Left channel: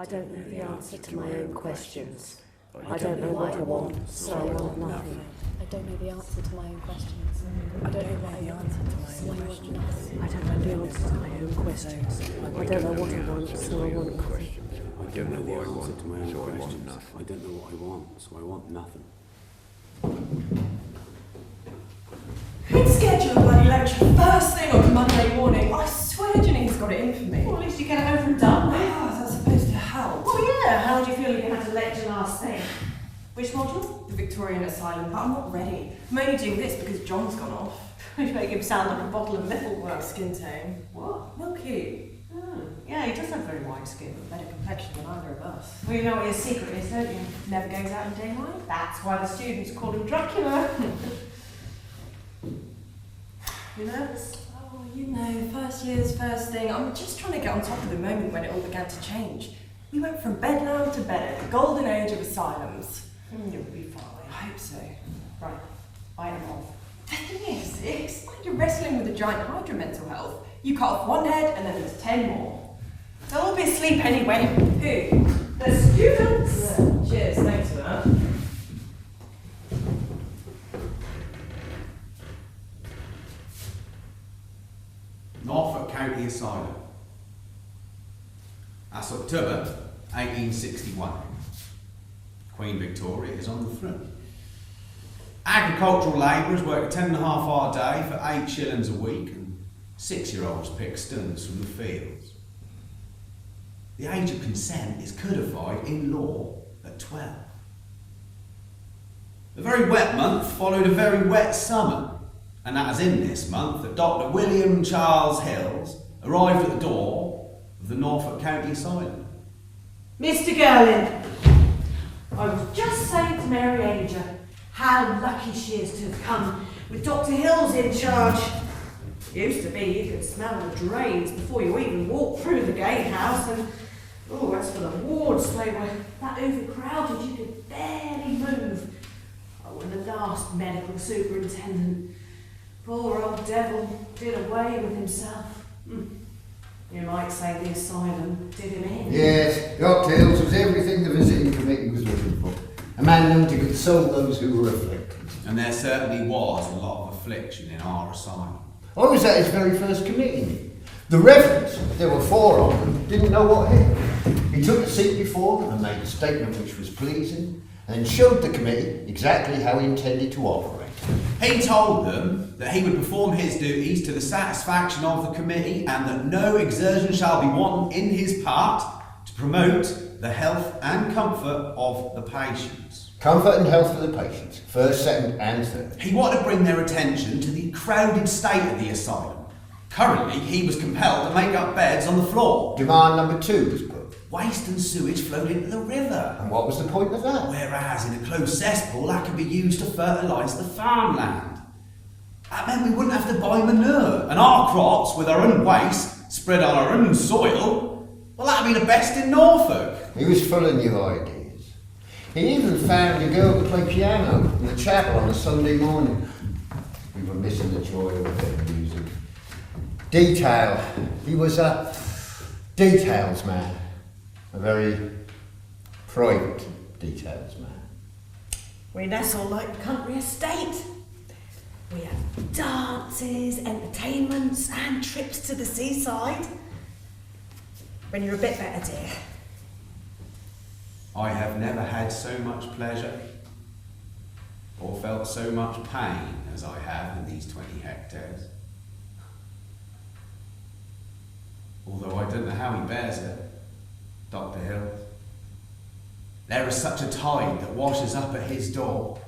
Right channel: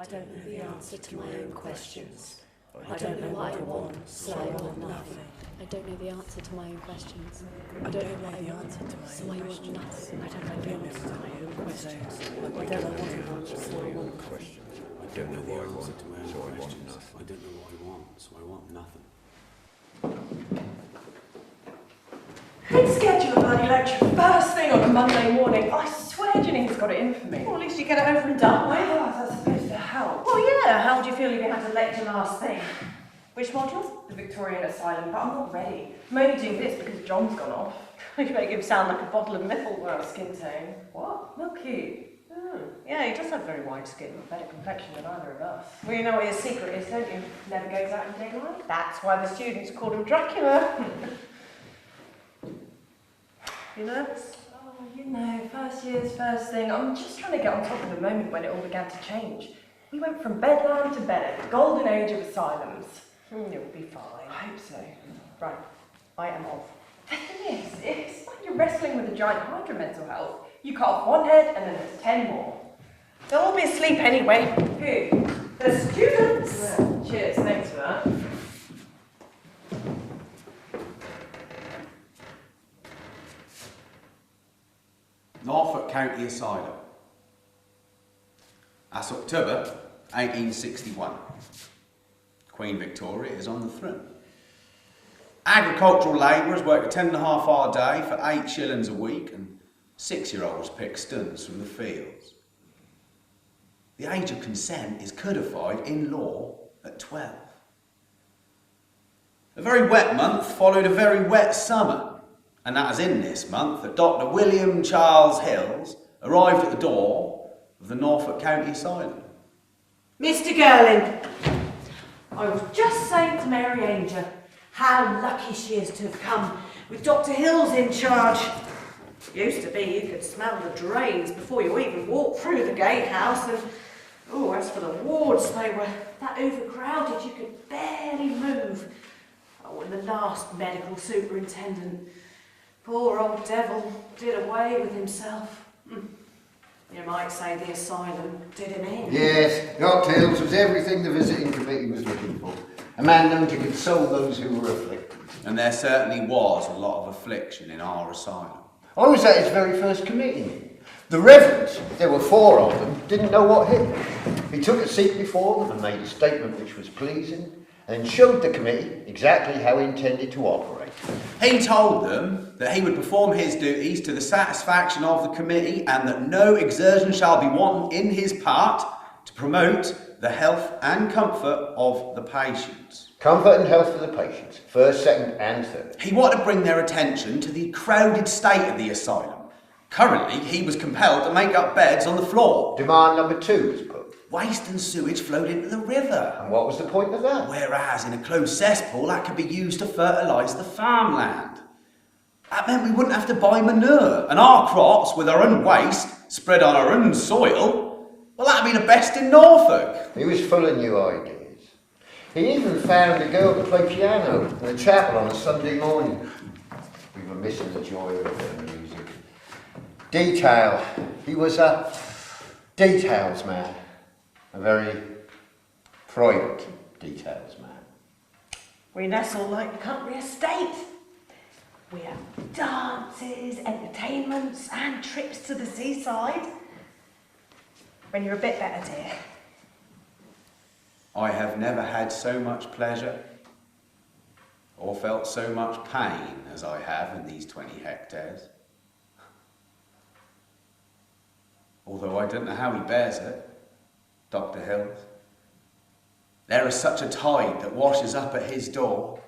I don't know the answer to my own questions. I don't know what I want, so I want nothing. I don't know the answer to my own questions. I don't know what I want, so I want nothing. I don't know the answer to my own questions. I don't know what I want, so I want nothing. I don't know what I want, so I want nothing. I don't know what I want, so I want nothing. Who'd schedule a bloody lecture first thing on a Monday morning? I swear Julian's got it in for me. Well, at least you get it over and done with. Oh, that's supposed to help. Oh yeah, how would you feel if you had to lecture last thing? Which module? The Victorian Asylum, but I'm not ready. I'm only doing this because John's gone off. You make him sound like a bottle of milk. Well, skin tone. What? Milky. Yeah, he does have very white skin. Better complexion than either of us. Well, you know what his secret is, don't you? Never goes out in daylight. That's why the students called him Dracula. You nervous? Oh, you know, first year's first thing. I'm just trying to get on top of the moment when it all began to change. We went from bedlam to bed, the golden age of asylums. You'll be fine. I hope so. Right, I am off. The thing is, it's like you're wrestling with a giant hydra mental health. You cut off one head and then there's 10 more. They'll all be asleep anyway. Who? The students! Yeah. Cheers, thanks for that. Norfolk County Asylum. That's October 1861. Queen Victoria is on the throne. Agricultural labourers work a 10.5-hour day for 8 shillings a week, and 6-year-olds pick stones from the fields. The age of consent is codified in law at 12. A very wet month followed a very wet summer, and that was in this month that Dr. William Charles Hills arrived at the door of the Norfolk County Asylum. Mr. Girling, I was just saying to Mary Ager how lucky she is to have come with Dr. Hills in charge. Used to be you could smell the drains before you even walked through the gatehouse, and oh, as for the wards, they were that overcrowded you could barely move. Oh, and the last medical superintendent, poor old devil, did away with himself. You might say the asylum did him in. Yes, Dr. Hills was everything the visiting committee was looking for. A man known to console those who were afflicted. And there certainly was a lot of affliction in our asylum. I was at his very first committee meeting. The reverends, there were 4 of them, didn't know what hit them. He took a seat before them and made a statement which was pleasing, and showed the committee exactly how he intended to operate. He told them that he would perform his duties to the satisfaction of the committee, and that no exertion shall be wanting in his part to promote the health and comfort of the patients. Comfort and health for the patients, first, second and third. He wanted to bring their attention to the crowded state of the asylum. Currently, he was compelled to make up beds on the floor. Demand number 2 was put. Waste and sewage flowed into the river. And what was the point of that? Whereas in a closed cesspool, that could be used to fertilise the farmland. That meant we wouldn't have to buy manure, and our crops, with our own waste, spread on our own soil, well, that'd be the best in Norfolk. He was full of new ideas. He even found a girl to play piano in the chapel on a Sunday morning. We were missing the joy of a bit of music. Detail. He was a details man. A very private details man. We nestle like the country estate. We have dances, entertainments, and trips to the seaside. When you're a bit better, dear. I have never had so much pleasure or felt so much pain as I have in these 20 hectares. Although I don't know how he bears it, Dr. Hills. There is such a tide that washes up at his door,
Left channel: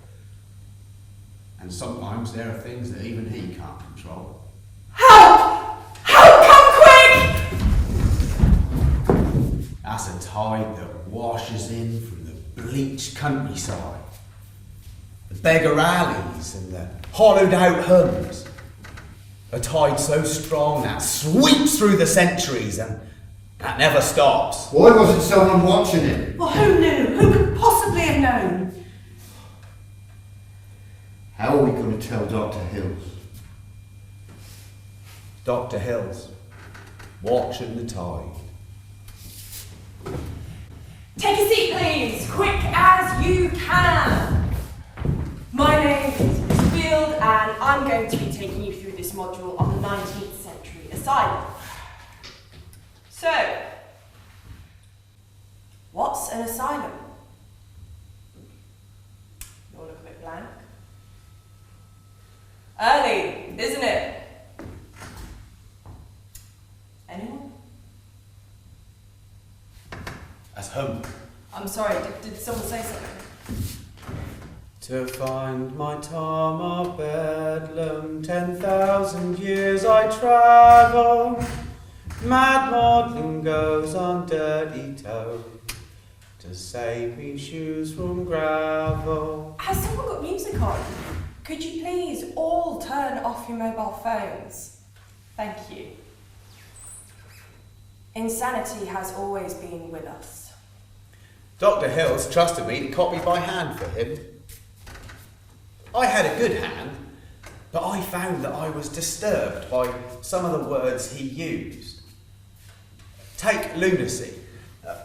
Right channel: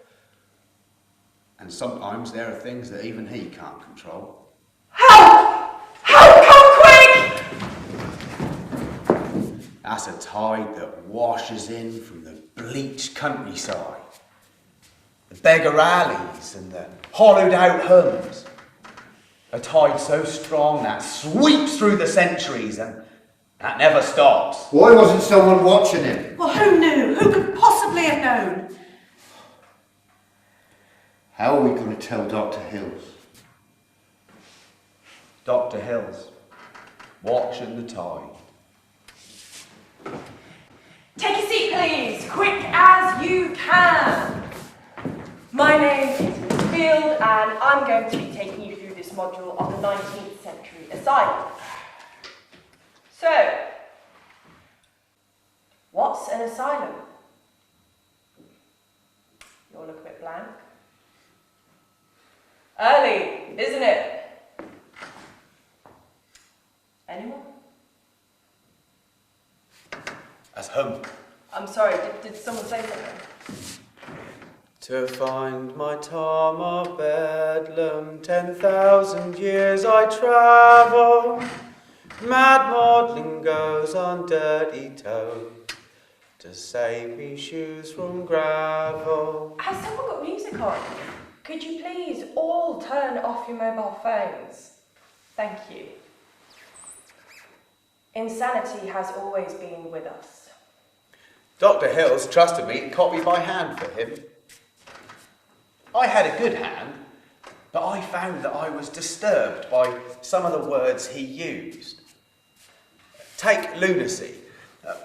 and sometimes there are things that even he can't control. Help! Help, come quick! That's a tide that washes in from the bleached countryside, the beggar alleys and the hollowed out homes. A tide so strong that sweeps through the centuries and that never stops. Why wasn't someone watching him? Well, who knew? Who could possibly have known? How are we going to tell Dr. Hills? Dr. Hills, watching the tide. can! My name is Miss Field, and I'm going to be taking you through this module on the 19th century asylum. So, what's an asylum? You all look a bit blank. Early, isn't it? Anyone? As hum. I'm sorry, did someone say something? To find my Tom of Bedlam, 10,000 years I travel. Mad maudlin goes on dirty toe to save me shoes from gravel. Has someone got music on? Could you please all turn off your mobile phones? Thank you. Insanity has always been with us. Dr. Hills trusted me to copy by hand for him. I had a good hand, but I found that I was disturbed by some of the words he used. Take lunacy.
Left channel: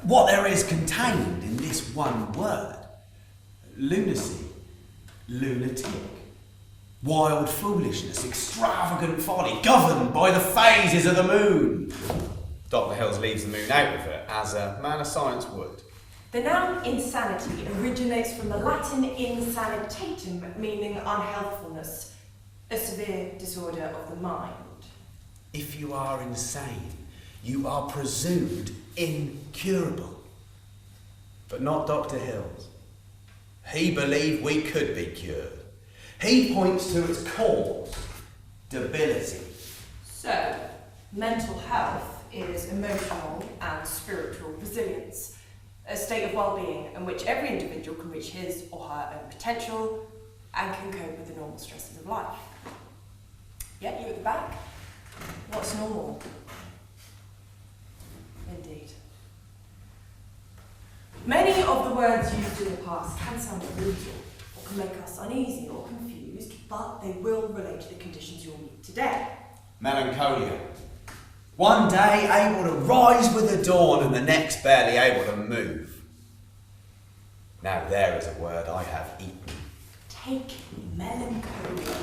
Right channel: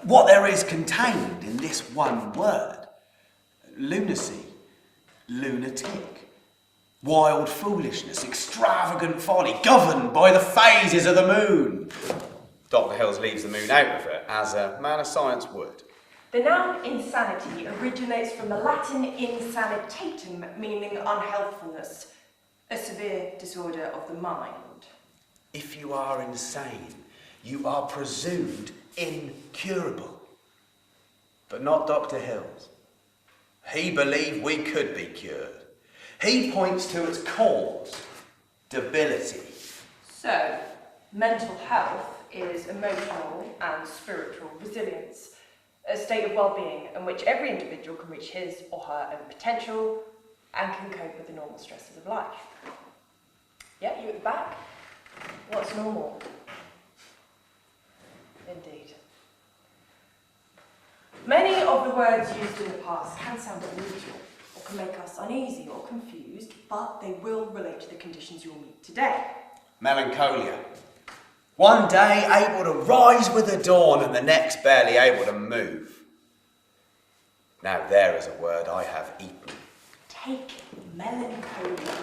What there is contained in this one word. Lunacy, lunatic, wild foolishness, extravagant folly, governed by the phases of the moon. Dr. Hills leaves the moon out of it, as a man of science would. The noun insanity originates from the Latin insanitatum, meaning unhealthfulness, a severe disorder of the mind. If you are insane, you are presumed incurable. But not Dr. Hills. He believed we could be cured. He points to its cause, debility. So, mental health is emotional and spiritual resilience, a state of well-being in which every individual can reach his or her own potential and can cope with the normal stresses of life. Yeah, you at the back? What's normal? Indeed. Many of the words used in the past can sound unusual or can make us uneasy or confused, but they will relate to the conditions you'll meet today. Melancholia. One day able to rise with the dawn and the next barely able to move. Now there is a word I have eaten. Take melancholia.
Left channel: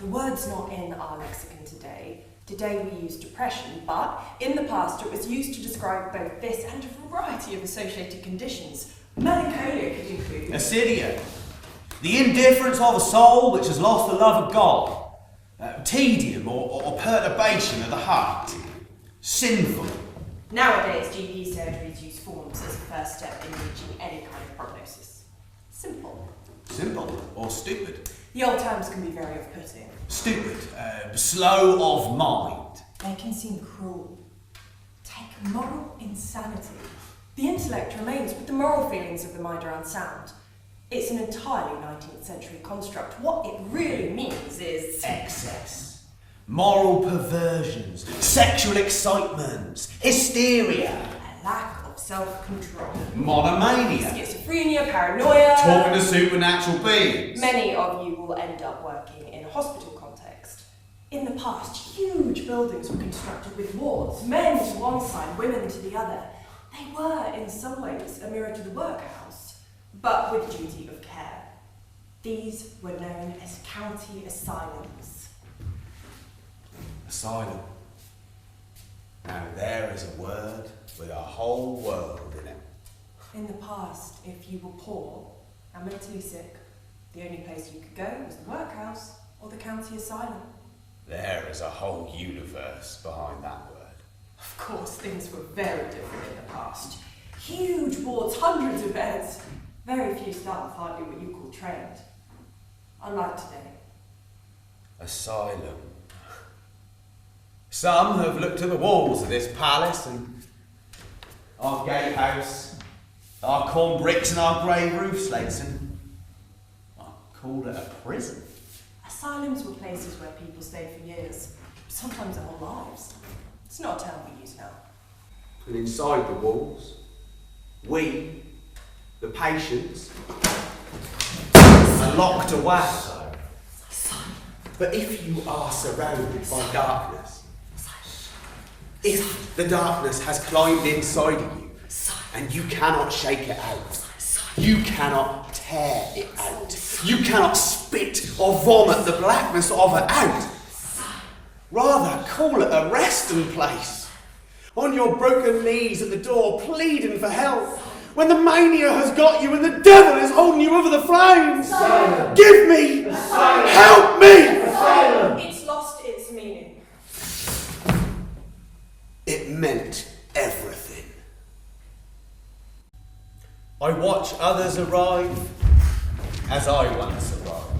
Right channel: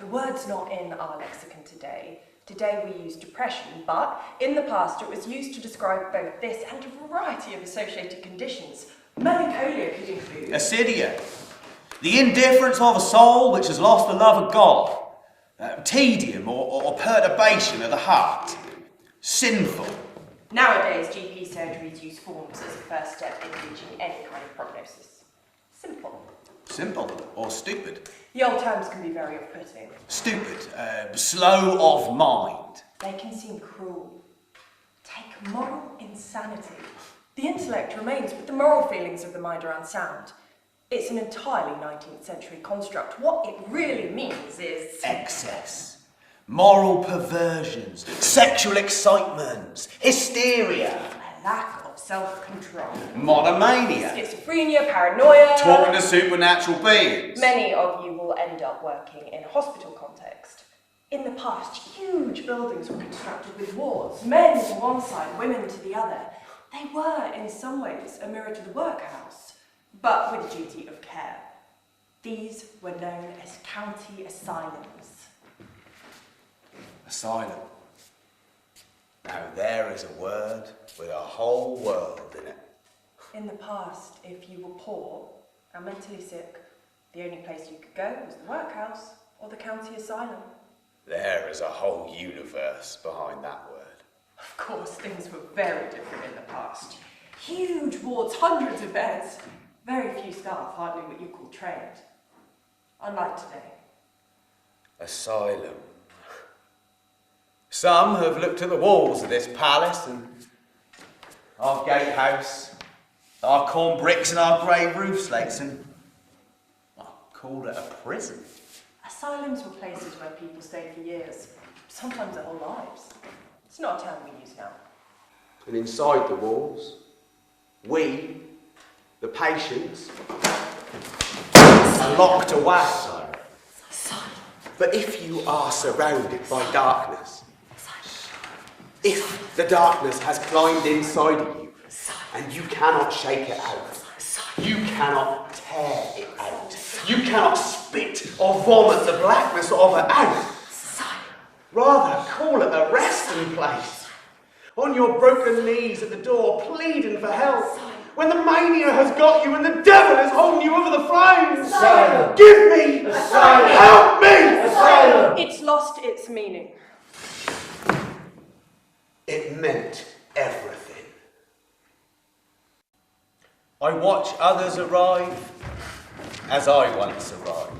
The word's not in our lexicon today. Today we use depression, but in the past it was used to describe both this and a variety of associated conditions. Melancholia could include Acedia. The indifference of a soul which has lost the love of God. Tedium or perturbation of the heart. Sinful. Nowadays, GP surgeries use forms as a first step in reaching any kind of prognosis. Simple. Simple or stupid. The old terms can be very off-putting. Stupid. Slow of mind. They can seem cruel. Take moral insanity. The intellect remains, but the moral feelings of the mind are unsound. It's an entirely 19th century construct. What it really means is Excess. Moral perversions. Sexual excitements. Hysteria. a lack of self-control. Monomania. Schizophrenia, paranoia. Talking to supernatural beings. Many of you will end up working in a hospital context. In the past, huge buildings were constructed with wards, men to one side, women to the other. They were, in some ways, a mirror to the workhouse, but with a duty of care. These were known as county asylums. Asylum. Now there is a word with a whole world in it. In the past, if you were poor and mentally sick, the only place you could go was the workhouse or the county asylum. There is a whole universe behind that word. Of course, things were very different in the past. Huge wards, hundreds of beds. Very few staff, hardly what you call trained. Unlike today. Asylum. Some have looked at the walls of this palace and our gatehouse, our corn bricks and our grey roof slates and called it a prison. Asylums were places where people stayed for years, sometimes their whole lives. It's not a term we use now. And inside the walls, we, the patients, are locked away. But if you are surrounded by darkness, if the darkness has climbed inside of you and you cannot shake it out, you cannot tear it out. You cannot spit or vomit the blackness of it out. Rather, call it a resting place. On your broken knees at the door, pleading for help. When the mania has got you and the devil is holding you over the flames. Asylum. Give me! Asylum. Help me! Asylum. It's lost its meaning. It meant everything. I watch others arrive as I once arrived.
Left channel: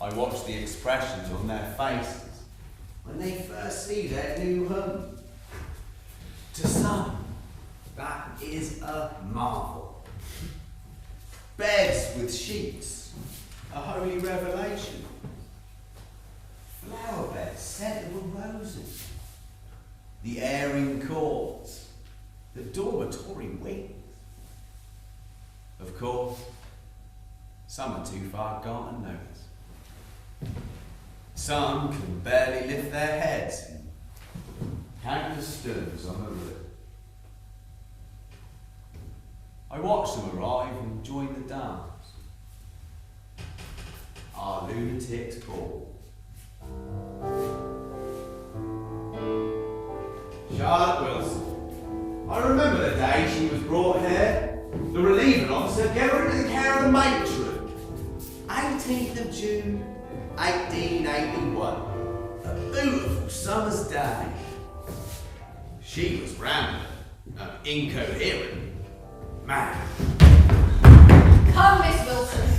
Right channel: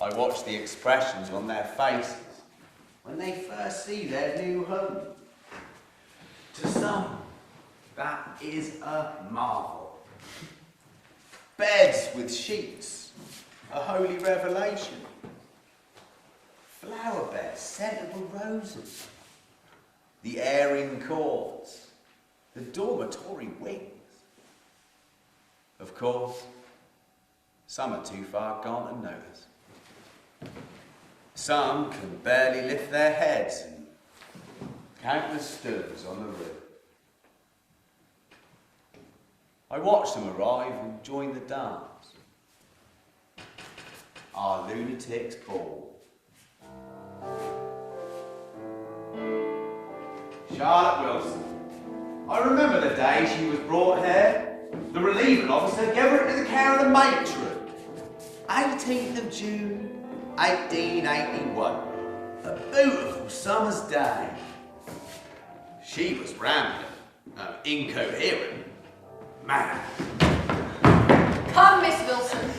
I watch the expressions on their faces when they first see their new home. To some, that is a marvel. Beds with sheets, a holy revelation. Flower beds scented with roses. The airing courts, the dormitory wings. Of course, some are too far gone to notice. Some can barely lift their heads and countless stones on the roof. I watch them arrive and join the dance. Our lunatics ball. Charlotte Wilson. I remember the day she was brought here. The relieving officer gave her into the care of the matron. 18th of June, 1881. A beautiful summer's day. She was rambling, incoherent, mad. Come, Miss Wilson.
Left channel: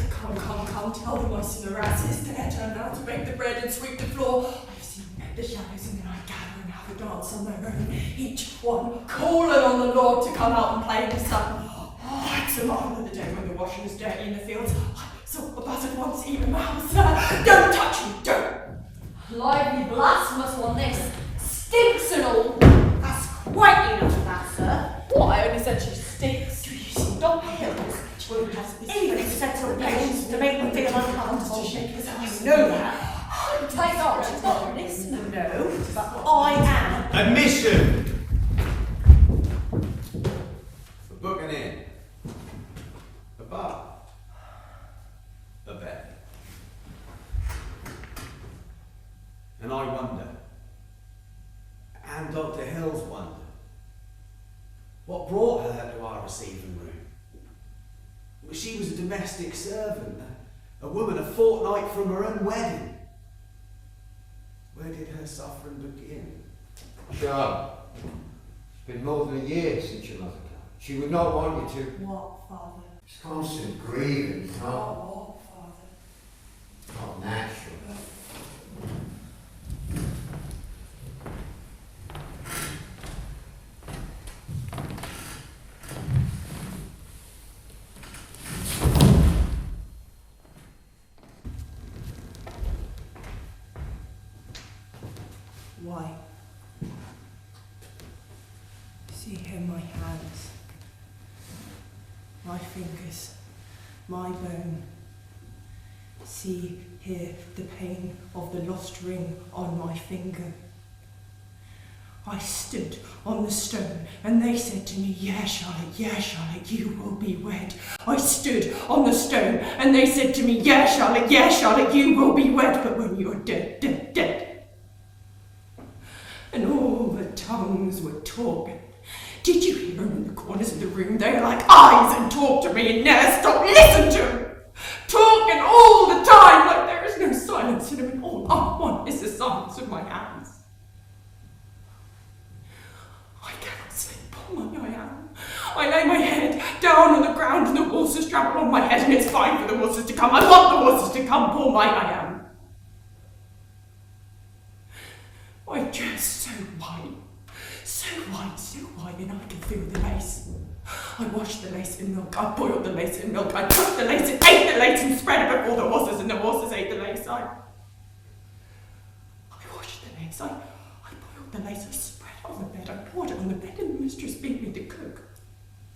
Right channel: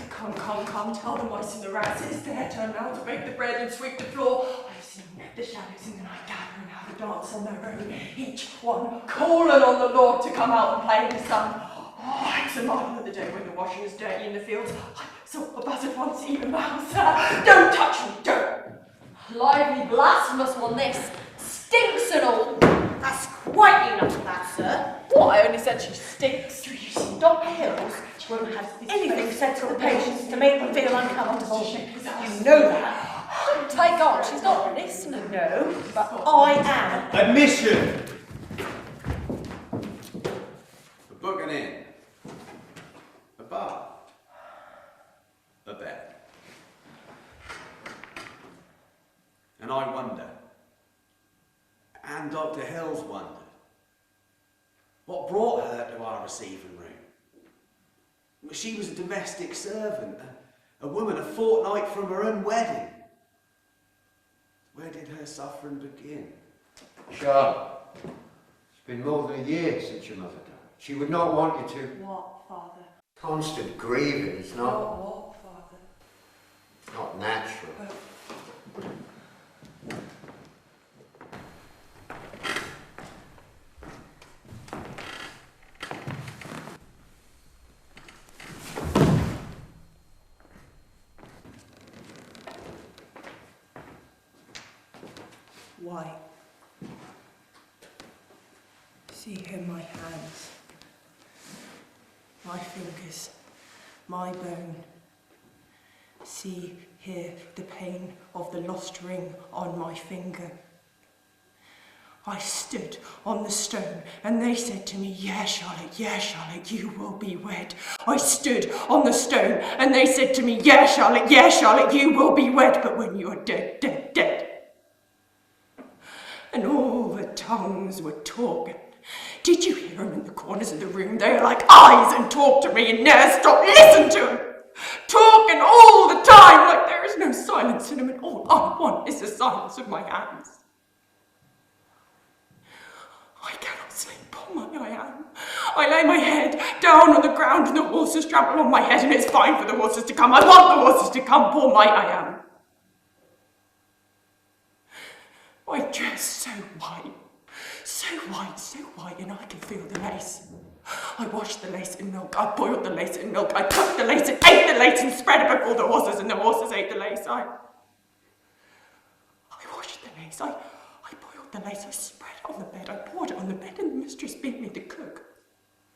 Come, tell the mice and the rats it's their turn now to bake the bread and sweep the floor. I've seen the shadows in the night gather and have a dance on their own, each one calling on the Lord to come out and play in the sun. Oh, it's a marvel of the day when the washing is dirty in the fields. I saw a buzzard once eat a mouse. Don't touch me, don't! Lively blasphemous one, this. Stinks and all. That's quite enough of that, sir. What? I only said she stinks. Do you see, Dr. Hills won't have anything said to the patients to make them feel uncomfortable. You know that. Take on, she's not listening. No, but I am. Admission! A booking in. A bar. A bed. And I wonder, and Dr. Hills wondered, what brought her to our receiving room? She was a domestic servant, a woman a fortnight from her own wedding. Where did her suffering begin? Charlotte, it's been more than a year since your mother died. She would not want you to. What, Father? It's constant grieving. It's not What, Father? not natural. Why? See here my hands, my fingers, my bone. See here the pain of the lost ring on my finger. I stood on the stone and they said to me, yeah, Charlotte, you will be wed. I stood on the stone and they said to me, yeah, Charlotte, you will be wed. But when you are dead, dead, dead. And all the tongues were talking. Did you hear them in the corners of the room? They are like eyes and talk to me and never stop. Listen to them. Talking all the time like there is no silence in them and all I want is the silence of my hands. I cannot sleep, poor I am. I lay my head down on the ground and the horses trample on my head and it's fine for the horses to come. I want the horses to come, poor I am. My dress so white, and I can feel the lace. I washed the lace in milk, I boiled the lace in milk, I cooked the lace and ate the lace and spread it before the horses, and the horses ate the lace. I washed the lace, I boiled the lace, I spread it on the bed, I poured it on the bed, and the mistress beat me to cook.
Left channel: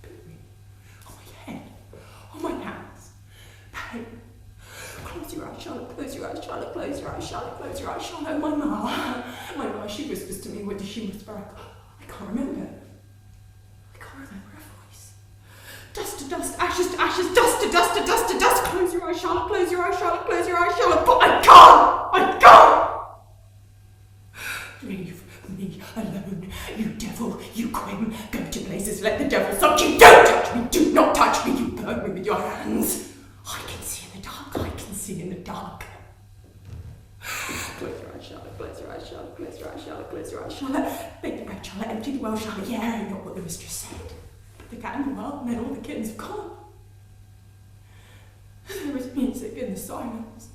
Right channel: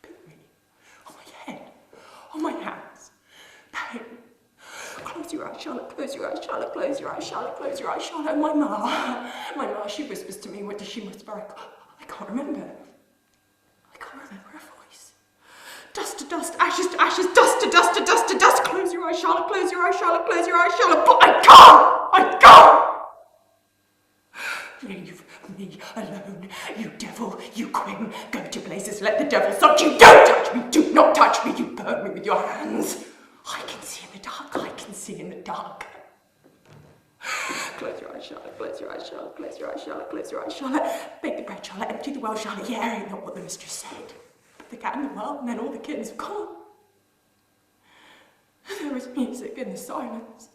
Beat me. On my head, on my hands. Pain. Close your eyes, Charlotte, close your eyes, Charlotte, close your eyes, Charlotte, close your eyes, Charlotte. My ma, she whispers to me, what does she whisper? I can't remember. I can't remember her voice. ashes to ashes, dust to dust to dust to dust. Close your eyes, Charlotte, close your eyes, Charlotte, close your eyes, Charlotte. But I can't! Leave me alone, you devil, you Quim. Go to places, let the devil suck you. Don't touch me, do not touch me, you burn me with your hands. I can see in the dark, I can see in the dark. Close your eyes, Charlotte, close your eyes, Charlotte, close your eyes, Charlotte, close your eyes, Charlotte. Bake the bread, Charlotte, empty the well, Charlotte. Yeah, ain't not what the mistress said. Put the cat in the well, and then all the kittens have gone. There was music in the silence.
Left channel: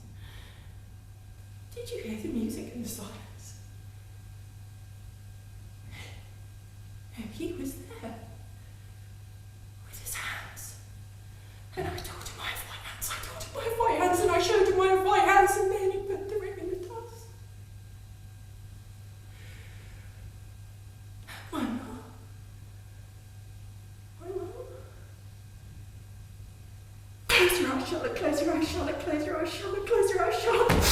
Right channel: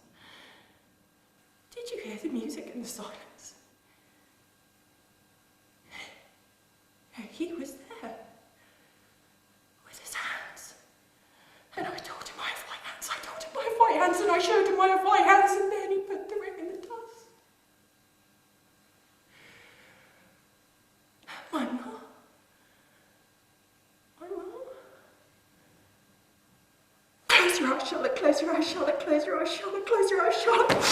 Did you hear the music in the silence? He was there, with his hands. And I told him I have white hands, I told him I have white hands, and I showed him I have white hands, and then he put the ring in the dust. My mum. Close your eyes, Charlotte, close your eyes, Charlotte, close your eyes, Charlotte, close your eyes, Charlotte.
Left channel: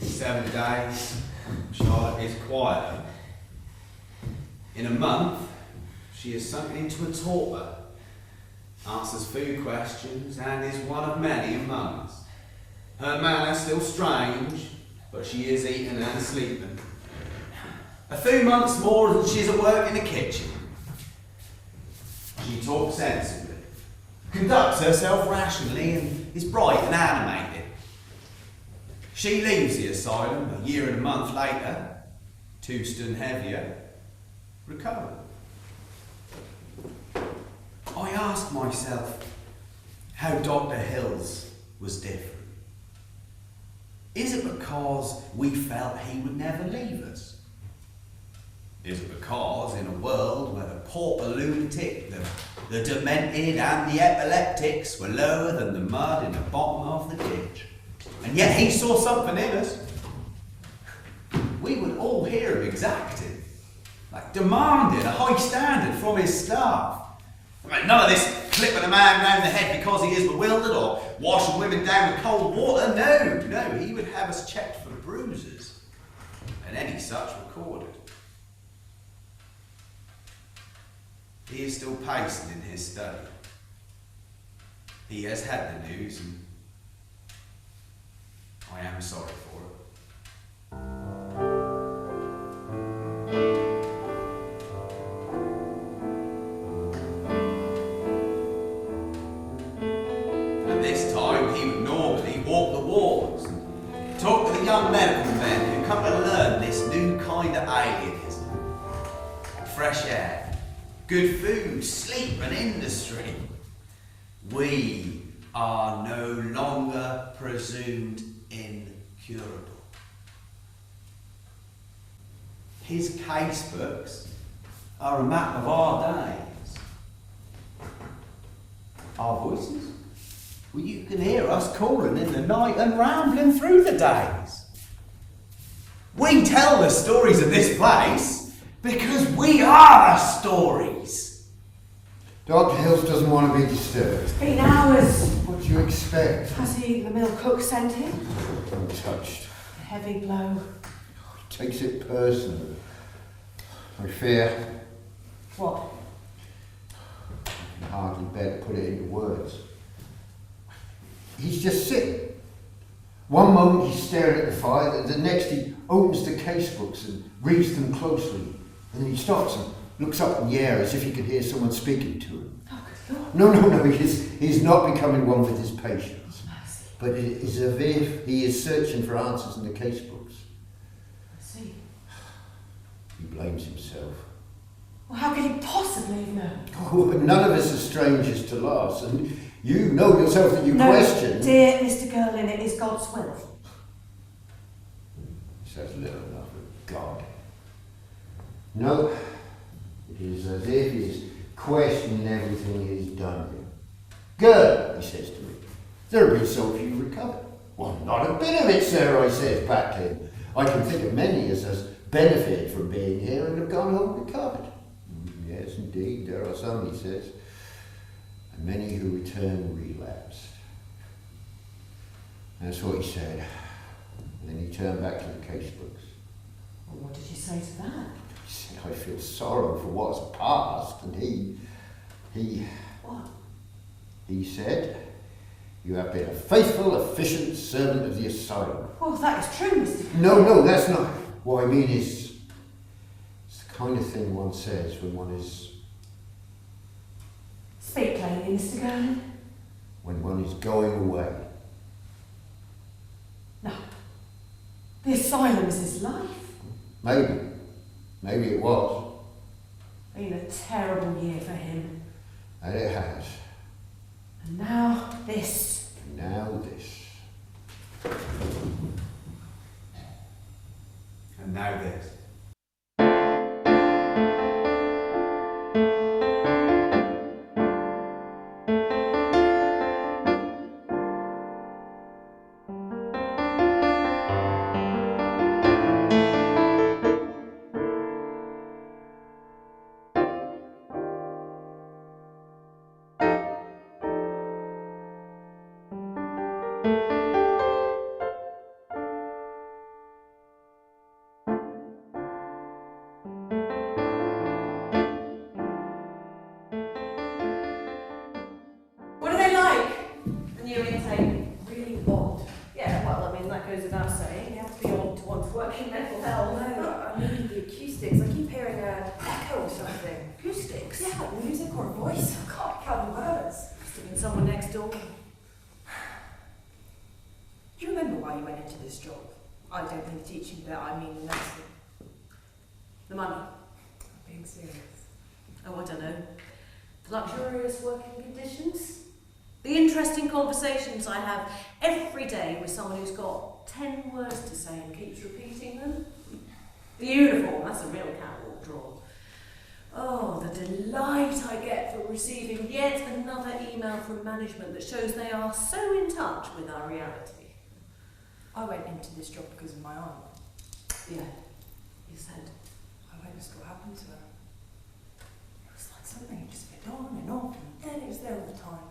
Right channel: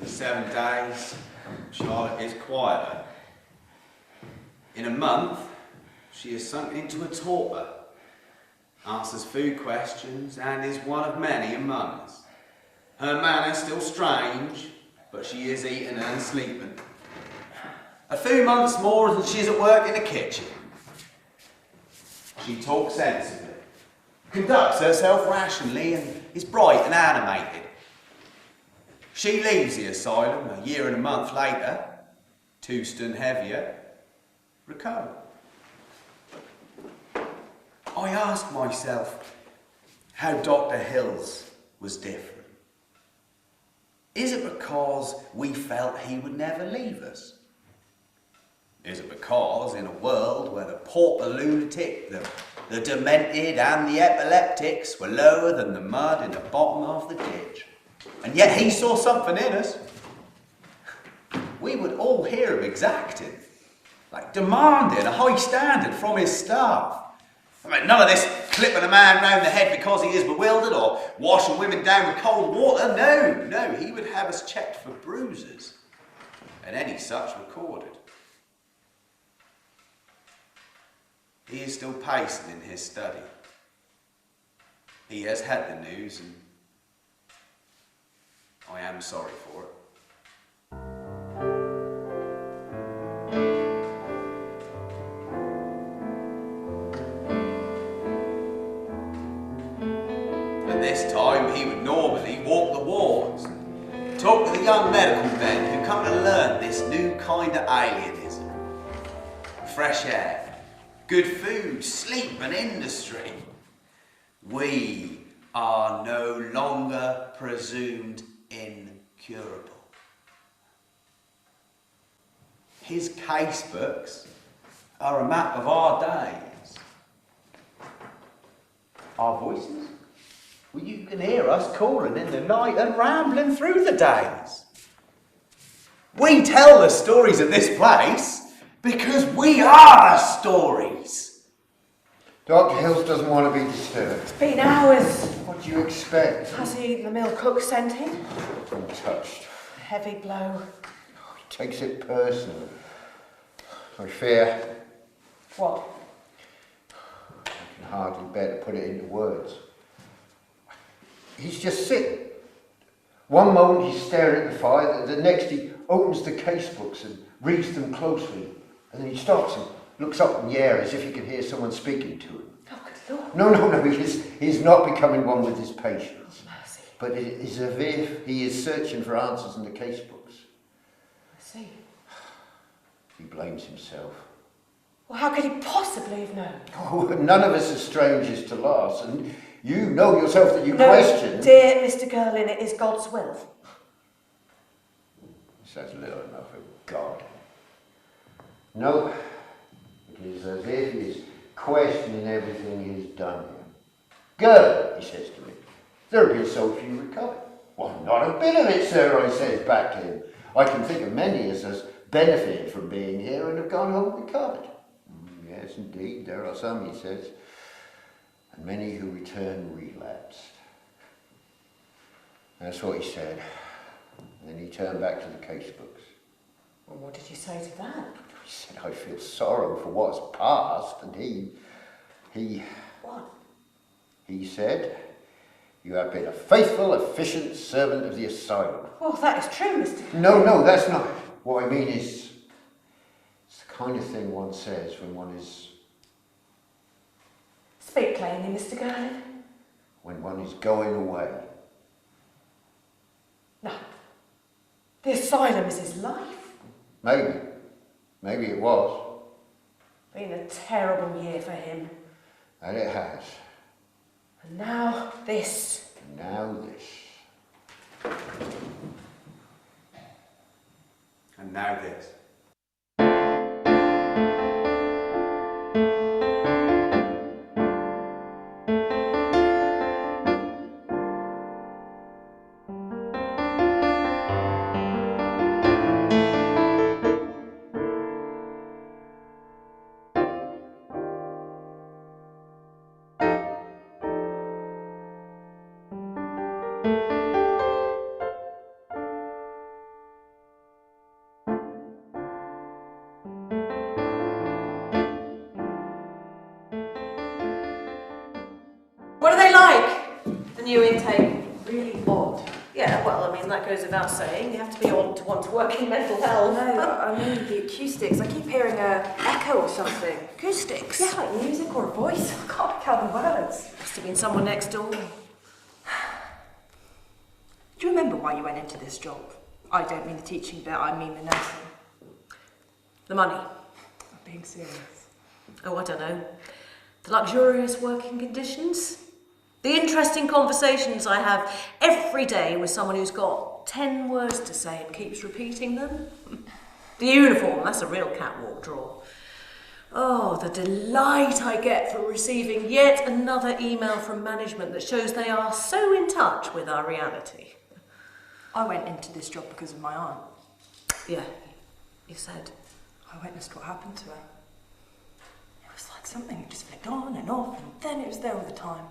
7 days, Charlotte is quieter. In a month, she has sunk into a torpor, answers food questions, and is one of many in mums. Her manner still strange, but she is eating and sleeping. A few months more and she's at work in the kitchen. She talks sensibly, conducts herself rationally, and is bright and animated. She leaves the asylum a year and a month later, 2 stone heavier, recovered. I ask myself how Dr. Hills was different. Is it because we felt he would never leave us? Is it because in a world where the pauper lunatic, the demented and the epileptics were lower than the mud in the bottom of the ditch, and yet he saw something in us, we would all hear him exacting, like demanding a high standard from his staff. I mean, none of this clipping a man round the head because he is bewildered or washing women down with cold water. No, he would have us checked for bruises and any such recorded. He is still pacing in his study. He has had the news, and I am sorry for it. At this time, he would normally walk the wards and talk with the young medical men who come to learn this new kind of alienism. Fresh air, good food, sleep and industry. We are no longer presumed incurable. His casebooks are a map of our days. Our voices? Well, you can hear us calling in the night and rambling through the days. We tell the stories of this place because we are the stories. Dr. Hills doesn't want to be disturbed. It's been hours. What do you expect? Has he eaten the meal cook sent him? Untouched. A heavy blow. He takes it personally. I fear What? I can hardly bear to put it into words. He's just sitting. One moment he's staring at the fire, the next he opens the casebooks and reads them closely. And then he stops and looks up in the air as if he can hear someone speaking to him. Oh, good Lord. No, he's not becoming one with his patients. Mercy. But it is as if he is searching for answers in the casebooks. I see. He blames himself. Well, how could he possibly have known? Oh, none of us are strangers to loss, and you know yourself that you No, question. dear Mr. Gerlin, it is God's will. Says little enough of God. No, it is as if he is questioning everything he has done here. Good, he says to me. There have been so few recovered. Well, not a bit of it, sir, I says back to him. I can think of many as has benefited from being here and have gone home recovered. Yes, indeed, there are some, he says, and many who return relapsed. That's what he said. And then he turned back to the casebooks. Well, what did you say to that? He said, I feel sorrow for what's past, and he... What? He said, you have been a faithful, efficient servant of the asylum. Oh, that is true, Mr. No, that's not. What I mean is, it's the kind of thing one says when one is... Speak plainly, Mr. Gurlin. when one is going away. No. The asylum is his life. Maybe it was. Been a terrible year for him. And it has. And now this. Now this. And now this. What are they like? The new intake? Really odd. Yeah, well, I mean, that goes without saying. You have to be odd to want to work in mental health. No, I mean the acoustics. I keep hearing a echo or something. Acoustics? Yeah, like music or a voice. I can't pick out the words. Must have been someone next door. Do you remember why you went into this job? I don't mean the teaching bit, I mean the nursing. The money. I'm being serious. Oh, I don't know. The luxurious working conditions. The interesting conversations I have every day with someone who's got 10 words to say and keeps repeating them. The uniform, that's a real catwalk draw. Oh, the delight I get from receiving yet another email from management that shows they are so in touch with our reality. I went into this job because of my aunt. Yeah, you said. I witnessed what happened to her. It was like something that just flicked on and off, and then it was there all the time.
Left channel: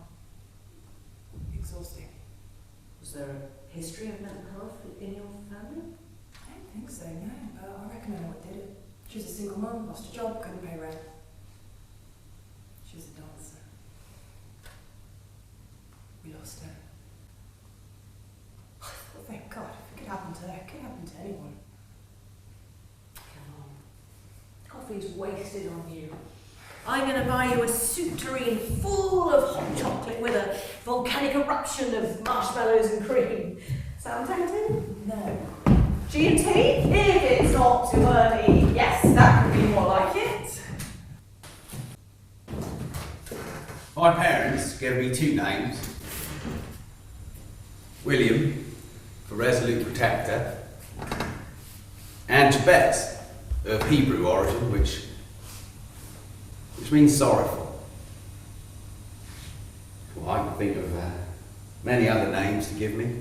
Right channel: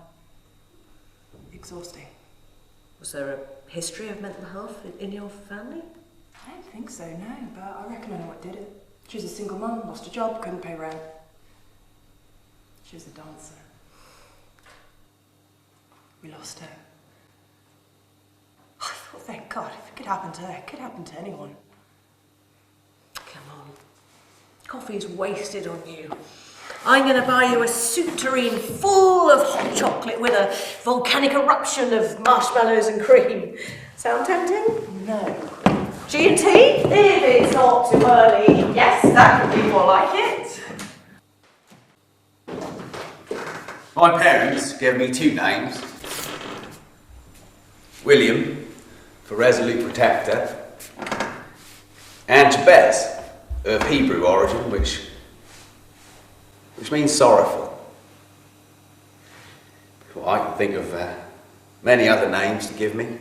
Exhausting. Was there a history of mental health in your family? I don't think so, no, but I reckon I know what did it. She was a single mum, lost a job, couldn't pay rent. She was a dancer. We lost her. I thought, thank God, if it could happen to her, it could happen to anyone. Come on. Coffee's wasted on you. I'm going to buy you a soup tureen full of hot chocolate with a volcanic eruption of marshmallows and cream. Sound tempting? No. G&T? If it's not too early, yes, that could be more like it. My parents gave me two names. William, for resolute protector, and Jabez, of Hebrew origin, which means sorrowful. Well, I can think of many other names to give me.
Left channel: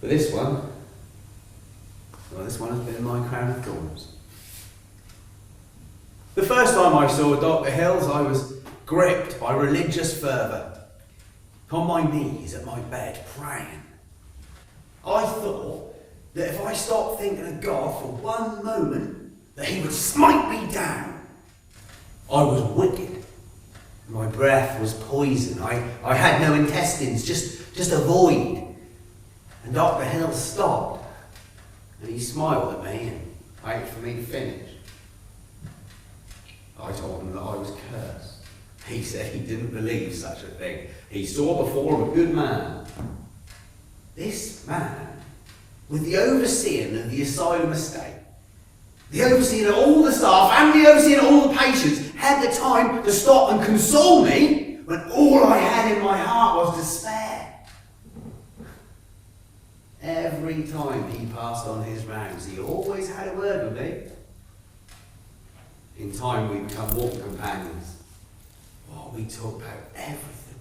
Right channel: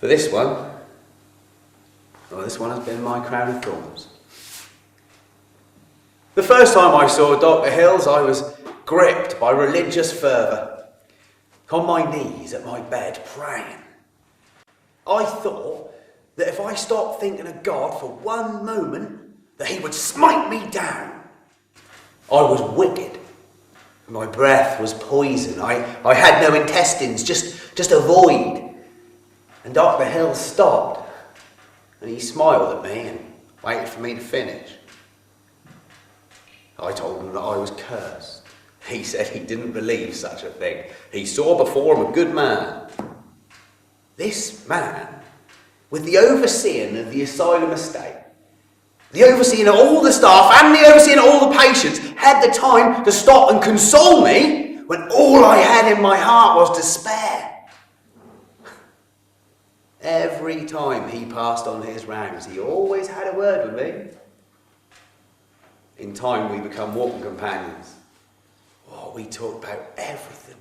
For this one, well, this one has been my crown of thorns. The first time I saw Dr. Hills, I was gripped by religious fervour, on my knees at my bed, praying. I thought that if I stopped thinking of God for one moment, that he would smite me down. I was wicked. My breath was poison. I had no intestines, just a void. And Dr. Hill stopped, and he smiled at me and waited for me to finish. I told him that I was cursed. He said he didn't believe such a thing. He saw before him a good man. This man, with the overseeing of the asylum estate, the overseeing of all the staff and the overseeing of all the patients, had the time to stop and console me when all I had in my heart was despair. Every time he passed on his rounds, he always had a word with me. In time we become walking companions. Oh, we talked about everything.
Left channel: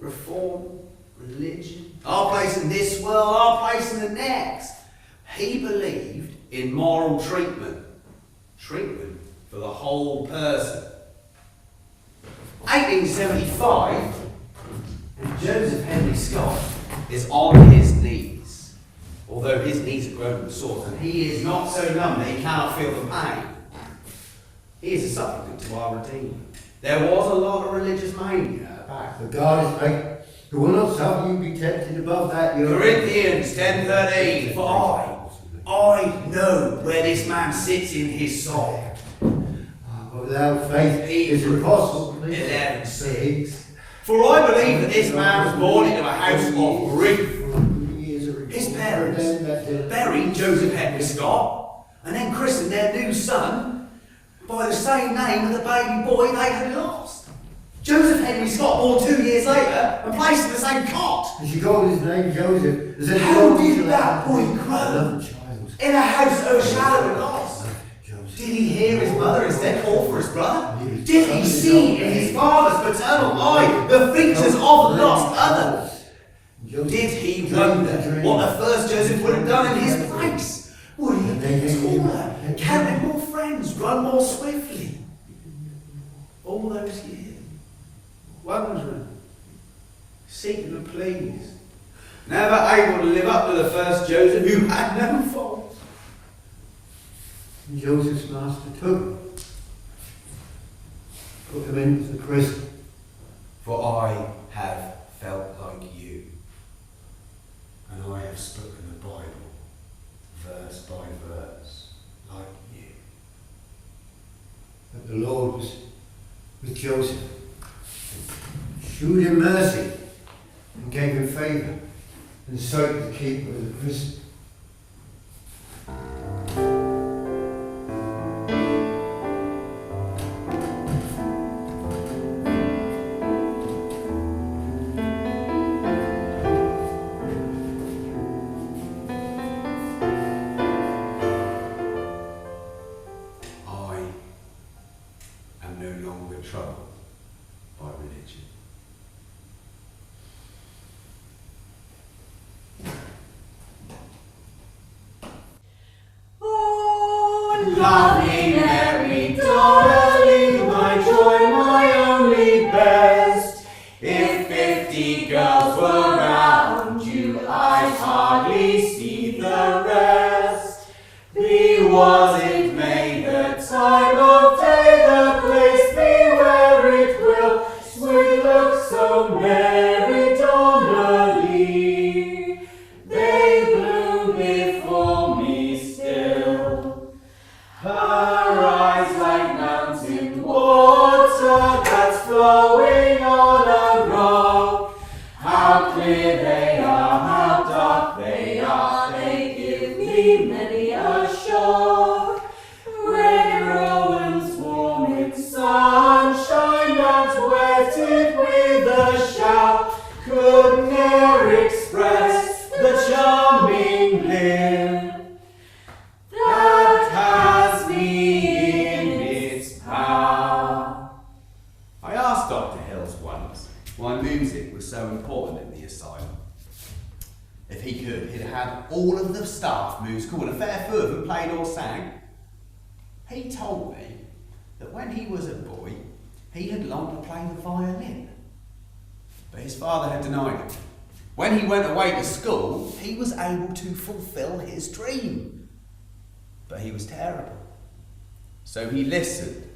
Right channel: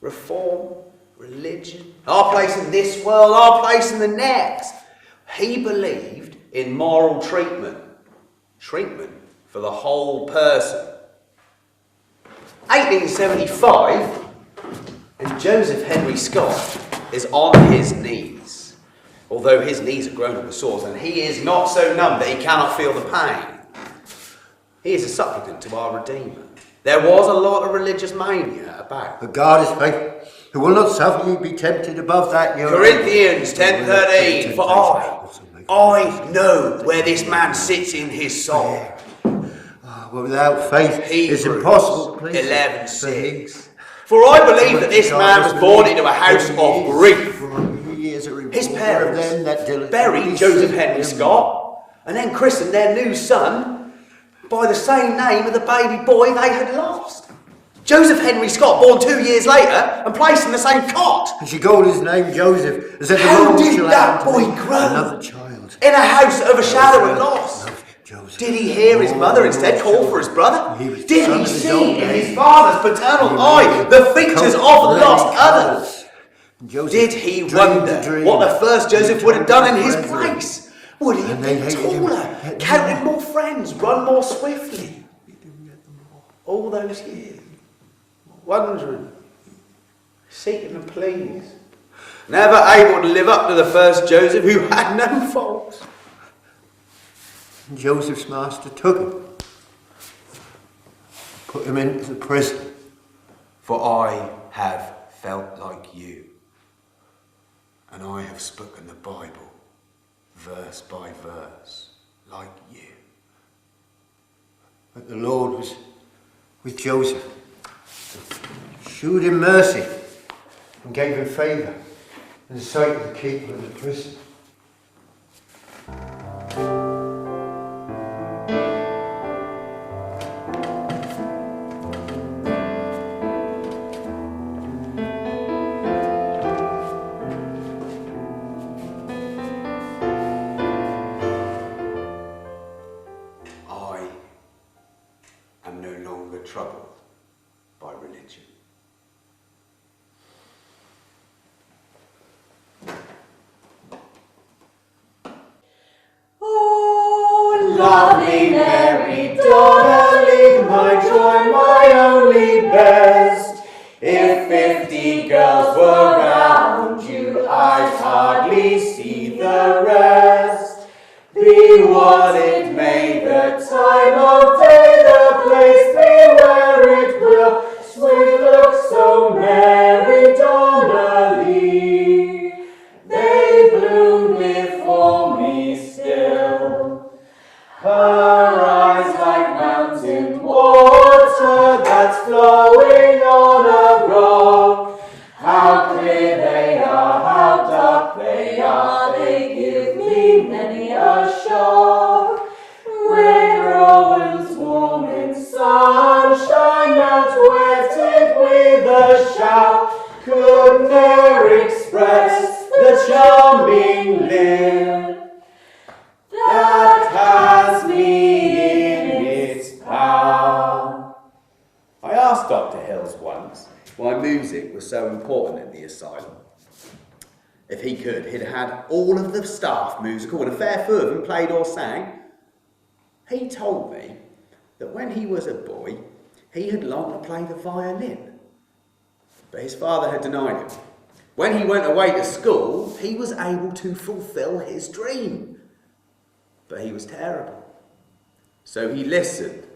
Reform, religion, our place in this world, our place in the next. He believed in moral treatment. Treatment for the whole person. 1875, and Joseph Henry Scott is on his knees. although his knees are grown with sores and he is not so numb that he cannot feel the pain. He is a supplicant to our Redeemer. There was a lot of religious mania about. But God is faithful, who will not suffer you to be tempted above that you Corinthians 10:13. For I know where this man sits in his soul. But without faith it's impossible to please 11:6. For I believe that this man was born into a house of grief. His parents buried Joseph Henry Scott and then christened their new son by the same name of the baby boy they had lost. Joseph Henry Scott, born 2 years later and placed in the same cot. And she called his name Joseph. As How did that boy grow? Another child. In a house overshadowing loss. Did he hear his mother instead call for his brother? Did he see in his father's paternal eye the features of lost others? Did he wonder what the first Joseph would have done in his place? Would he have been taller, counted more friends, run more swiftly? All those years, wondering, seeking to please, never able to live up to the first Joseph who had no faults. Joseph's master took him, put him into the prison. For I have felt like you, and I have spoken the Bible, verse by verse, like you. But the Lord was with Joseph, shewed him mercy, and gave him favour in the sight of the keeper of the prison. Troubled by religion. Oh, lovely Mary, darling, my joy, my only best. If 50 girls were round you, I'd hardly see the rest. Be what it may, the time of day, the place be where it will, sweet look so merry, Donnelly. They bloom before me still. Her eyes like mountain water that's flowing on a rock. How clear they are, how dark they are, they give me many a shock. Red rowans warm in sunshine, mount wetted with a shout, could ne'er express the charming lip that has me in its power. I asked Dr. Hills once why music was so important in the asylum. If he could, he'd had all of the staff musical and a fair few of them played or sang. He told me that when he was a boy, he had longed to play the violin, but his father had denied him. When he went away to school, he was able to fulfill his dream, but he was terrible. So he listened,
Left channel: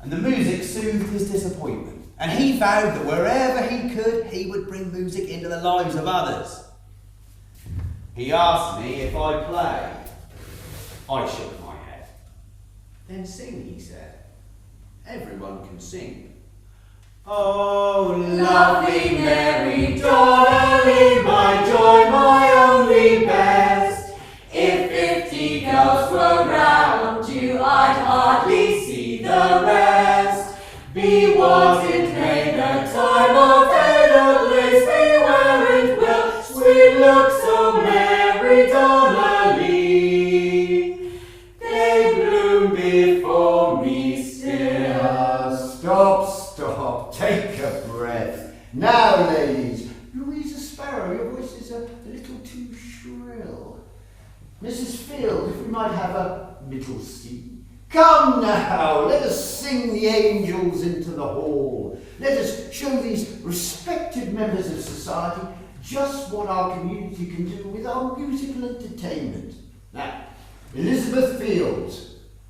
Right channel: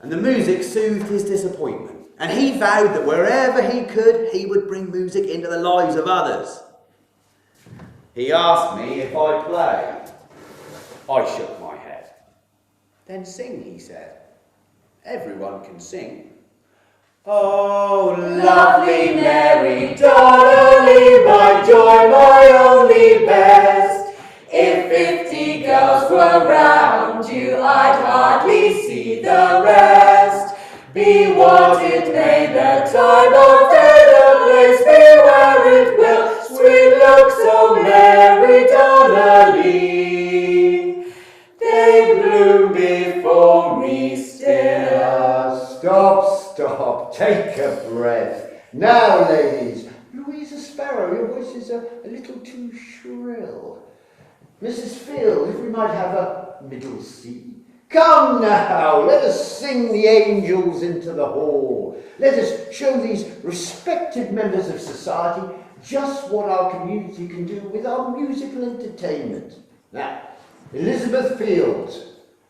and the music soothed his disappointment, and he vowed that wherever he could, he would bring music into the lives of others. He asked me if I played. I shook my head. Then sing, he said. Everyone can sing. Oh, lovely Mary, Donnelly, my joy, my only best. If 50 girls were round you, I'd hardly see the rest. Be what it may, the time of day, the place be where it will, sweet look so merry, Donnelly. They bloom before me still. Stop, take a breath. Now, ladies, Louisa Sparrow, your voice is a little too shrill. Mrs. Phil, if we might have a middle C. Come now, let us sing the angels into the hall. Let us show these respected members of society just what our community can do with our musical entertainment. Now, Elizabeth Fields,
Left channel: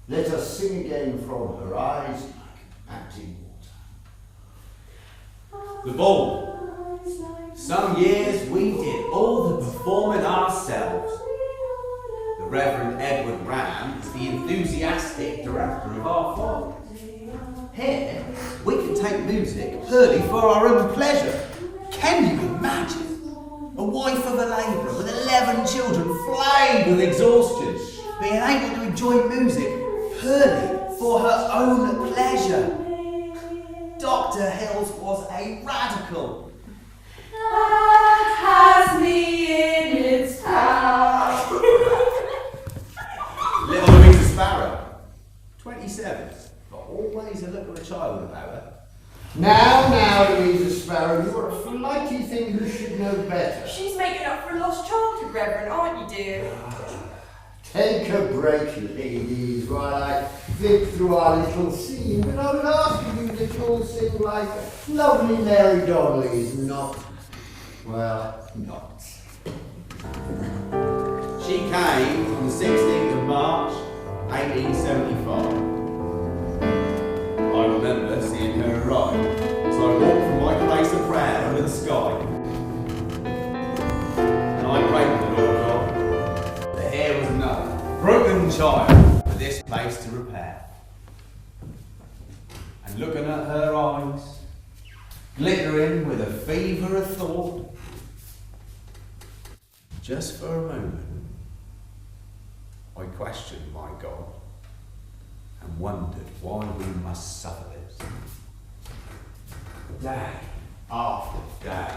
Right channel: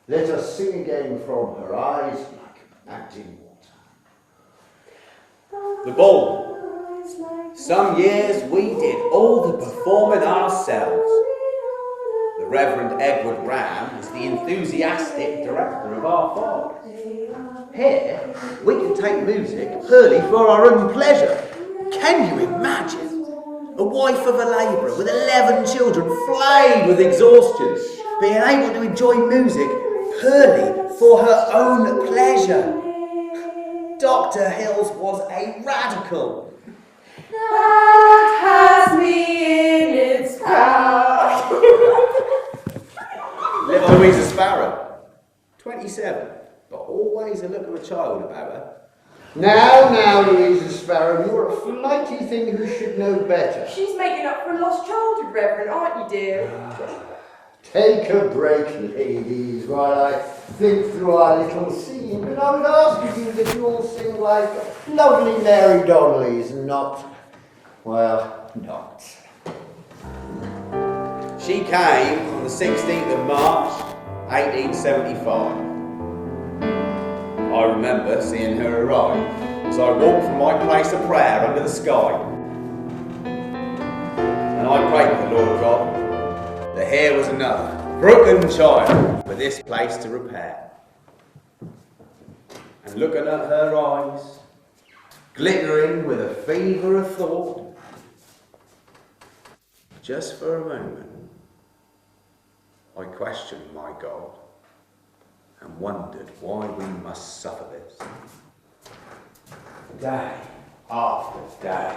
let us sing again from her eyes like mountain water. The ball. Some years we did all the performing ourselves. The Reverend Edward Ram is the enthusiastic director of our farm. Here, we can take music purely for our own pleasure. Can you imagine? A wife of a labourer with 11 children flayed with exhaustion, being able to enjoy music purely for her own pleasure. Dr. Hills was a radical. That has me in its power. Little Louisa Sparrow, 27, but always a look of a child about her. Now, Louisa Sparrow, you're a flighty thing who should know better. She's making up for a lost childhood, Reverend, aren't you, dear? Take a break, ladies, while I think through our little scene, but I would ask you that you all sing like lovely Mary Donnellys, not, well, not. She came on the 16th of March, 1875. I remember seeing her arrive as I walked from my place of prayer under the sky. And I prayed to the Lord God that here was another broken child for this place to repair. And looking at her eyes, glittering with a fever of thought, just for a moment, I questioned my God and wondered why we must suffer this. Day after day.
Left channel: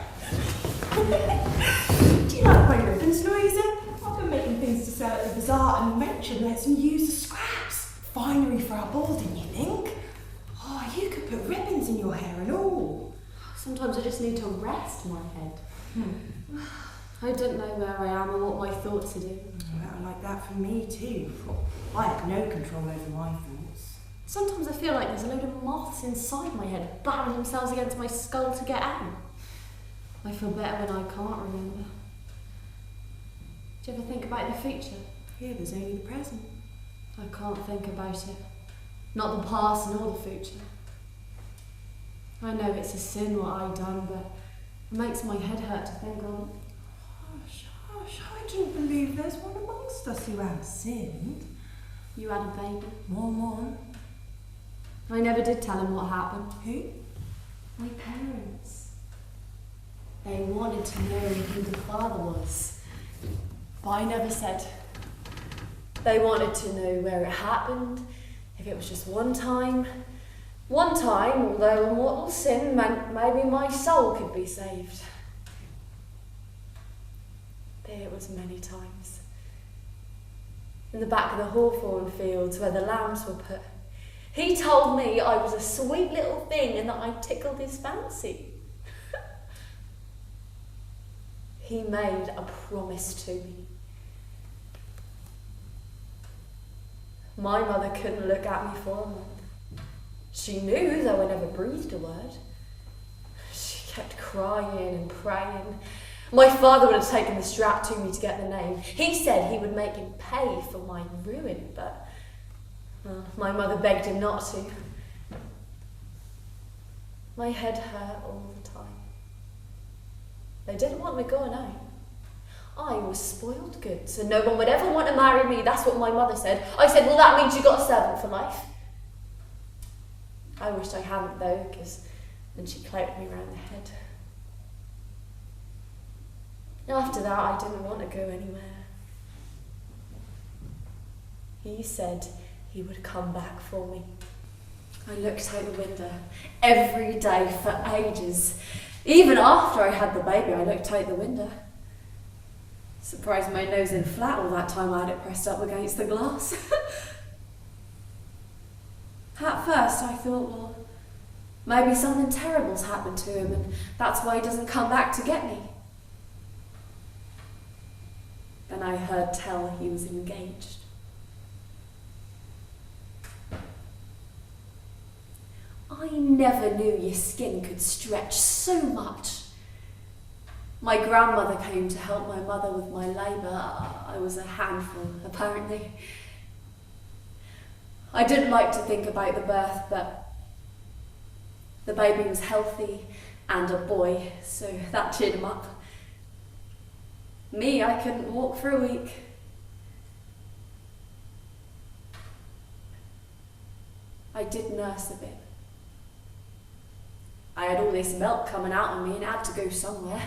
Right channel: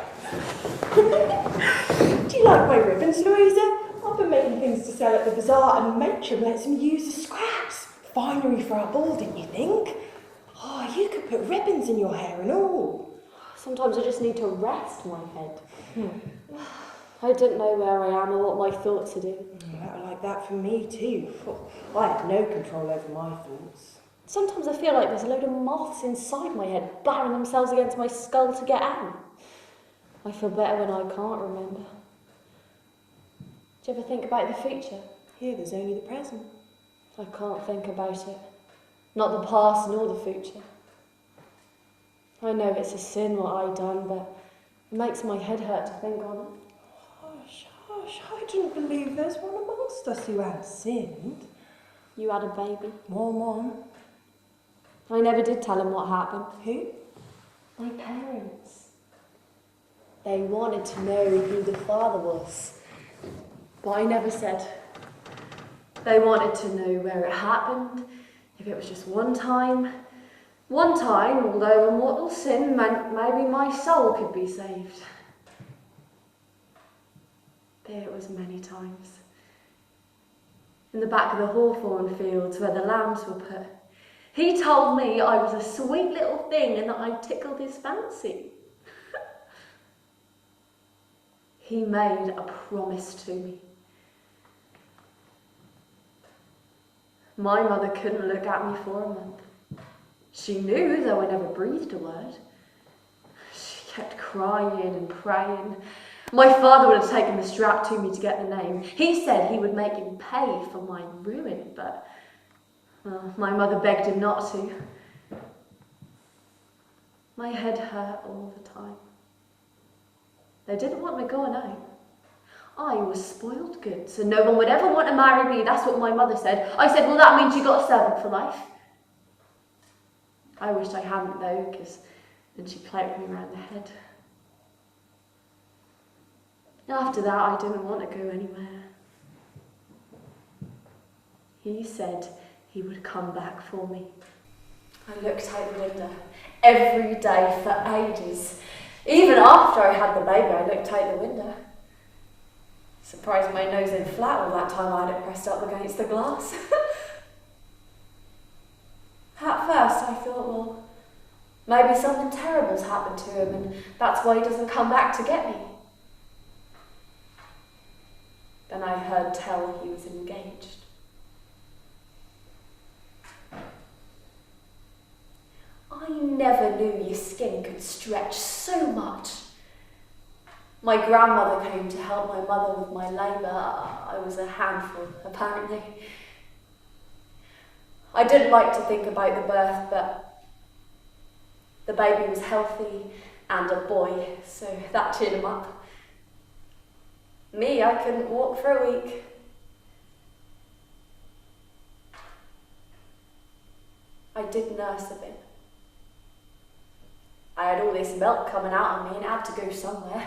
Do you like my ribbons, Louisa? I've been making things to sell at the bazaar, and Matron lets me use the scraps. Finery for our ball, didn't you think? Oh, you could put ribbons in your hair and all. Sometimes I just need to rest my head. I didn't know where I am or what my thoughts are doing. Well, like that for me too. I have no control over my thoughts. Sometimes I feel like there's a load of moths inside my head battering themselves against my skull to get out. I feel better when I can't remember. Do you ever think about the future? Here, there's only the present. I can't think about it. Not the past nor the future. I know it's a sin what I done, but it makes my head hurt to think of it. Hush, I didn't believe there's one amongst us who had sinned. You had a baby. One. I never did tell him what happened. Who? My parents. They wanted to know who the father was, but I never said. They wanted to know where it happened, if it was just one time. One time, although a mortal sin meant maybe my soul could be saved. It was many times. In the back of the hawthorn fields where the lambs were put, he told me I was a sweet little thing and that I tickled his fancy. He made a promise to me. My mother couldn't look at me for a month. She knew, though I never breathed a word. She kept crying and praying. My father would have taken the strap to me to get the name. He said he would make him pay for my ruin, but my mother begged him not to. My head hurt all the time. They didn't want me going out. I was spoiled goods, and no one would ever want to marry me. That's what my mother said. I said, well, that means you got a servant for life. I wished I hadn't, though, because then she cloaked me round the head. After that, I didn't want to go anywhere. He said he would come back for me. I looked out the window every day for ages. Even after I had the baby, I looked out the window. Surprised my nose in flat all that time I had it pressed up against the glass. At first, I thought, well, maybe something terrible's happened to him and that's why he doesn't come back to get me. Then I heard tell he was engaged. I never knew your skin could stretch so much. My grandmother came to help my mother with my labour. I was a handful, apparently. I didn't like to think about the birth, but the baby was healthy and a boy, so that cheered him up. Me, I couldn't walk for a week. I did nurse a bit. I had all this milk coming out of me and it had to go somewhere.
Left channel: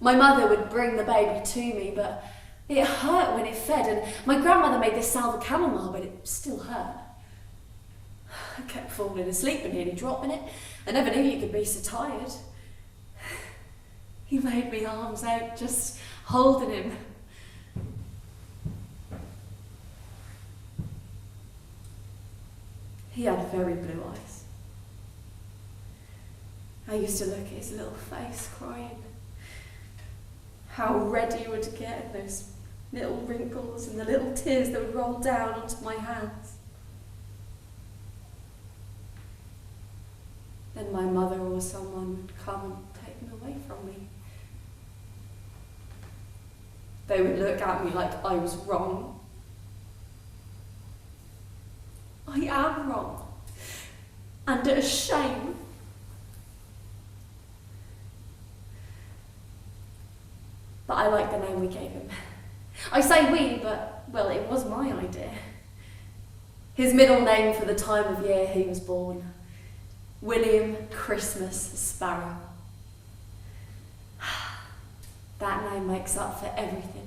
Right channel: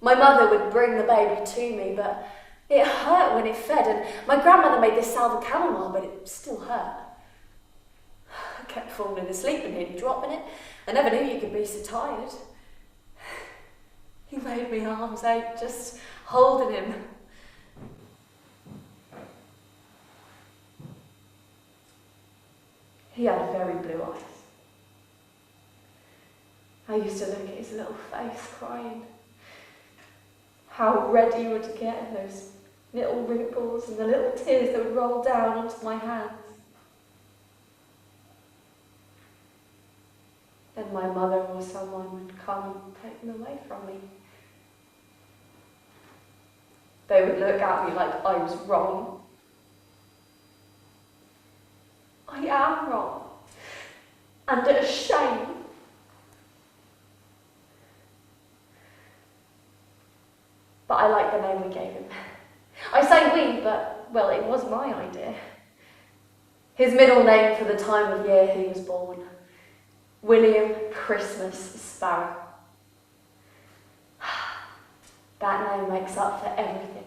My mother would bring the baby to me, but it hurt when it fed, and my grandmother made this salve of chamomile, but it still hurt. I kept falling asleep and nearly dropping it. I never knew you could be so tired. He made me arms out just holding him. He had very blue eyes. I used to look at his little face crying. How red he would get, and those little wrinkles and the little tears that would roll down onto my hands. Then my mother or someone would come and take him away from me. They would look at me like I was wrong. I am wrong. And a shame. But I like the name we gave him. I say we, but, well, it was my idea. His middle name for the time of year he was born. William Christmas Sparrow. That name makes up for everything.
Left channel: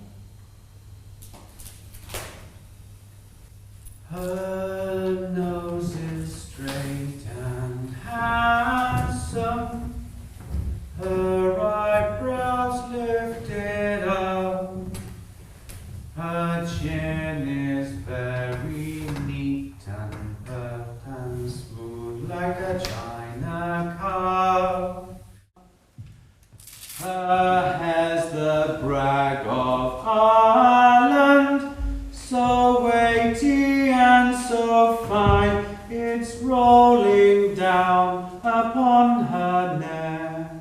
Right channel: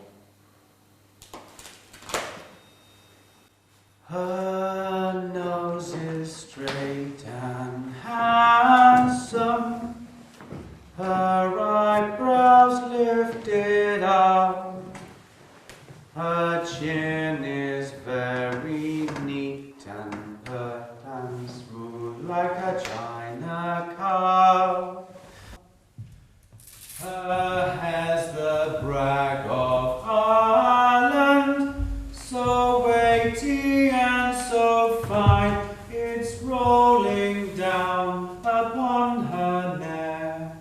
Her nose is straight and handsome, her eyebrows lifted up, her chin is very neat and pert and smooth like a china cup. Her hair's the brag of Ireland, so weighty and so fine, it's rolling down upon her neck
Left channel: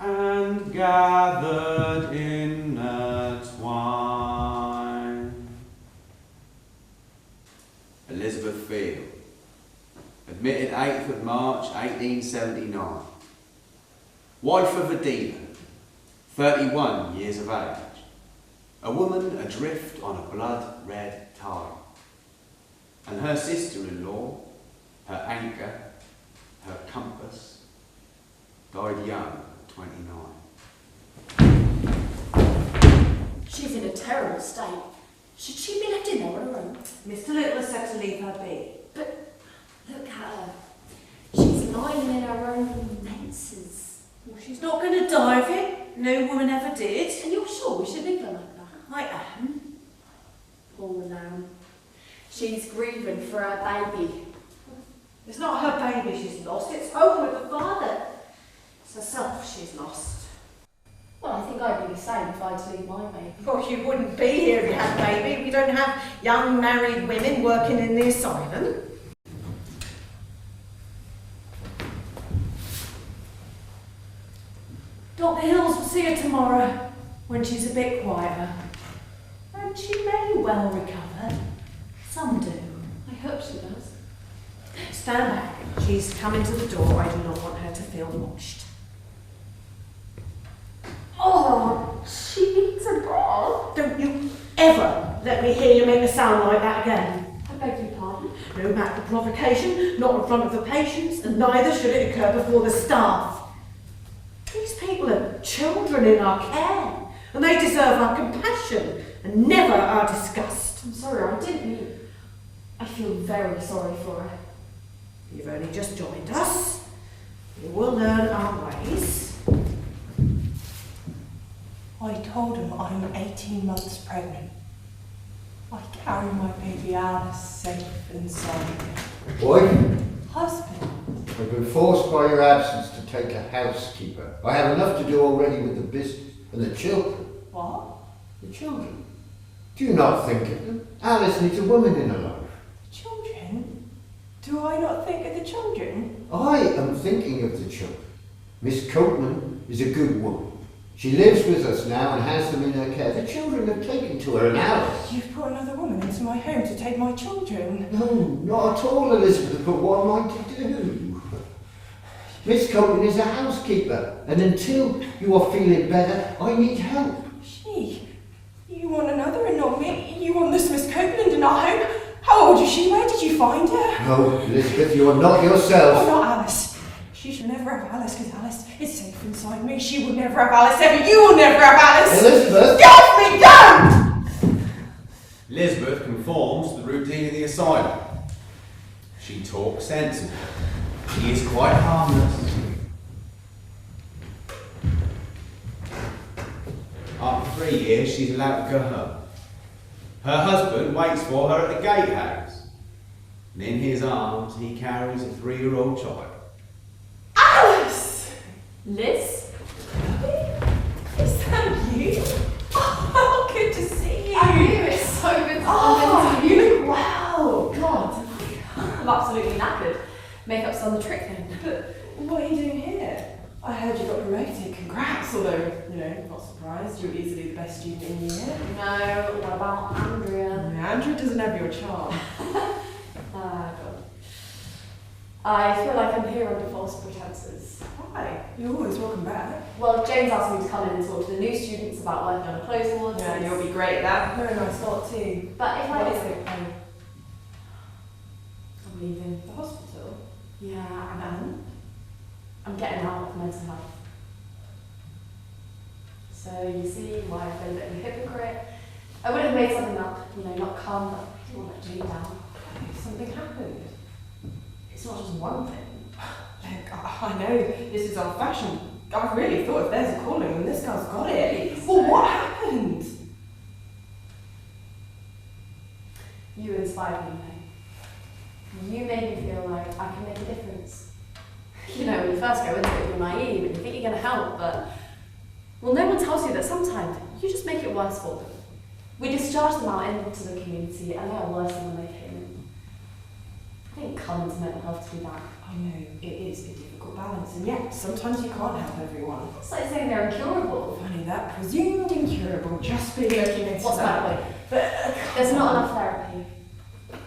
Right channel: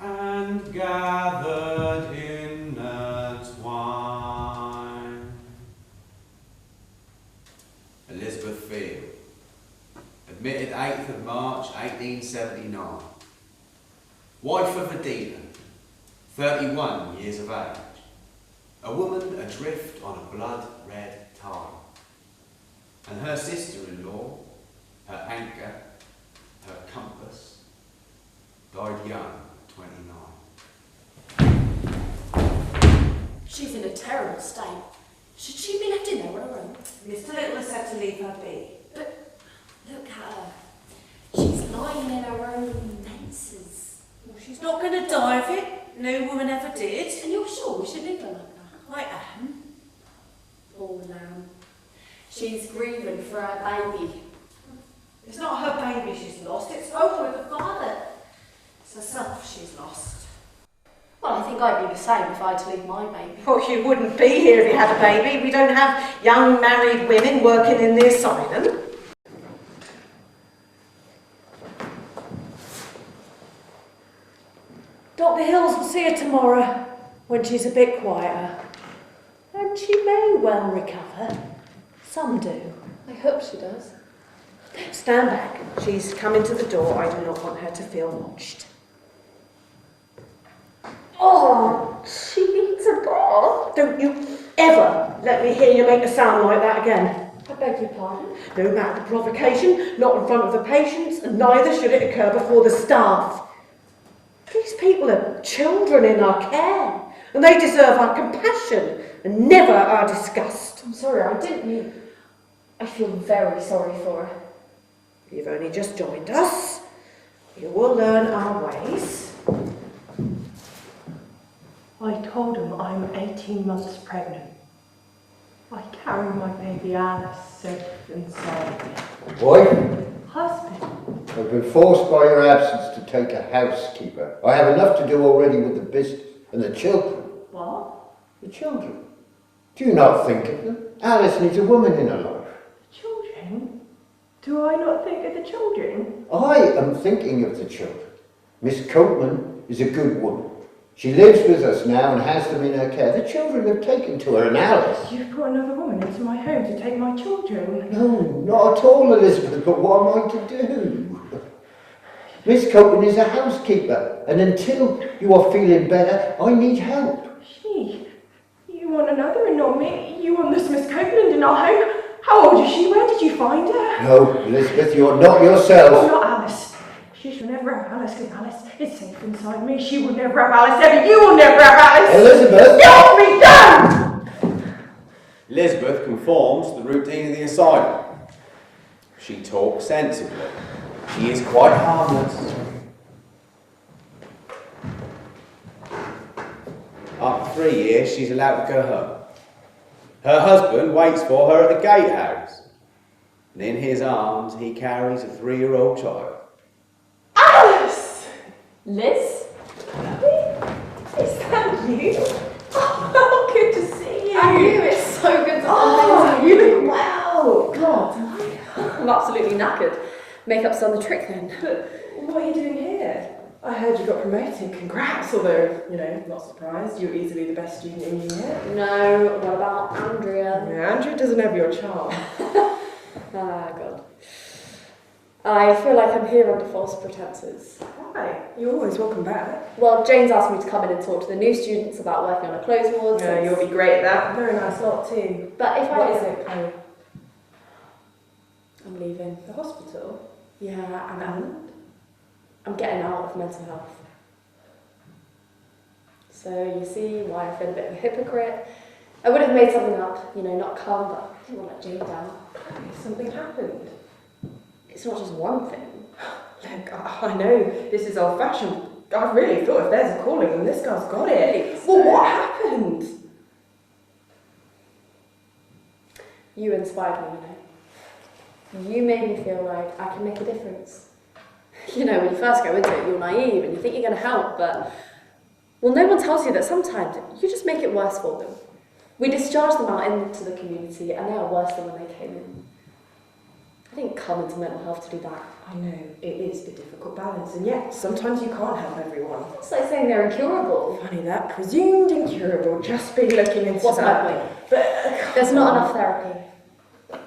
and gathered in a twine. Elizabeth Field, admitted 8th of March 1879. Wife of a dealer, 31 years of age. A woman adrift on a blood-red tide. And her sister-in-law, her anchor, her compass, died young at 29. She's in a terrible state. Should she be left in there on her own? Mr. Little has said to leave her be. But look at her. She's lying in her own menses. Well, she's not going to die of it. No woman ever did. And you're sure we should leave her like that? I am. Poor lamb. She's grieving for her baby. It's not her baby she's lost, it's home with the father. It's herself she's lost. Well, I think I'd be the same if I had to leave my baby. Well, you wouldn't be here if you had a baby. We don't have young married women working in the asylum. Dr. Hills will see her tomorrow when she's a bit quieter. And she may well recover. Some do. I hope she does. Stand back. She's coming to the door. I do not want her to feel watched. Oh, she needs a bath. Don't you ever let me hear you make a sound like that again. I beg your pardon. No matter the provocation, not in front of the patients, and neither should it occur before the staff. These people are children in our care, and they deserve our compassion and never our disgust. I'm sorry, I didn't mean... I feel very sorry for her. You've only just joined us. You will learn our ways. I told him I'm 18 months pregnant. I carry my baby Alice safe and sound. Boy, Husband. I've been forced by your absence to take a housekeeper. I have enough to do already with the business and the children. What? The children. Do you not think of them? Alice needs a woman in her life. Children? Do I not think of the children? I am thinking of the children. Miss Copeland is a good woman. She lives with us now and has them in her care. The children have taken to her now. You've brought another woman into my home to take my children. No, not at all, Elizabeth, but what am I to do? Miss Copeland is a housekeeper, and until you are feeling better, I need help. Gee, you want another and not me? You want this Miss Copeland in our home? How old is she? Where did you find her? No, Elizabeth, you're not yourself. Oh, not Alice. She should never have Alice, because Alice is safe inside me. She would never have Alice, ever. You will never have Alice. Elizabeth! Get off me, don't! Elizabeth conforms to the routine of the asylum. She talks sensibly. She is quite harmless. After 3 years, she's allowed to go home. Her husband waits for her at the gatehouse, and in his arms he carries a 3-year-old child. Alice! Liz? Is that you? Oh, good to see you. I knew it's so good to Oh, see you look well. God. I'm absolutely knackered. Makeup's done the trick then. But what are you doing here? I heard you got promoted. Congrats, although, not surprised. You're easily the best student in the year. No, what about Andrea? Yeah, Andrew doesn't have your charm. Ah, God. I feel like I'm here under false pretenses. Why? You're always welcome back. Well, Jane's asked me to come in and talk to the new students about working on a clothes ward. Yeah, you'll be great at that. Very nice lot too. But if What I... is it? Oh, I'm leaving. the hospital? Yeah, and I'm getting out of mental health. So you see why I feel a bit of a hypocrite. I would have made something up, not come, but I didn't want to let Jane down. Oh, something happened. It's not just one thing. Look, I know this is old-fashioned. I really thought if there's a calling, then this guy's got it. Please. Well, what happened? You inspired me, You made me feel like I can make a difference. When you first go into it, you're naive and you think you're going to help, but... Well, no one tells you that sometimes you just make it worse for them. We discharge them out into the community and they are worse than when they came in. I didn't come into mental health to do that. I know, it is a difficult balance, and yet sometimes you can't help everyone. It's like saying they're incurable. Funny that, presumed incurable, just be looking into What's my that. point? But There's not enough therapy.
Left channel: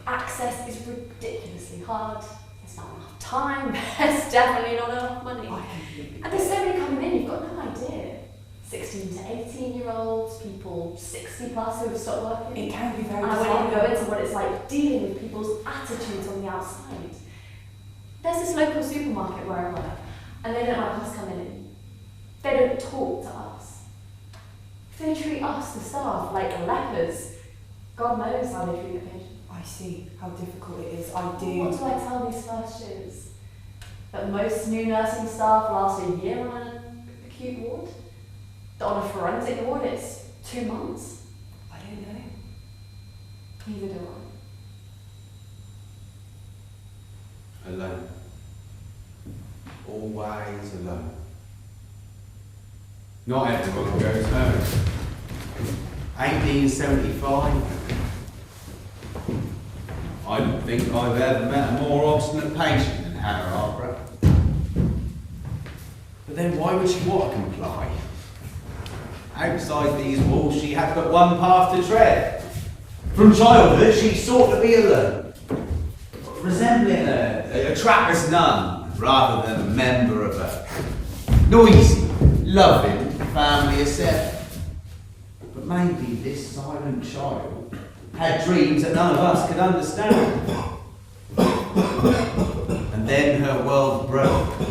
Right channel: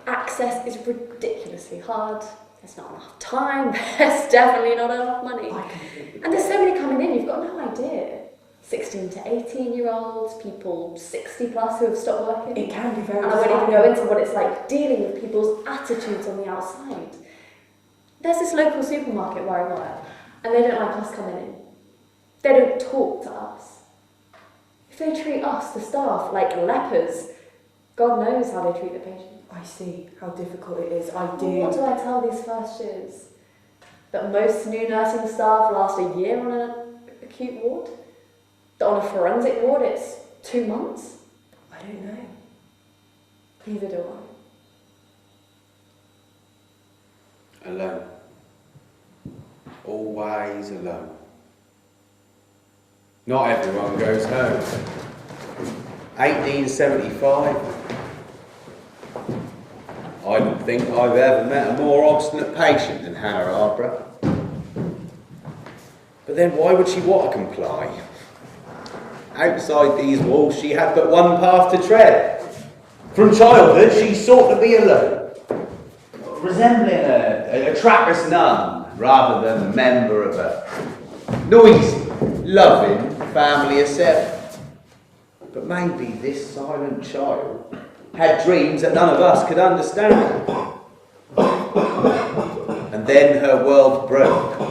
Access is ridiculously hard. There's not enough time. There's definitely not enough money. And there's so many coming in, you've got no idea. 16 to 18-year-olds, people 60 plus who have stopped working. it can be very And I won't even disheartening. go into what it's like dealing with people's attitudes on the outside. There's this local supermarket where I work, and they don't like us coming in. They don't talk to us. If they treat us, the staff, like lepers, God knows how they treat the patient. I see how difficult it is. I What do. do I tell these first years? That most new nursing staff last a year on an acute ward? That on a forensic ward it's 2 months? I don't know. Neither do I. Alone. Always alone. Not everyone goes home. 1875. I don't think I've ever met a more obstinate patient than Hannah Arborough. But then why would she want to comply? Outside these walls she had but one path to tread. From childhood she sought to be alone, resembling a Trappist nun rather than a member of a noisy, loving family of 7. But maybe this silent child had dreams that none of us could understand. And then her world broke.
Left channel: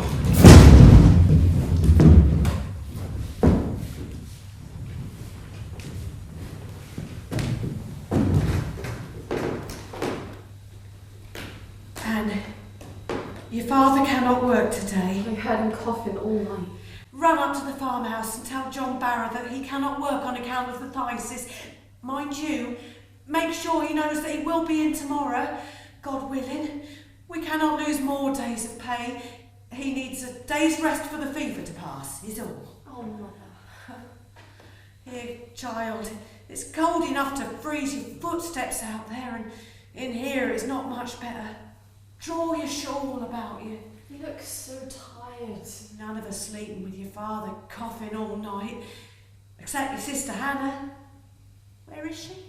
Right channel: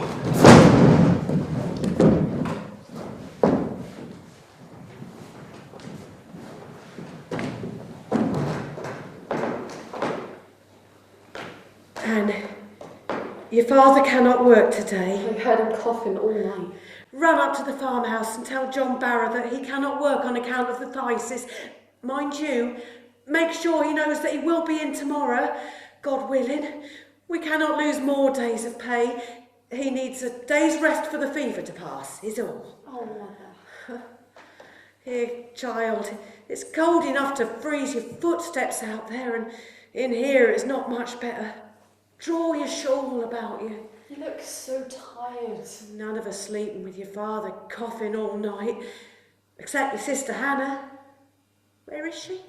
Anne, your father cannot work today. We heard him coughing all night. Run up to the farmhouse and tell John Barrow that he cannot work on account of the phthisis. Mind you, make sure he knows that he will be in tomorrow, God willing. We cannot lose more days of pay. He needs a day's rest for the fever to pass, is all. Oh, Mother. Here, child, it's cold enough to freeze your footsteps out there, and in here it's not much better. Draw your shawl about you. You look so tired. tired. None of us sleeping with your father coughing all night, except your sister Hannah. Where is she?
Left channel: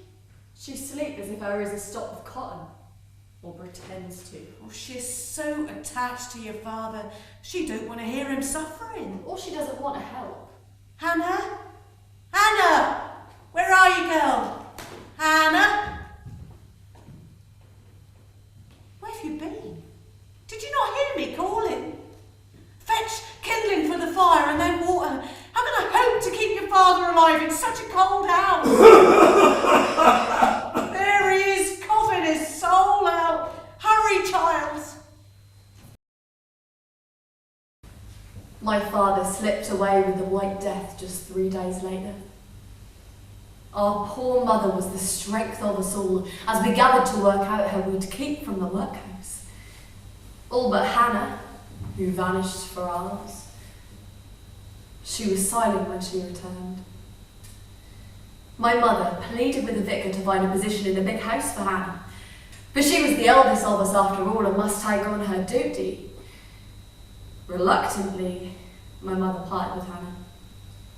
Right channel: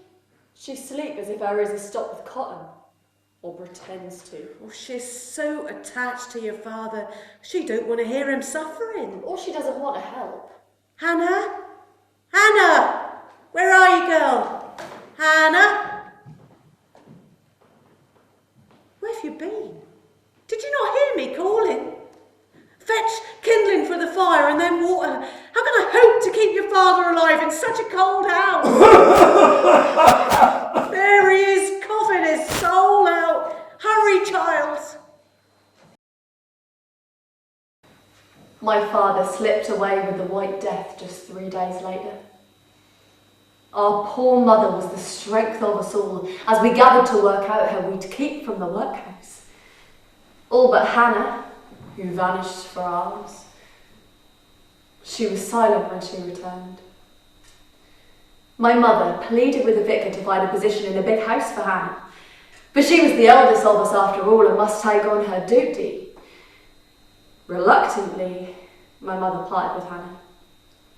She sleeps as if her ears are stopped with cotton. Or pretends to. Oh, she's so attached to your father, she don't want to hear him suffering. Or she doesn't want to help. Hannah? Hannah! Where are you, girl? Hannah? Where have you been? Did you not hear me calling? Fetch kindling for the fire and then water. How can I hope to keep your father alive in such a cold house? There he is, coughing his soul out. Hurry, child. My father slipped away with the White Death just 3 days later. Our poor mother was the strength of us all as we gathered to work out how we'd keep from the workhouse. All but Hannah, who vanished for hours. She was silent when she returned. My mother pleaded with the vicar to find a position in a big house for Hannah, but she was the eldest of us after all and must take on her duty. Reluctantly, my mother parted with Hannah,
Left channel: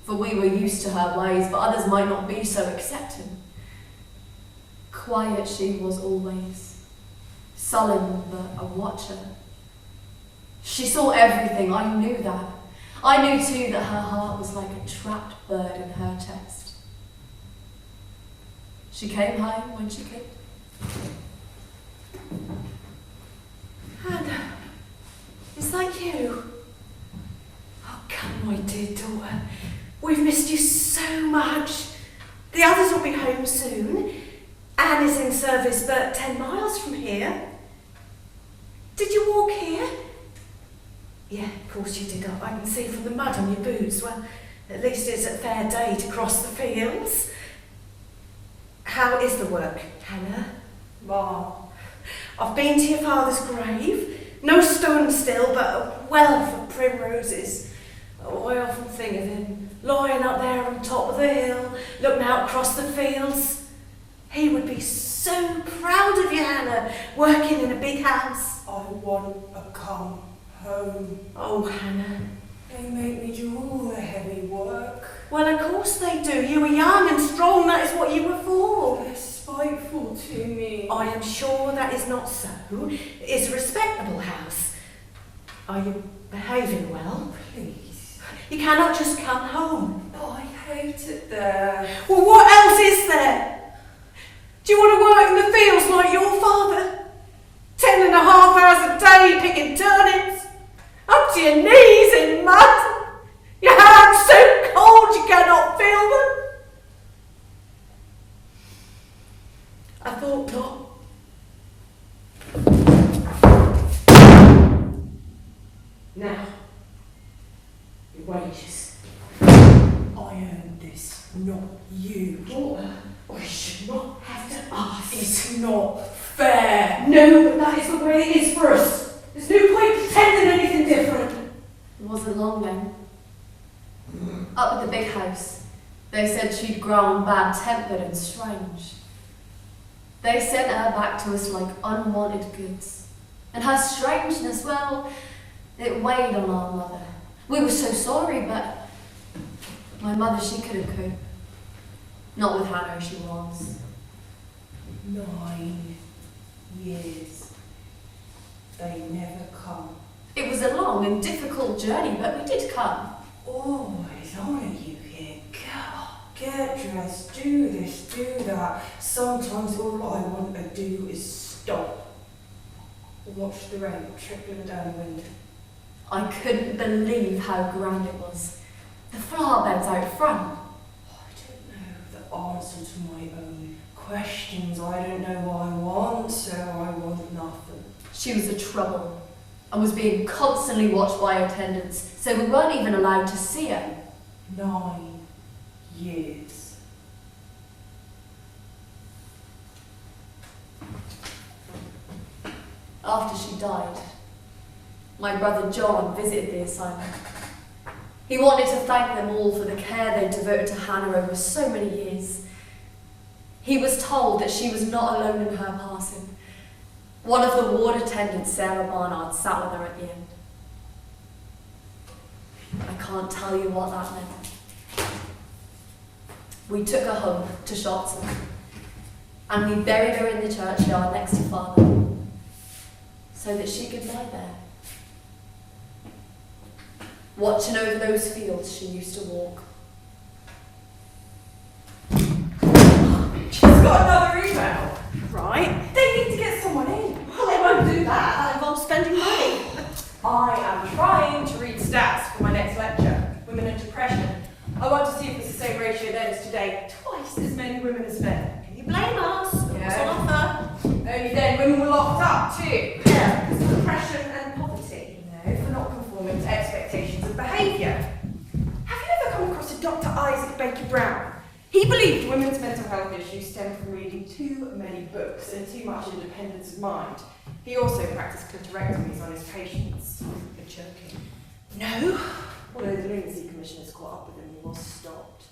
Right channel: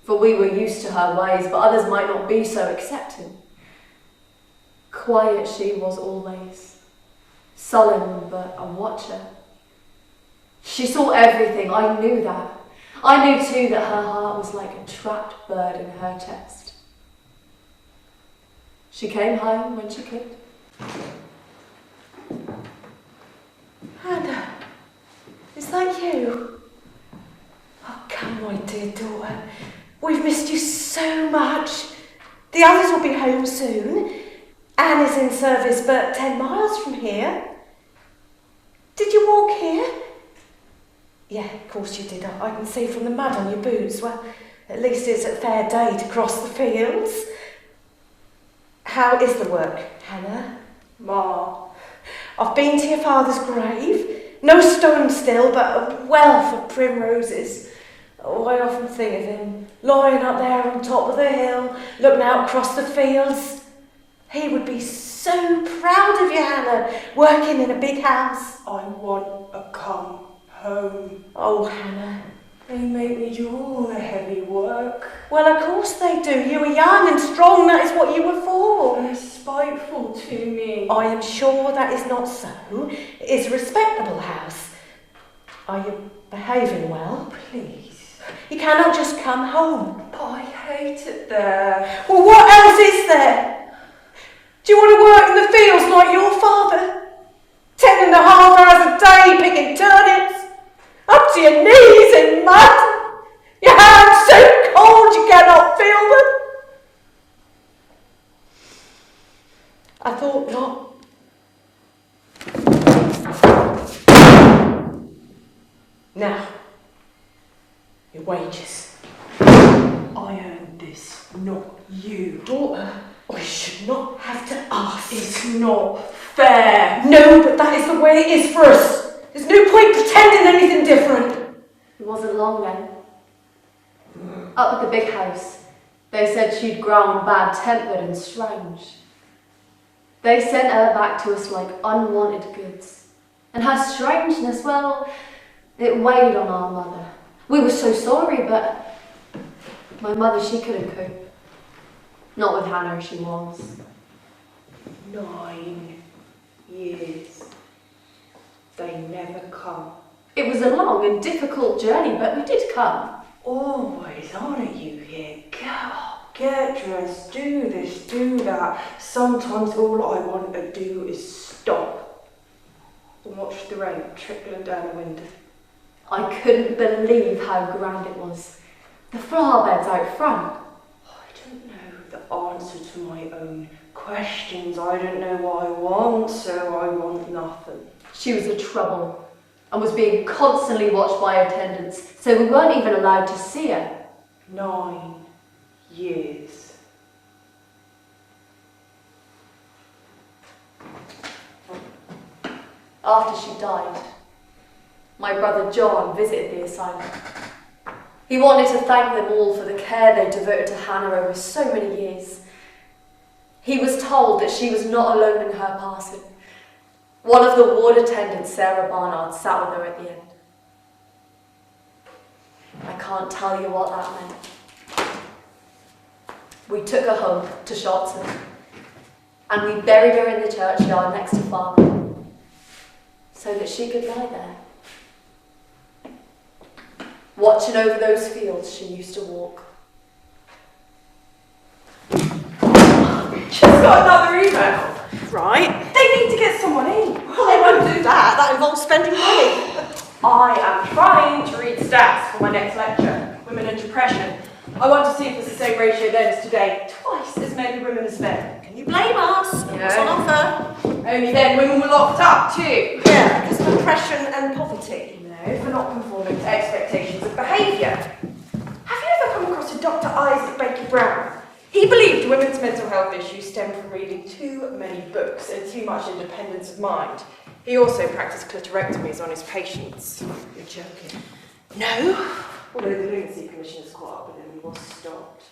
for we were used to her ways, but others might not be so accepting. Quiet she was always, sullen but a watcher. She saw everything, I knew that. I knew too that her heart was like a trapped bird in her chest. She came home when she could. Hannah, is that you? Oh, come, my dear daughter. We've missed you so much. The others will be home soon. Anne is in service but 10 miles from here. Did you walk here? Yeah, of course you did. I can see from the mud on your boots. Well, at least it's a fair day to cross the fields. How is the work, Hannah? Ma, I've been to your father's grave. No stone still, but a wealth of primroses. Oh, I often think of him, lying up there on top of the hill, looking out across the fields. He would be so proud of you, Hannah, working in a big house. I want a come home. Oh, Hannah. They make me do all the heavy work. Well, of course they do. You were young and strong, that is what you were for. They're spiteful to me. I am sure that is not so. It's a respectable house. Are you behaving well? Please. You cannot just come home. But I hate it there. Well, what else is there? Do you want to work in the fields like your father? 10.5 hours a day picking turnips? Up to your knees in mud? Your hands so cold you cannot feel them? I thought not. Now, your wages. I earned this, not you. Daughter, I should not have to ask. It's not fair. No, but that is the way it is for us. There's no point pretending anything different. It wasn't long then. Up at the big house, they said she'd grown bad-tempered and strange. They sent her back to us like unwanted goods. And her strangeness, well, it weighed on our mother. We were so sorry, but my mother, she couldn't cope. Not with Hannah, she was. 9 years. They never come. It was a long and difficult journey, but we did come. Always on it, you here. Go up, get dressed, do this, do that. Sometimes all I want to do is stop and watch the rain trickling down the window. I couldn't believe how grand it was. The flower beds out front. I don't know the answer to my own questions. I don't know what I want, so I want nothing. She was a trouble and was being constantly watched by attendants, so we weren't even allowed to see her. 9 years. After she died, my brother John visited the asylum. He wanted to thank them all for the care they devoted to Hannah over so many years. He was told that she was not alone in her passing. One of the ward attendants, Sarah Barnard, sat with her at the end. I can't tell you what that meant. We took her home to Shotton, and we buried her in the churchyard next to Father, so that she could lie there, watching over those fields she used to walk. She's got another email. Right. They need to get someone in. Well, they won't do that. That involves spending money. I am trying to read stats for my next lecture, Women and Depression. I want to see if it's the same ratio then as today. Twice as many women as men. Can you blame us? Look what's on offer. Only then women were locked up too. Yeah, because of oppression and poverty. No, for not conforming to expectations of behaviour. Have you ever come across a Dr. Isaac Baker Brown? He believed women's mental health issues stemmed from reading too many books and too much independence of mind. He also practiced clitorectomies on his patients. You're joking. No. Although the Lunacy Commissioners caught up with him, he was stopped.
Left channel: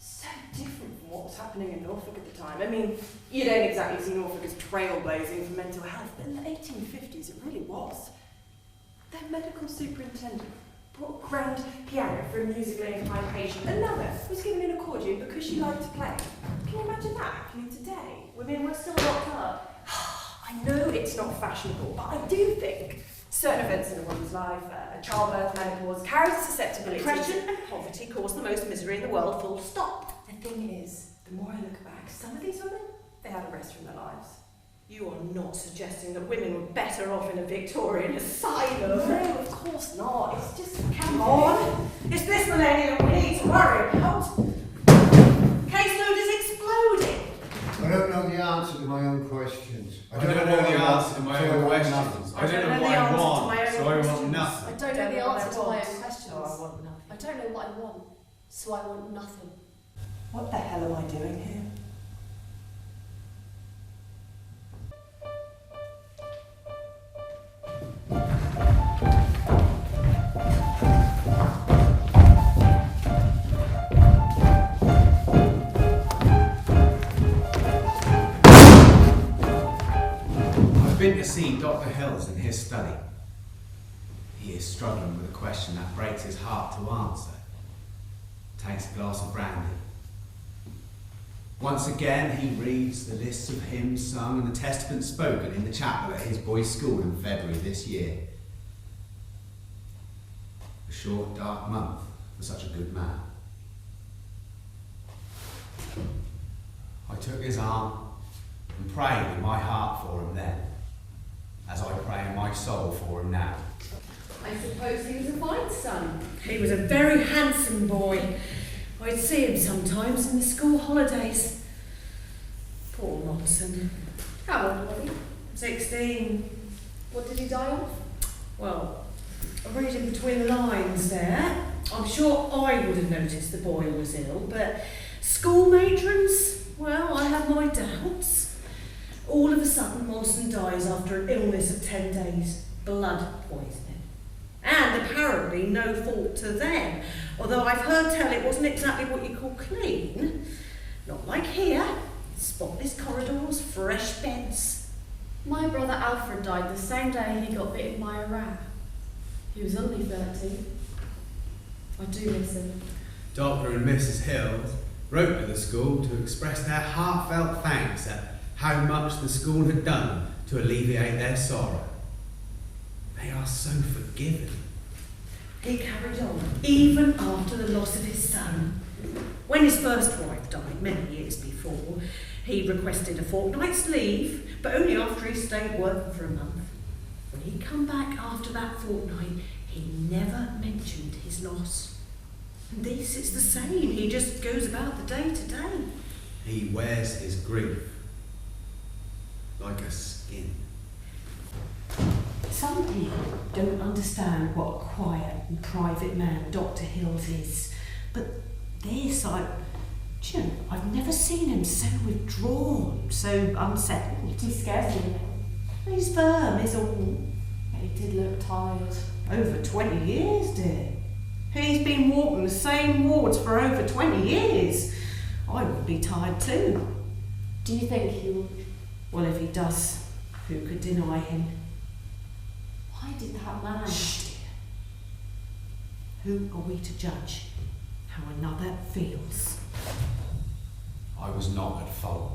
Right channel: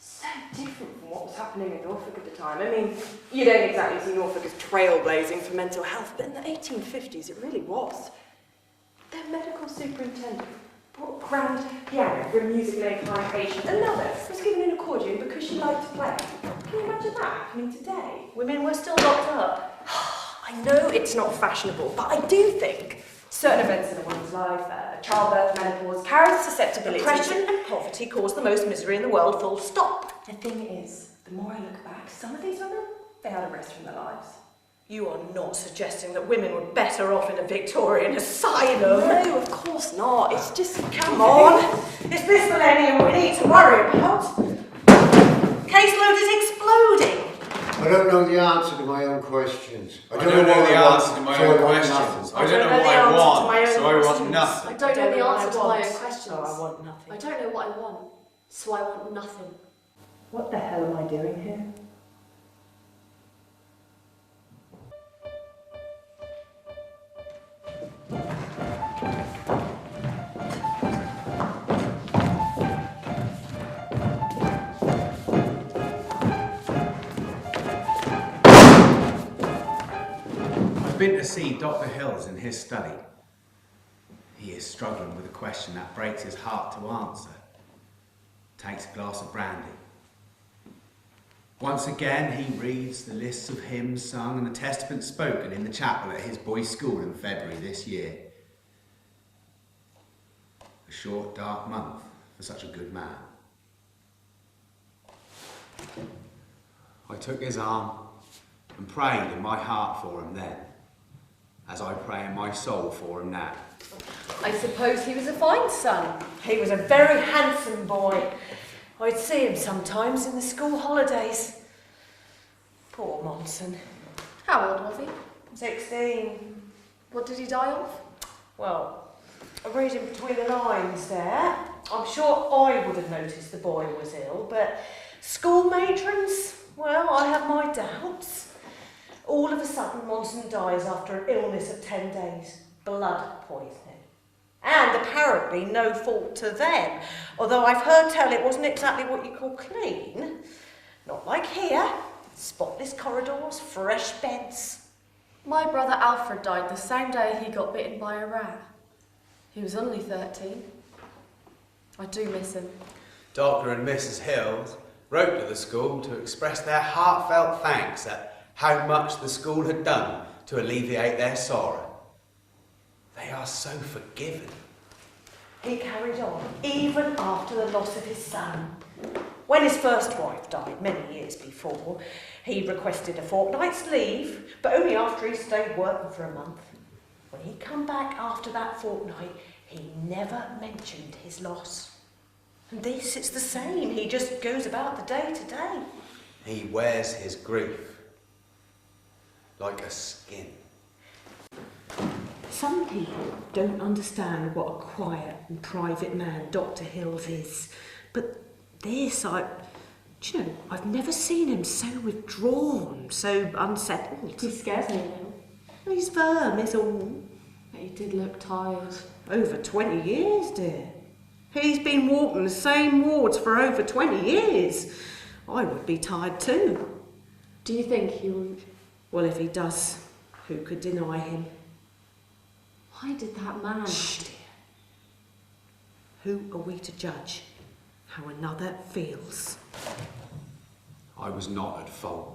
So different from what was happening in Norfolk at the time. I mean, you don't exactly see Norfolk as trailblazing for mental health, but in the 1850s it really was. Their medical superintendent bought a grand piano for a musically inclined patient. Another was given an accordion because she liked to play. Can you imagine that happening today? Women were still locked up. I know it's not fashionable, but I do think certain events in a woman's life, childbirth, menopause, carries a susceptibility. Oppression and poverty cause the most misery in the world, full stop. The thing is, the more I look back, some of these women, they had a rest from their lives. You are not suggesting that women were better off in a Victorian asylum. No, of course not. It's just, Come on. It's this millennium we need to worry about. Caseload is exploding. I don't know the answer to my own questions. I don't know the answer to my own questions. I don't know what I want, so I want nothing. I don't know the answer to my own questions. So I want nothing. I don't know what I want, so I want nothing. what the hell am I doing here? I've been to see Dr. Hills in his study. He is struggling with a question that breaks his heart to answer. Takes a glass of brandy. Once again, he reads the lists of hymns sung and the testaments spoken in the chapel at his boys' school in February this year. A short, dark month for such a good man. I took his arm and prayed in my heart for him then, as I pray in my soul for him now. I suppose he was a fine son. He was a very handsome boy. I'd see him sometimes in the school holidays. Poor Monson. How old was he? 16. What did he die of? Well, I'm reading between the lines there. I'm sure I would have noticed the boy was ill, but school matrons, well, I have my doubts. All of a sudden, Monson dies after an illness of 10 days. Blood poisoning. And apparently no fault to them. Although I've heard tell it wasn't exactly what you call clean. Not like here. Spotless corridors, fresh beds. My brother Alfred died the same day he got bitten by a rat. He was only 13. I do miss him. Dr. and Mrs. Hills wrote to the school to express their heartfelt thanks at how much the school had done to alleviate their sorrow. They are so forgiving. He carried on, even after the loss of his son. When his first wife died, many years before, he requested a fortnight's leave, but only after he stayed working for a month. When he come back after that fortnight, he never mentioned his loss. And this, it's the same. He just goes about the day to day. He wears his grief like a skin. Some people don't understand what a quiet and private man Dr. Hills is. But this, I've never seen him so withdrawn, so unsettled. He scares me. He's firm, is all. He did look tired. Over 20 years, dear. He's been walking the same wards for over 20 years. I would be tired too. Do you think he will? Well, if he does, who could deny him? Why did that man? Shh, dear. Who are we to judge how another feels? I was not at fault.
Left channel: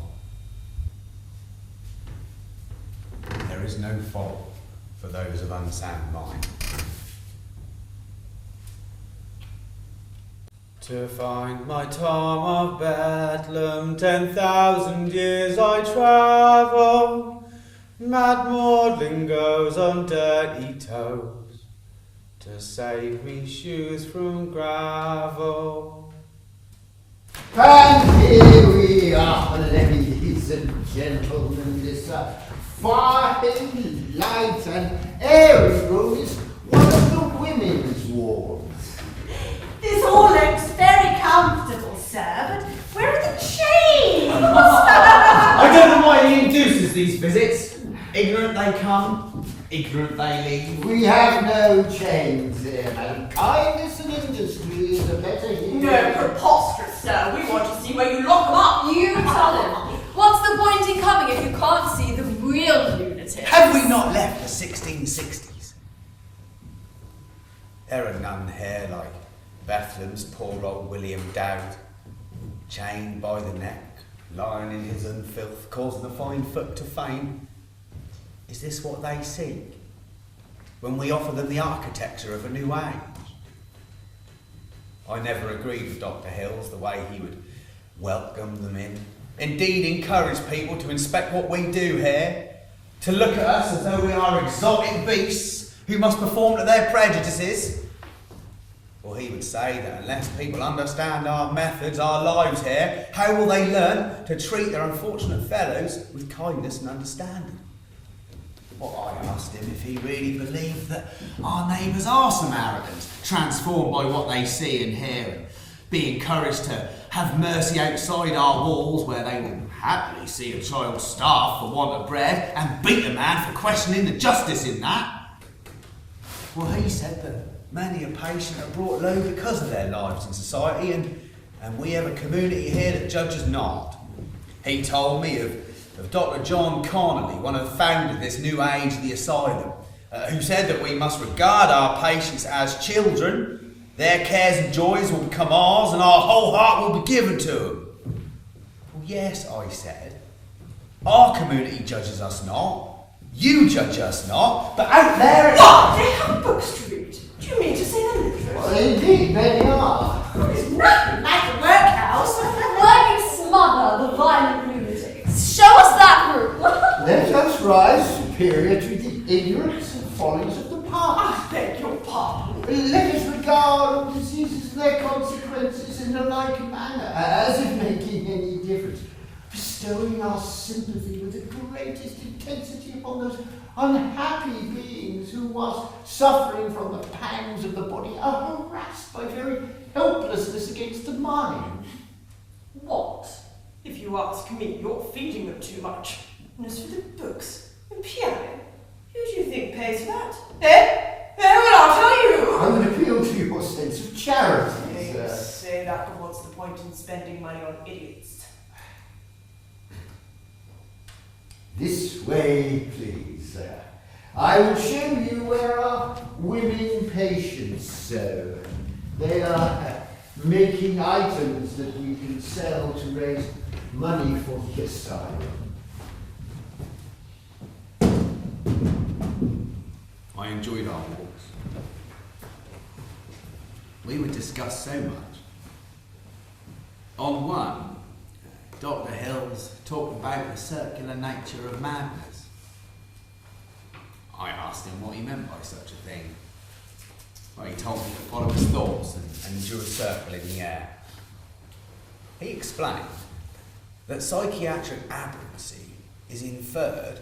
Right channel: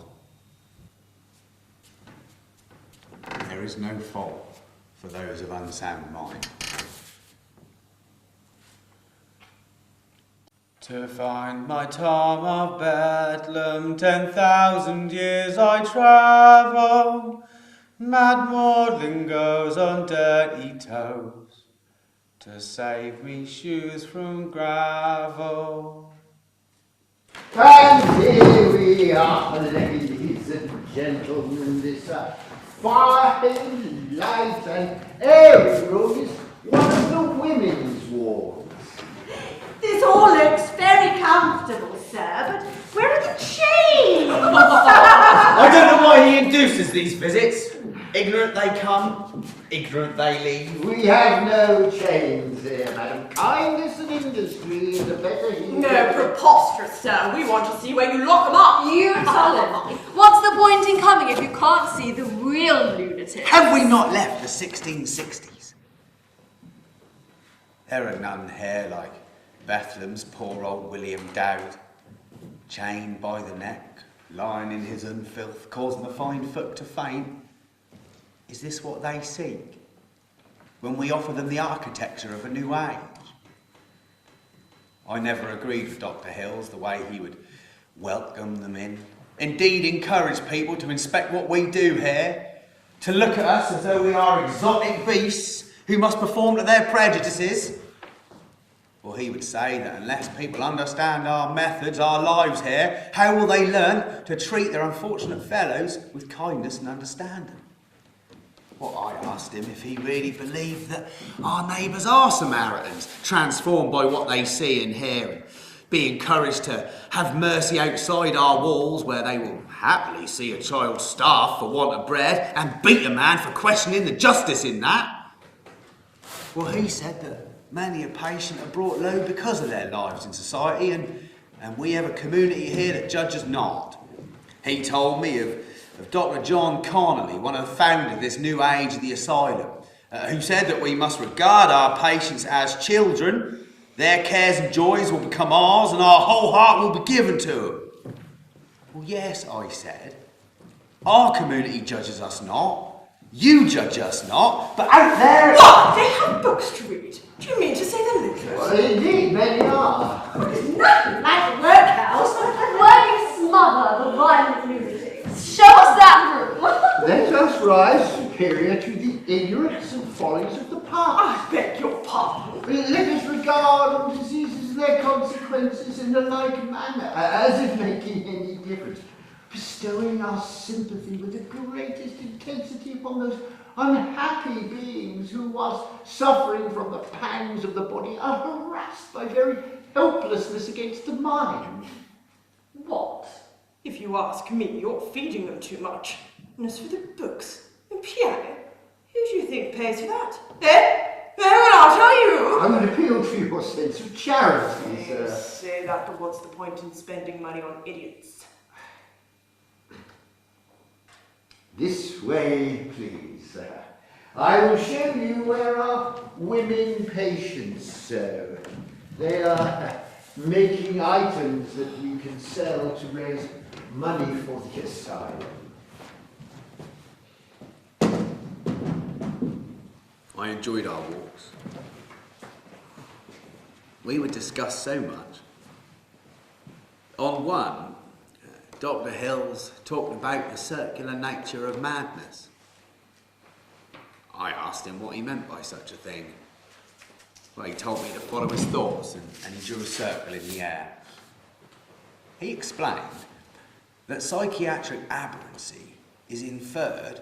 There is no fault for those of unsound mind. To find my Tom of Bedlam, 10,000 years I travel. Mad Maudlin goes on dirty toes to save me shoes from gravel. And here we are, ladies and gentlemen. This fine, light and airy room is one of the women's wards. This all looks very comfortable, sir, but where are the chains? I don't know why he induces these visits. Ignorant they come, ignorant they leave. We have no chains here, madam. Kindness and industry is the better here. No, preposterous, sir. We want to see where you lock them up. You tell him. What's the point in coming if you can't see the real lunatic? Have we not left the 1660s? There are none here like Bethlem's poor old William Dowd, chained by the neck, lying in his unfilth, causing the fine folk to faint. Is this what they seek when we offer them the architecture of a new age? I never agreed with Dr. Hills the way he would welcome them in. Indeed, encourage people to inspect what we do here, to look at us as though we are exotic beasts who must perform to their prejudices. Well, he would say that unless people understand our methods, our lives here, how will they learn to treat their unfortunate fellows with kindness and understanding? Well, I asked him if he really believed that our neighbours are Samaritans, transformed by what they see and hear, and be encouraged to have mercy outside our walls, where they will happily see a child starve for want of bread and beat a man for questioning the justice in that. Well, he said that many a patient are brought low because of their lives in society, and we have a community here that judges not. He told me of Dr. John Connolly, one of the founders of this new age of the Asylum, who said that we must regard our patients as children. Their cares and joys will become ours, and our whole heart will be given to them. Well, yes, I said. Our community judges us not. You judge us not. But out there... What? They have books to read. Do you mean to say they're literate? Well, indeed, many are. There's nothing like a workhouse. Where you smother the violent lunatics. Show us that room. Let us rise superior to the ignorance and follies of the past. I beg your pardon. Let us regard all diseases and their consequences in a like manner, as if making any difference, bestowing our sympathy with the greatest intensity upon those unhappy beings who, whilst suffering from the pangs of the body, are harassed by very helplessness against the mind. What? If you ask me, you're feeding them too much. And as for the books and piano, who do you think pays for that? Eh? Well, I'll tell you. I would appeal to your sense of charity, You sir. say that, but what's the point in spending money on idiots? This way, please, sir. I will show you where our women patients sew. They are making items that we can sell to raise money for the asylum. I enjoyed our walks. We would discuss so much. On one, Dr. Hills talked about the circular nature of madness. I asked him what he meant by such a thing. Well, he told me to follow his thoughts and drew a circle in the air. He explained that psychiatric aberrancy is inferred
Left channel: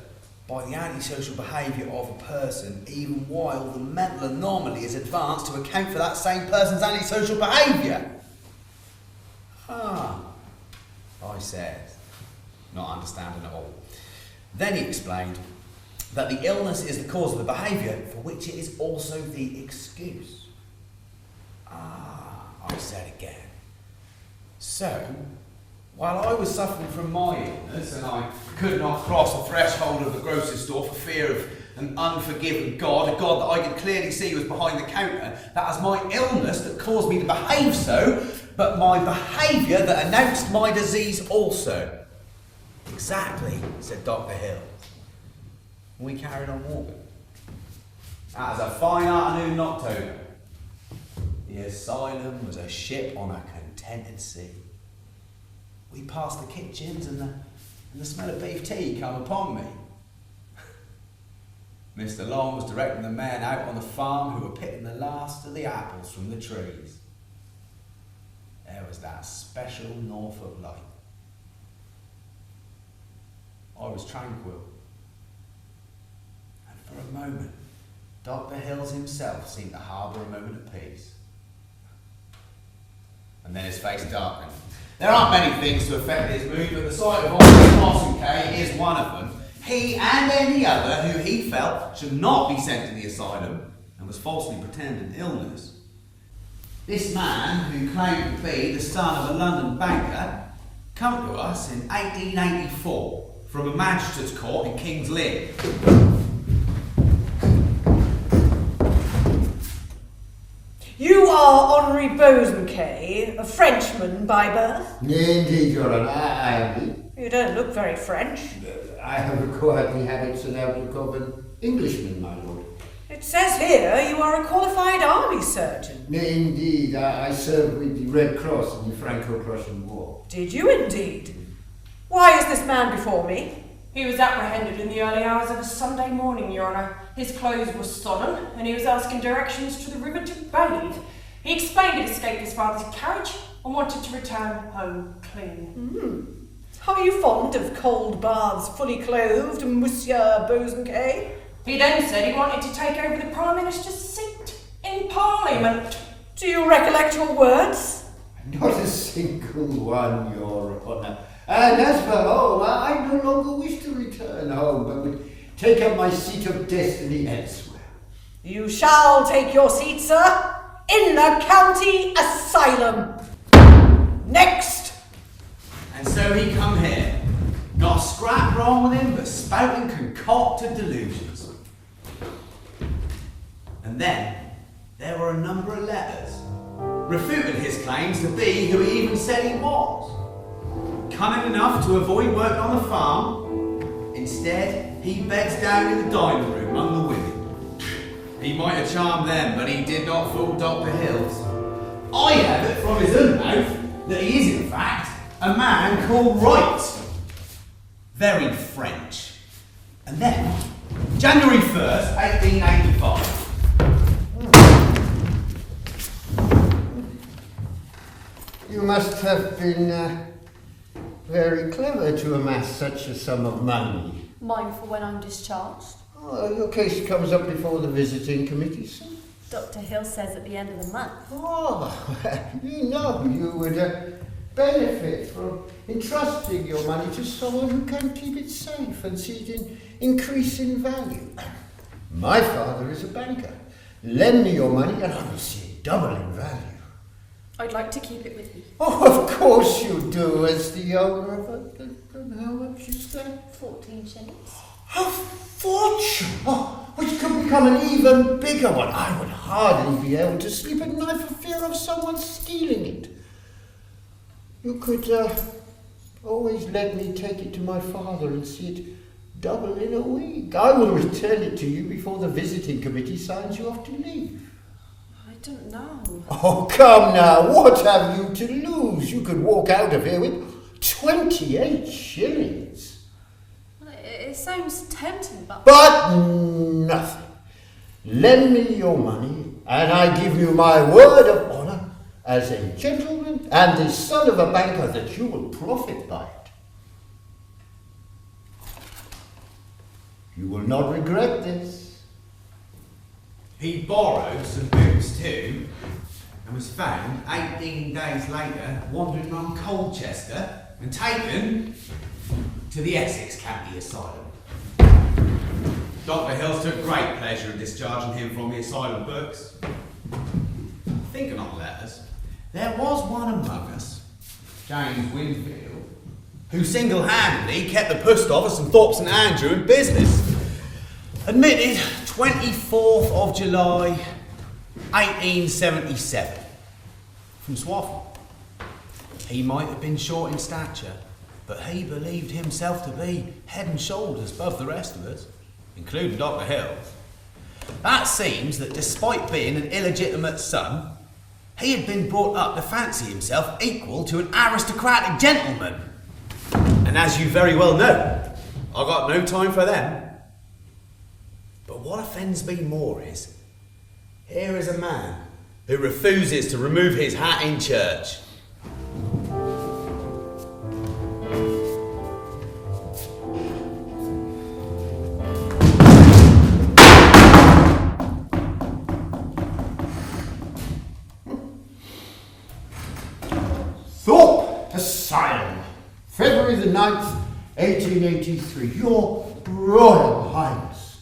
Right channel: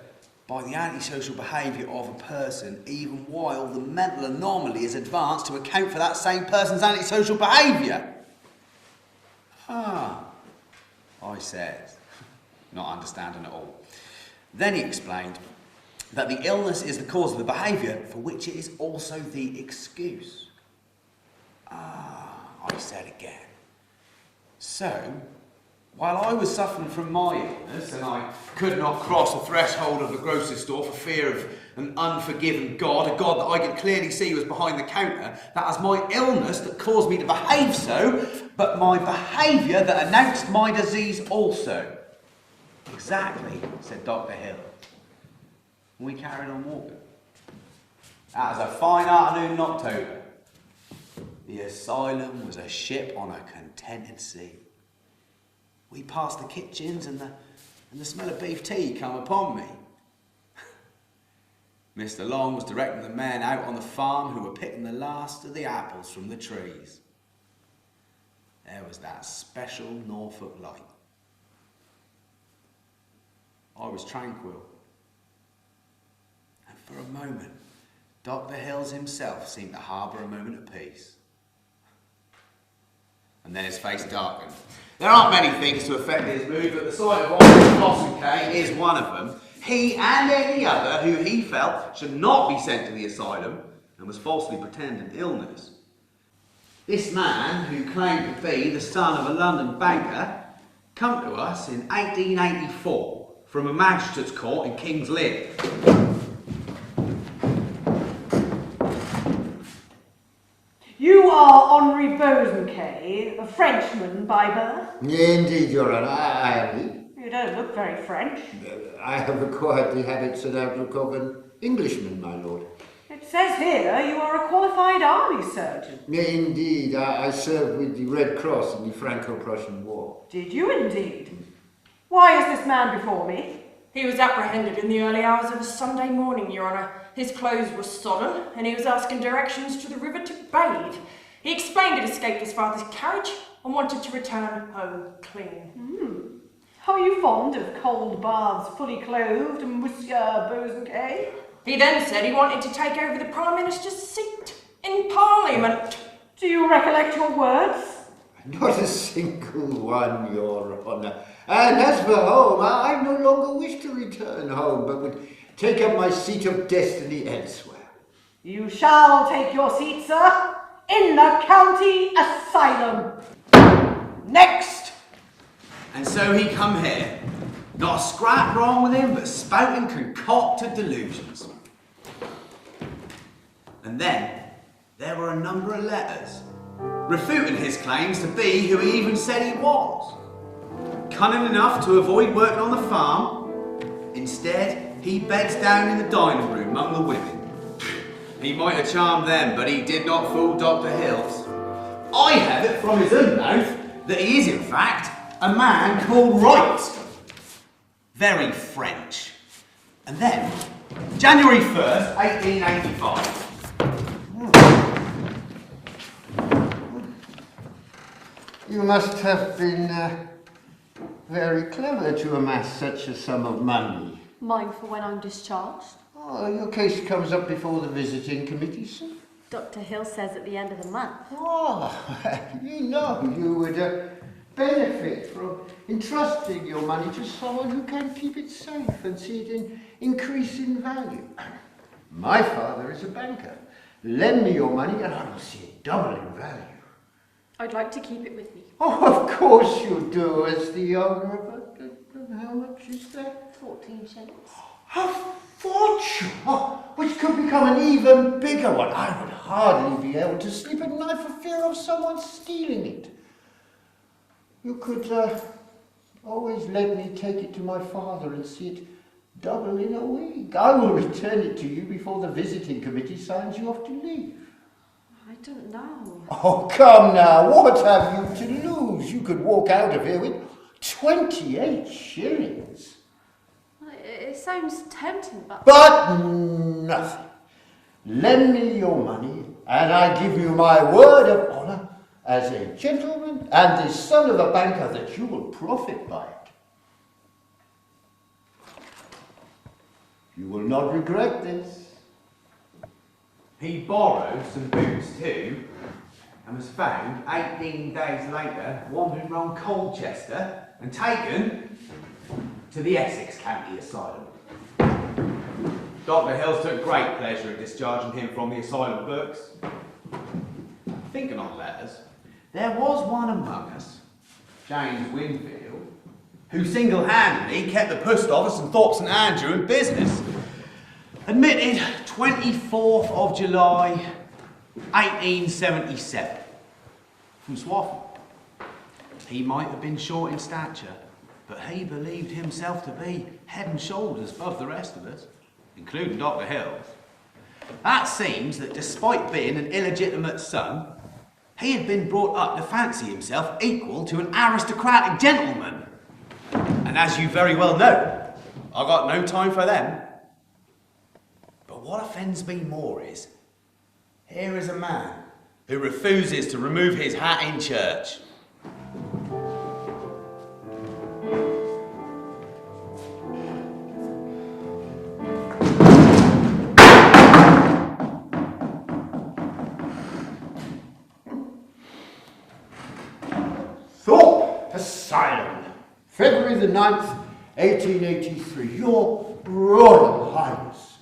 by the antisocial behaviour of a person even while the mental anomaly is advanced to account for that same person's antisocial behaviour. Ah, I said, not understanding at all. Then he explained that the illness is the cause of the behaviour for which it is also the excuse. Ah, I said again. So, while I was suffering from my illness and I could not cross the threshold of the grocery store for fear of an unforgiving God, a God that I could clearly see was behind the counter, that was my illness that caused me to behave so, but my behaviour that announced my disease also. Exactly, said Dr. Hill. We carried on walking. That was a fine afternoon in October. The asylum was a ship on a contented sea. We passed the kitchens and the smell of beef tea come upon me. Mr. Long was directing the men out on the farm who were picking the last of the apples from the trees. There was that special Norfolk light. I was tranquil. And for a moment, Dr. Hills himself seemed to harbour a moment of peace. And then his face darkened. There aren't many things to affect his mood, but the sight of Oliver Blossom K is one of them. He and any other who he felt should not be sent to the asylum and was falsely pretending illness. This man, who claimed to be the son of a London banker, come to us in 1884 from a magistrate's court in King's Lynn. You are Henri Bosanquet, a Frenchman by birth? Indeed, Your Honour, I am. You don't look very French. I have acquired the habits and outlook of an Englishman, my lord. It says here you are a qualified army surgeon. Indeed, I served with the Red Cross in the Franco-Prussian War. Did you indeed? Why is this man before me? He was apprehended in the early hours of a Sunday morning, Your Honour. His clothes were sodden, and he was asking directions to the river to bathe. He explained he'd escaped his father's carriage and wanted to return home clean. Are you fond of cold baths fully clothed, Monsieur Bosanquet? He then said he wanted to take over the Prime Minister's seat in Parliament. Do you recollect your words? Not a single one, Your Honour. And as for home, I no longer wish to return home, but would take up my seat of destiny elsewhere. You shall take your seat, sir, in the county asylum. Next! And so he come here. Not a scrap wrong with him, but spouting concocted delusions. And then there were a number of letters, refuting his claims to be who he even said he was. Cunning enough to avoid working on the farm, instead he beds down in the dining room among the women. He might have charmed them, but he did not fool Dr. Hills. I have it from his own mouth that he is in fact a man called Wright. Very French. And then, January 1st, 1885. You must have been very clever to amass such a sum of money. Mine for when I'm discharged. Oh, your case comes up before the visiting committee, sir? Dr. Hill says at the end of the month. Oh, you know you would benefit from entrusting your money to someone who can keep it safe and see it increase in value. My father is a banker. Lend me your money and I will see it double in value. I'd like to keep it with me. Oh, of course you do, as the owner of it. And how much is that? 14 shillings. A fortune! Oh, which could become an even bigger one. I would hardly be able to sleep at night for fear of someone stealing it. You could always let me take it to my father and see it double in a week. I will return it to you before the visiting committee signs you off to leave. I don't know. Oh, come now, what have you to lose? You could walk out of here with 28 shillings. It sounds tempting, but... But nothing. Lend me your money, and I give you my word of honour as a gentleman and the son of a banker that you will profit by it. You will not regret this. He borrowed some boots too, and was found 18 days later wandering round Colchester and taken to the Essex County Asylum. Dr. Hills took great pleasure in discharging him from the asylum books. Thinking of letters, there was one among us, James Winfield, who single-handedly kept the post office in Thorpe St Andrew in business. Admitted 24th of July, 1877. From Swaffham. He might have been short in stature, but he believed himself to be head and shoulders above the rest of us, including Dr. Hills. That seems that despite being an illegitimate son, he had been brought up to fancy himself equal to an aristocratic gentleman. And as you very well know, I got no time for them. But what offends me more is, here is a man who refuses to remove his hat in church. Thorpe Asylum, February the 9th, 1883. Your Royal Highness.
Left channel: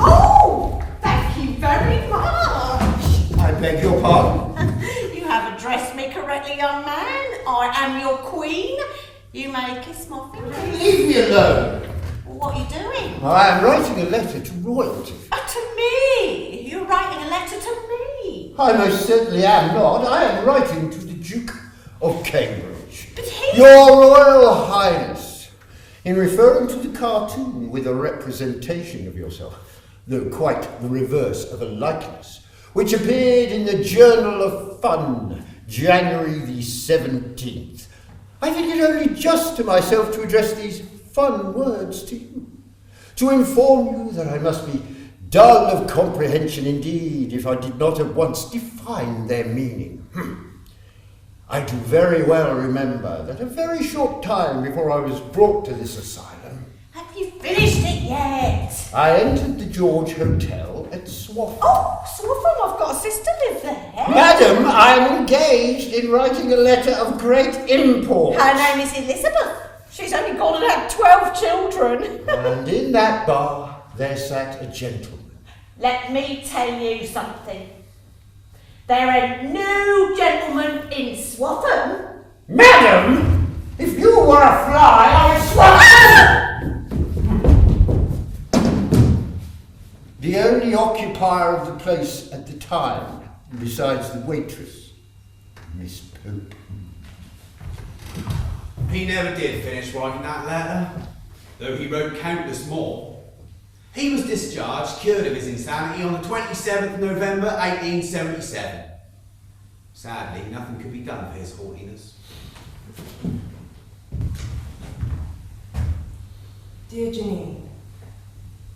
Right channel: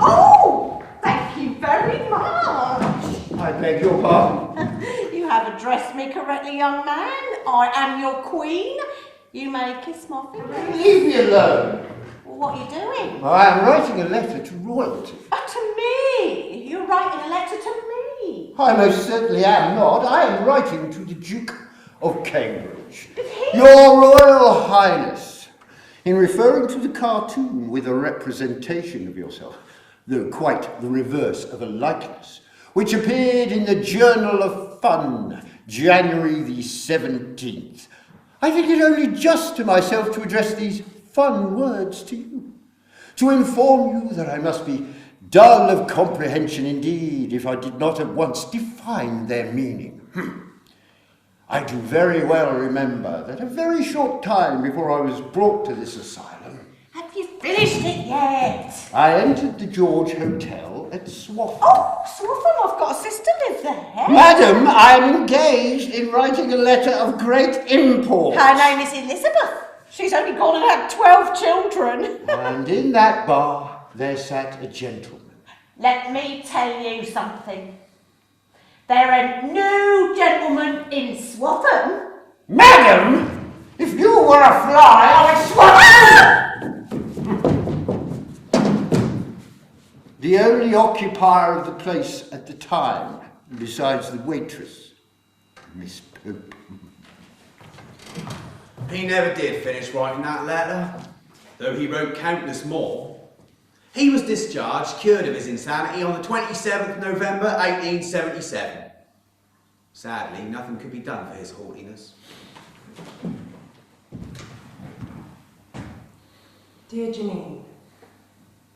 Oh, thank you very much. I beg your pardon? You have addressed me correctly, young man. I am your queen. You may kiss my finger. Leave me alone. What are you doing? I am writing a letter to royalty. To me. You're writing a letter to me. I most certainly am not. I am writing to the Duke of Cambridge. But he... Your Royal Highness, in referring to the cartoon with a representation of yourself, though quite the reverse of a likeness, which appeared in the Journal of Fun, January the 17th, I think it only just to myself to address these fun words to you, to inform you that I must be dull of comprehension indeed if I did not at once define their meaning. I do very well remember that a very short time before I was brought to this asylum, Have you finished it yet? I entered the George Hotel at Swaffham. Oh, Swaffham, I've got a sister live there. Madam, I am engaged in writing a letter of great import. Her name is Elizabeth. She's only gone and had 12 children. And in that bar there sat a gentleman. Let me tell you something. There ain't no gentleman in Swaffham. Madam, if you were a fly, I would swat. The only occupier of the place at the time, besides the waitress, Miss Pope. He never did finish writing that letter, though he wrote countless more. He was discharged, cured of his insanity, on the 27th of November, 1877. Sadly, nothing could be done for his haughtiness. Dear Janine,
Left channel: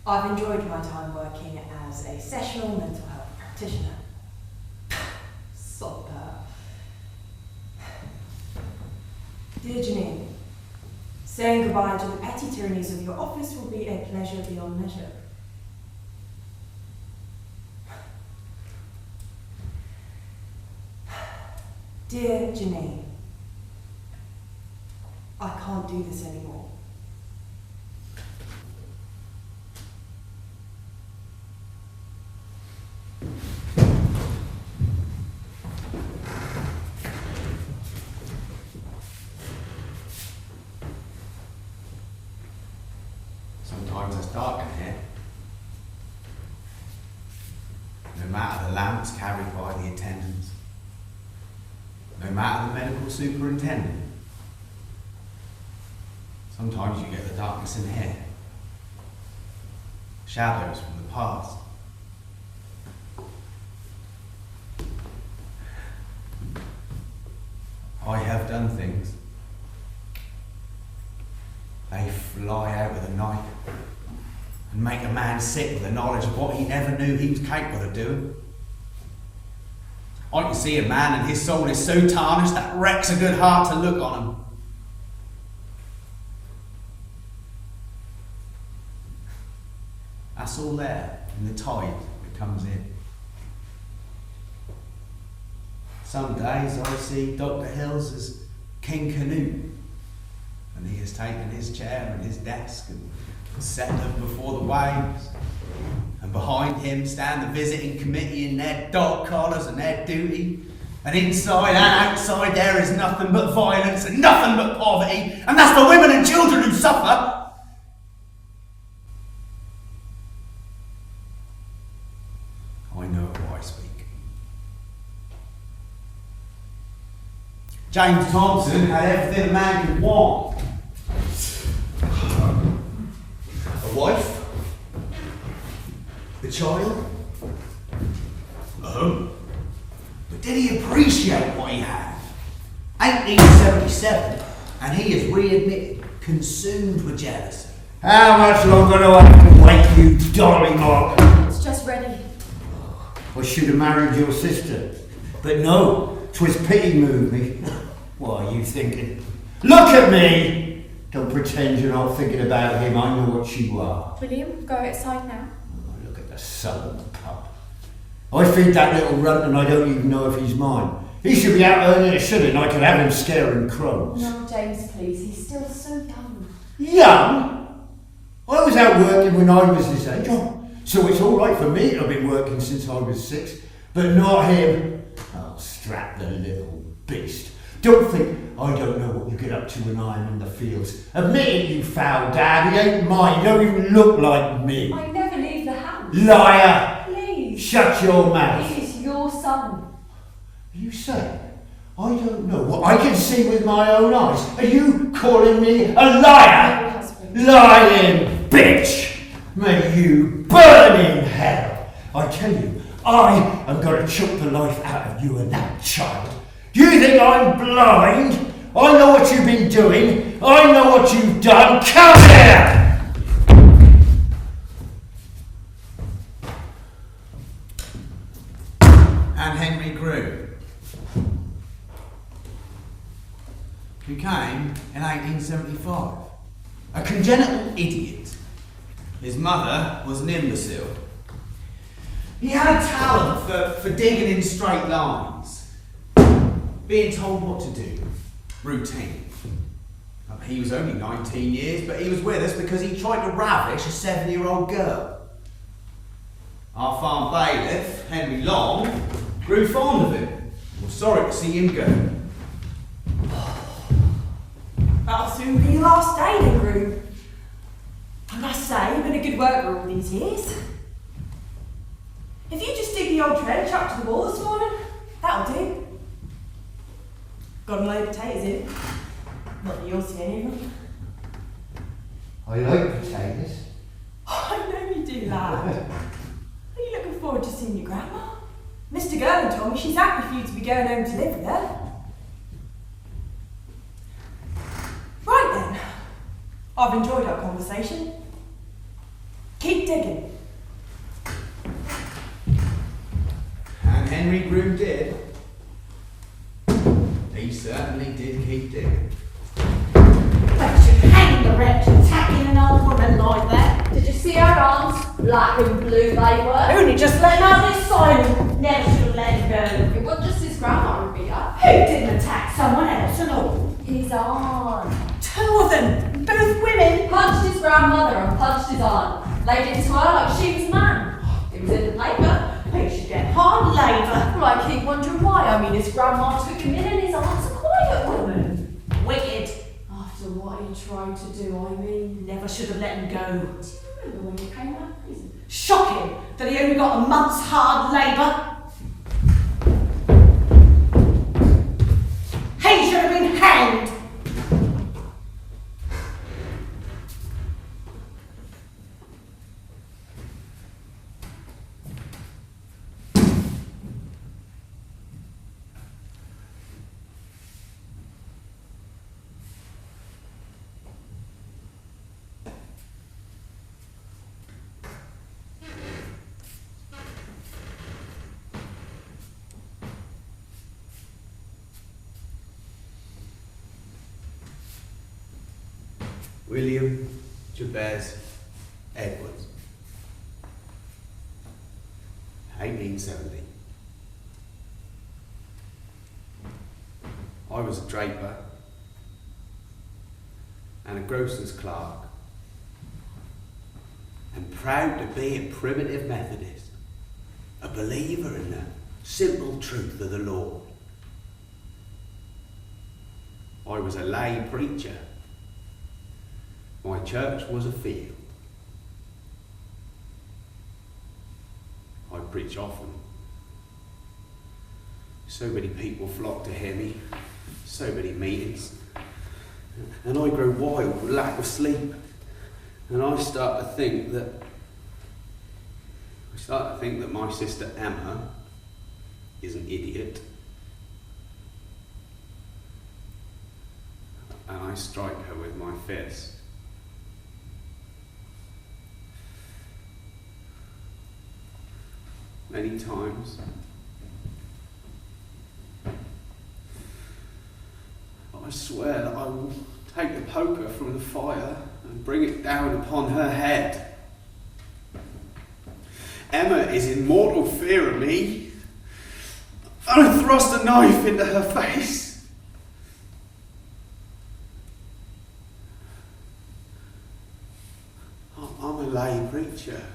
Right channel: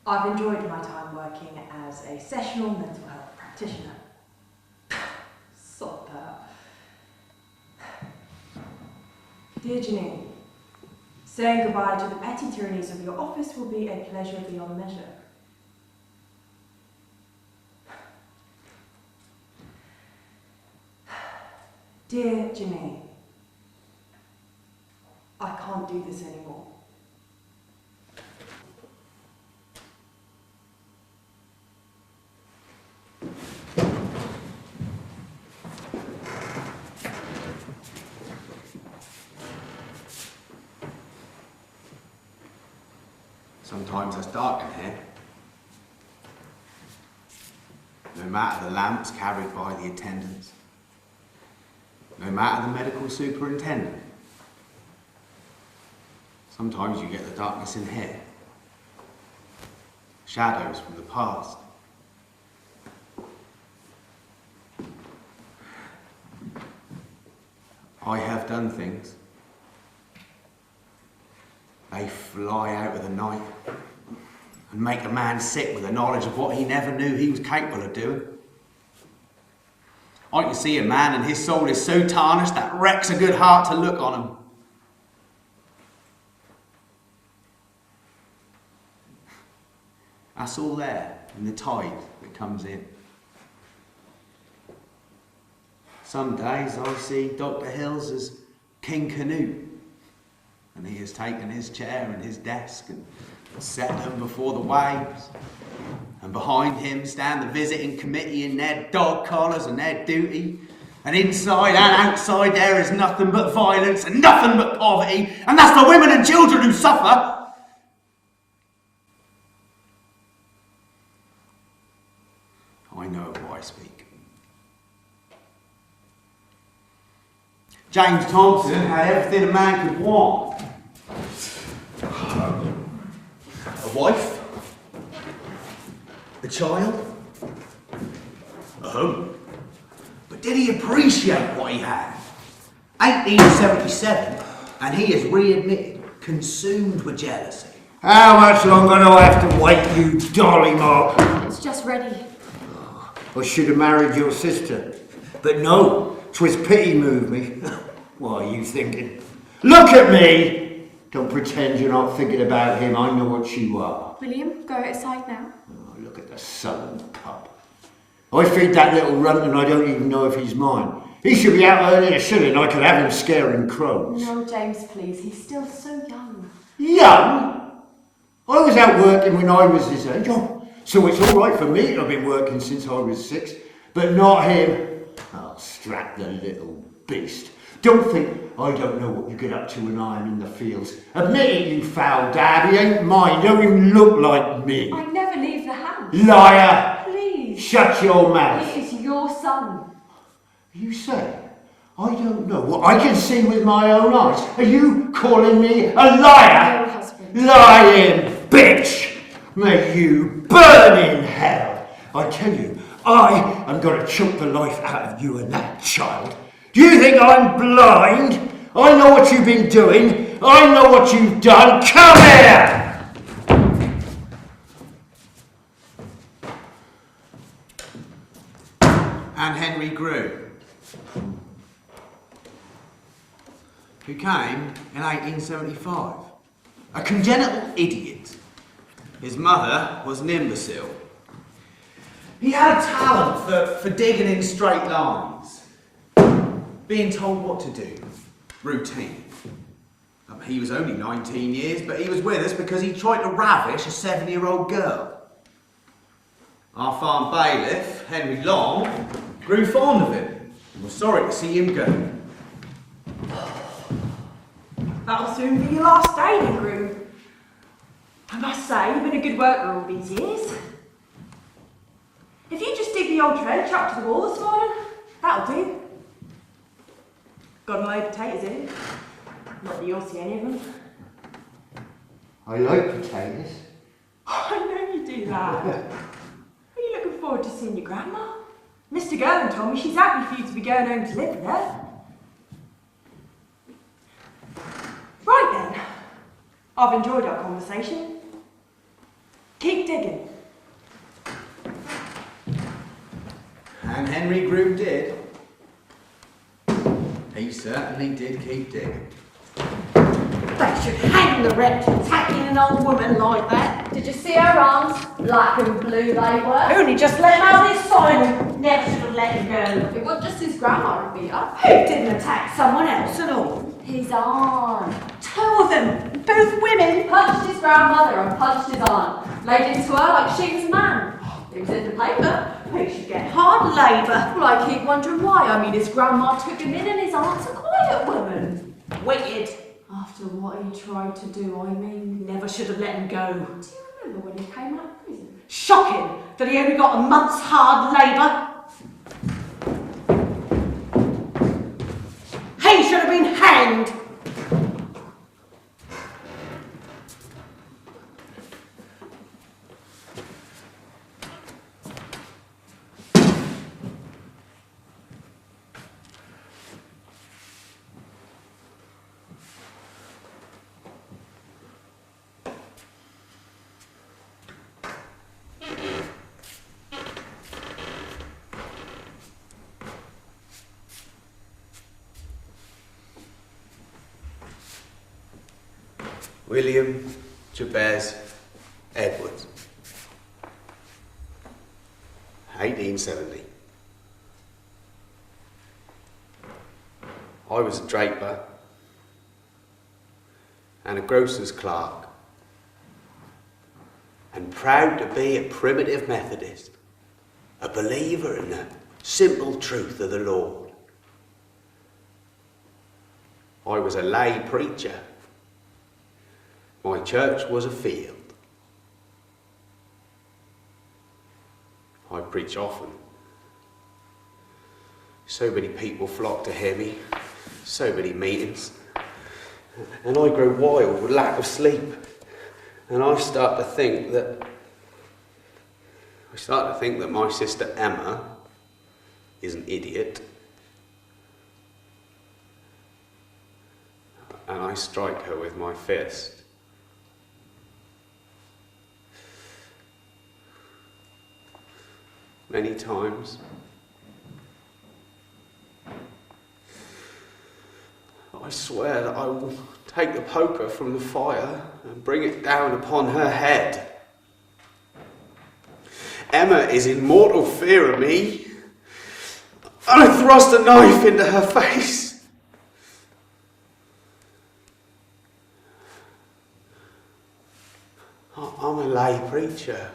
I've enjoyed my time working as a sessional mental health practitioner. Sod that. Dear Janine, saying goodbye to the petty tyrannies of your office will be a pleasure beyond measure. Dear Janine, I can't do this anymore. Sometimes it's dark in here. No matter the lamps carried by the attendants, no matter the medical superintendent, sometimes you get the darkness in here. Shadows from the past. I have done things. They fly out of the night and make a man sick with the knowledge of what he never knew he was capable of doing. I can see a man and his soul is so tarnished that wrecks a good heart to look on him. That's all there in the tide that comes in. Some days I see Dr. Hills as King Canute, and he has taken his chair and his desk and set them before the waves. And behind him stand the visiting committee in their dog collars and their duty. And inside and outside there is nothing but violence and nothing but poverty. And that's the women and children who suffer. James Thompson had everything a man could want. A wife? A child? A home? But did he appreciate what he had? 1877, and he is readmitted, consumed with jealousy. How much longer do I have to wait, you dolly mark? It's just ready. I should have married your sister. But no, 'twas pity moved me. What are you thinking? Look at me! Don't pretend you're not thinking about him. I know what you are. William, go outside now. Oh, look at the southern pup. I feed that little runt and I don't even know if he's mine. He should be out earning a shilling. I could have him scaring crows. No, James, please. He's still so young. Young? I was out working when I was his age. Oh, so it's all right for me to have been working since I was 6, but not him. I'll strap the little beast. Don't think I don't know what you get up to when I'm in the fields. Admit it, you foul dad. He ain't mine. He don't even look like me. I never leave the house. Liar! Please. Shut your mouth. He is your son. You say I don't know what I can see with my own eyes. Are you calling me a liar? No, husband. Lying bitch! May you burn in hell! I tell you, I am going to choke the life out of you and that child. Do you think I'm blind? I know what you've been doing. I know what you've done. Come here! And Henry Grew, who came in 1875. A congenital idiot. His mother was an imbecile. He had a talent for digging in straight lines, being told what to do, routine. He was only 19 years, but he was with us because he tried to ravish a 7-year-old girl. Our farm bailiff, Henry Long, grew fond of him. We're sorry to see him go. That'll soon be your last day then, Groom. I must say, you've been a good worker all these years. If you just dig the old trench up to the wall this morning, that'll do. Got a load of potatoes in. Not that you'll see any of them. I like potatoes. I know you do that. Are you looking forward to seeing your grandma? Mr. Gerland told me she's happy for you to be going home to live with her. Right then. I've enjoyed our conversation. Keep digging. And Henry Grew did. He certainly did keep digging. They should hang the wretch attacking an old woman like that. Did you see her arms? Black and blue they were. Only just let him out of his asylum. Never should have let him go. It wasn't just his grandma who beat her. Who didn't attack someone else at all? His aunt. 2 of them, both women. Punched his grandmother and punched his aunt. Laid into her like she was a man. It was in the paper. They should get hard labour. Well, I keep wondering why. I mean, his grandma took him in and his aunt's a quiet woman. Wicked. After what he tried to do, I mean... Never should have let him go. Do you remember when he came out of prison? Shocking that he only got a month's hard labour. He should have been hanged. William Jabez Edwards, 1870. I was a draper and a grocer's clerk, and proud to be a primitive Methodist, a believer in the simple truth of the Lord. I was a lay preacher. My church was a field. I preach often. So many people flocked to hear me. So many meetings. And I grow wild with lack of sleep. And I start to think that my sister Emma is an idiot. And I strike her with my fist. Many times. I swear that I will take the poker from the fire and bring it down upon her head. Emma is in mortal fear of me. I thrust a knife into her face. I'm a lay preacher.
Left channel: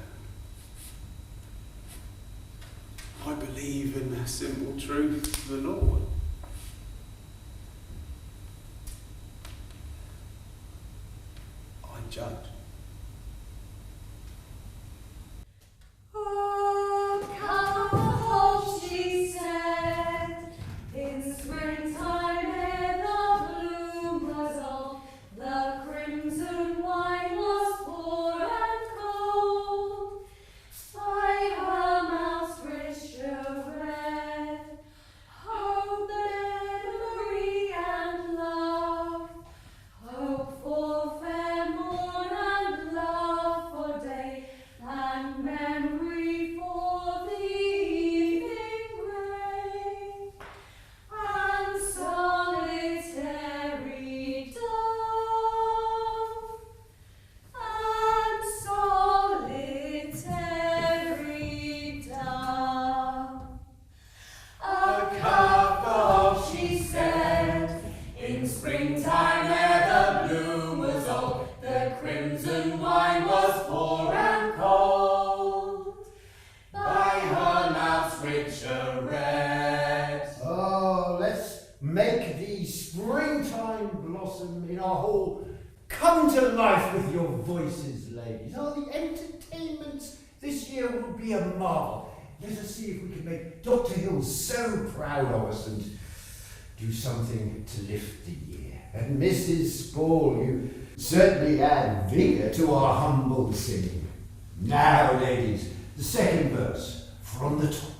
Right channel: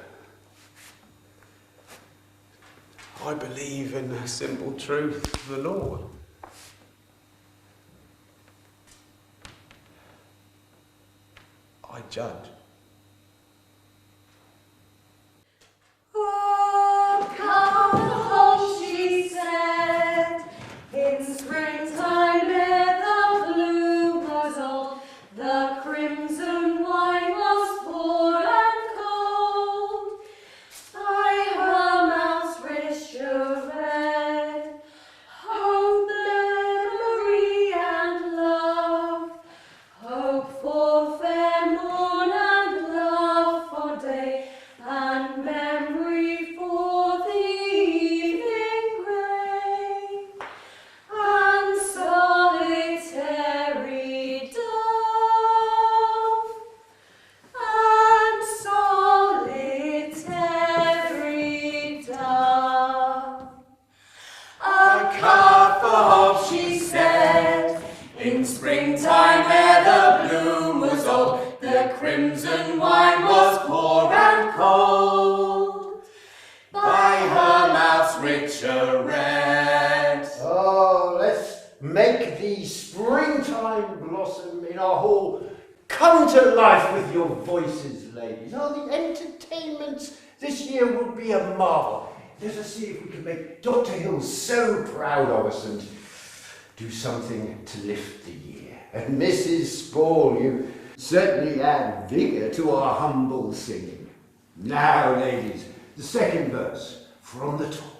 I believe in the simple truth of the Lord. I judge. Oh, come, she said, in springtime ere the bloom was on, the crimson wine was poor and cold. By her mouth's rich red, hope, memory, and love, hope for fair morn and love for day, and memory for the evening grey, and solitary dove, and solitary dove. A cup of, she said, in springtime ere the bloom was old, the crimson wine was poor and cold. By her mouth's richer red. Oh, let's make the springtime blossom in our hall come to life with your voices, ladies. Oh, the entertainments this year will be a marvel. Let us see if we can make Dr. Hill so proud of us and do something to lift the year. And Mrs. Spall, you certainly add vigour to our humble singing. Now, ladies, the second verse from the top.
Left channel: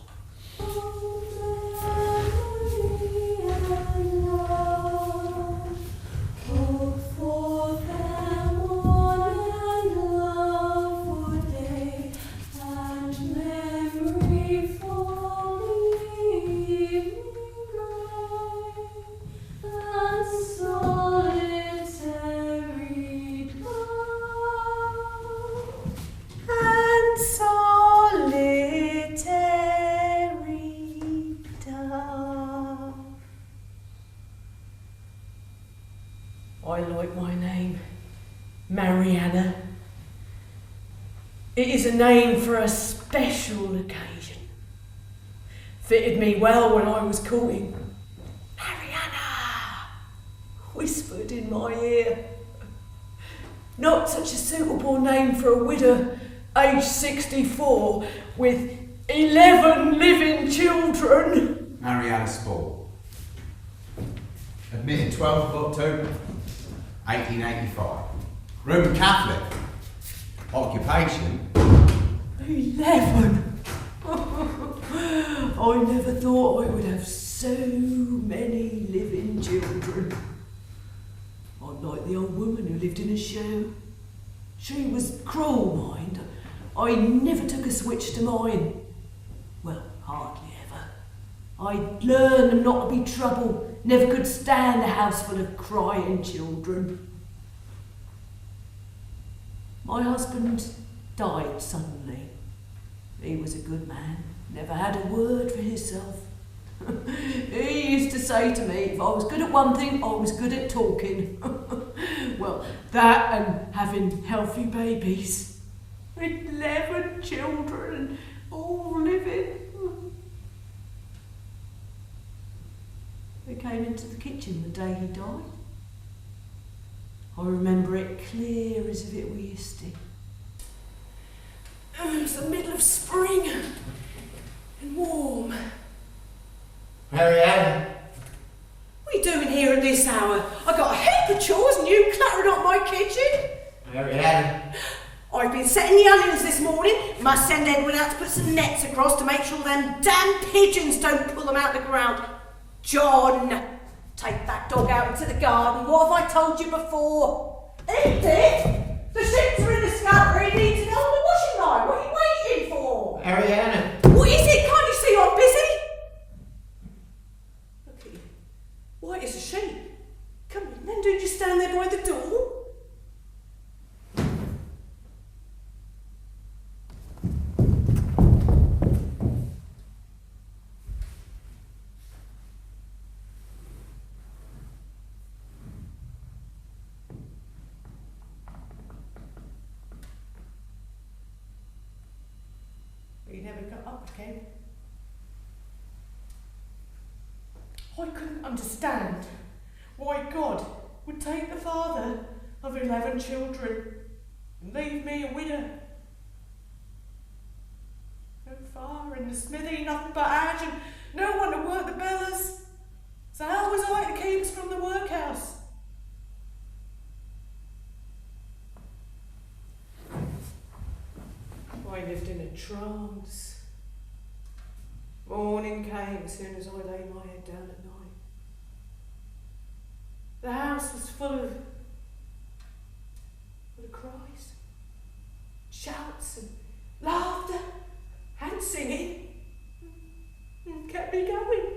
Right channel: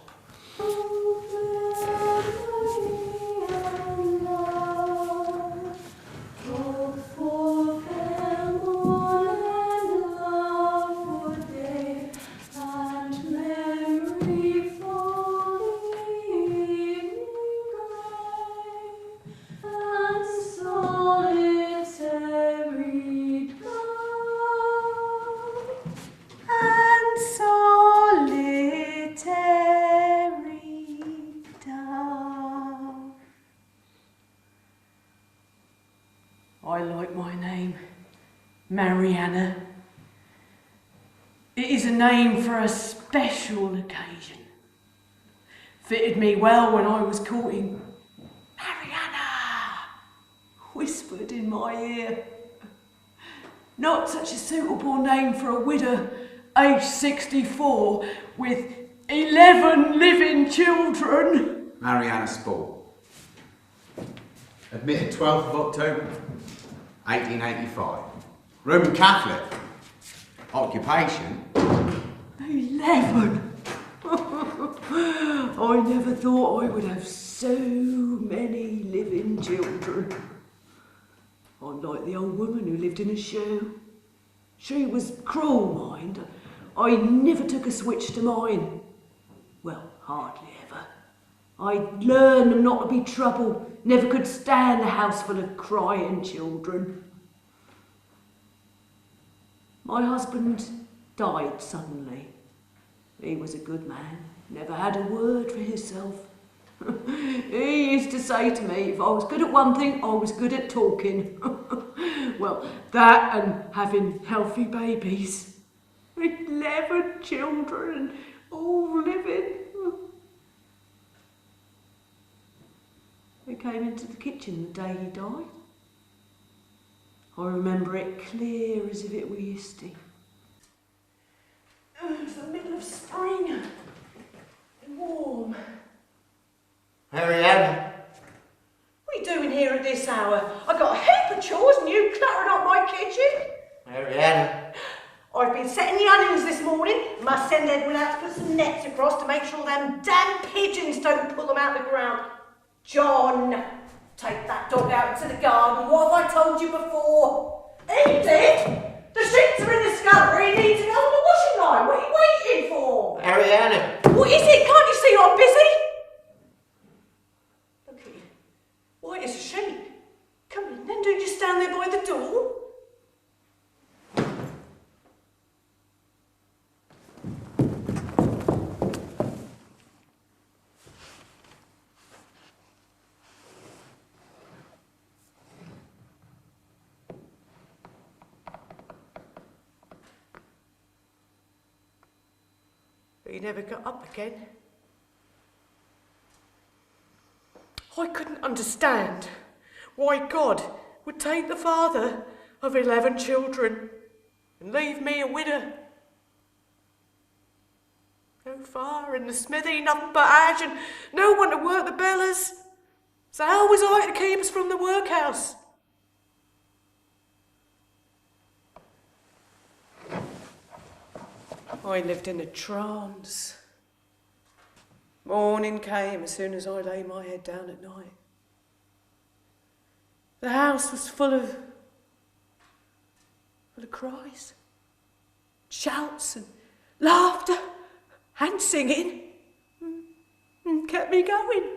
I like my name, Mariana. It is a name for a special occasion. Fitted me well when I was courting. Mariana, whispered in my ear. Not such a suitable name for a widow, aged 64, with 11 living children. Mariana Spall. Admitted 12th of October, 1885. Roman Catholic. Occupation. 11! I never thought I would have so many living children. I'm like the old woman who lived in a shoe. She was cruel, mind. I never took a switch to mine. Well, hardly ever. I learned them not to be trouble. Never could stand a house full of crying children. My husband died suddenly. He was a good man, never had a word for himself. He used to say to me, if I was good at one thing, I was good at talking. Well, that and having healthy babies. 11 children, all living. We came into the kitchen the day he died. I remember it clear as if it were yesterday. It was the middle of spring and warm. Mariana, What are you doing here at this hour? I got a heap of chores and you cluttering up my kitchen. Marianne. I've been setting the onions this morning. Must send Edward out to put some nets across to make sure them damn pigeons don't pull them out the ground. John, take that dog out into the garden. What have I told you before? Edith! The sheets are in the scullery. You need to go on the washing line. What are you waiting for? Marianne. What is it? Can't you see I'm busy? Look at you. White as a sheet. Come in then. Don't you stand there by the door? But he never got up again. I couldn't understand why God would take the father of 11 children and leave me a widow. No fire in the smithy, nothing but ash, and no one to work the bellers. So how was I to keep us from the workhouse? I lived in a trance. Morning came as soon as I lay my head down at night. The house was full of cries, shouts and laughter and singing. Kept me going.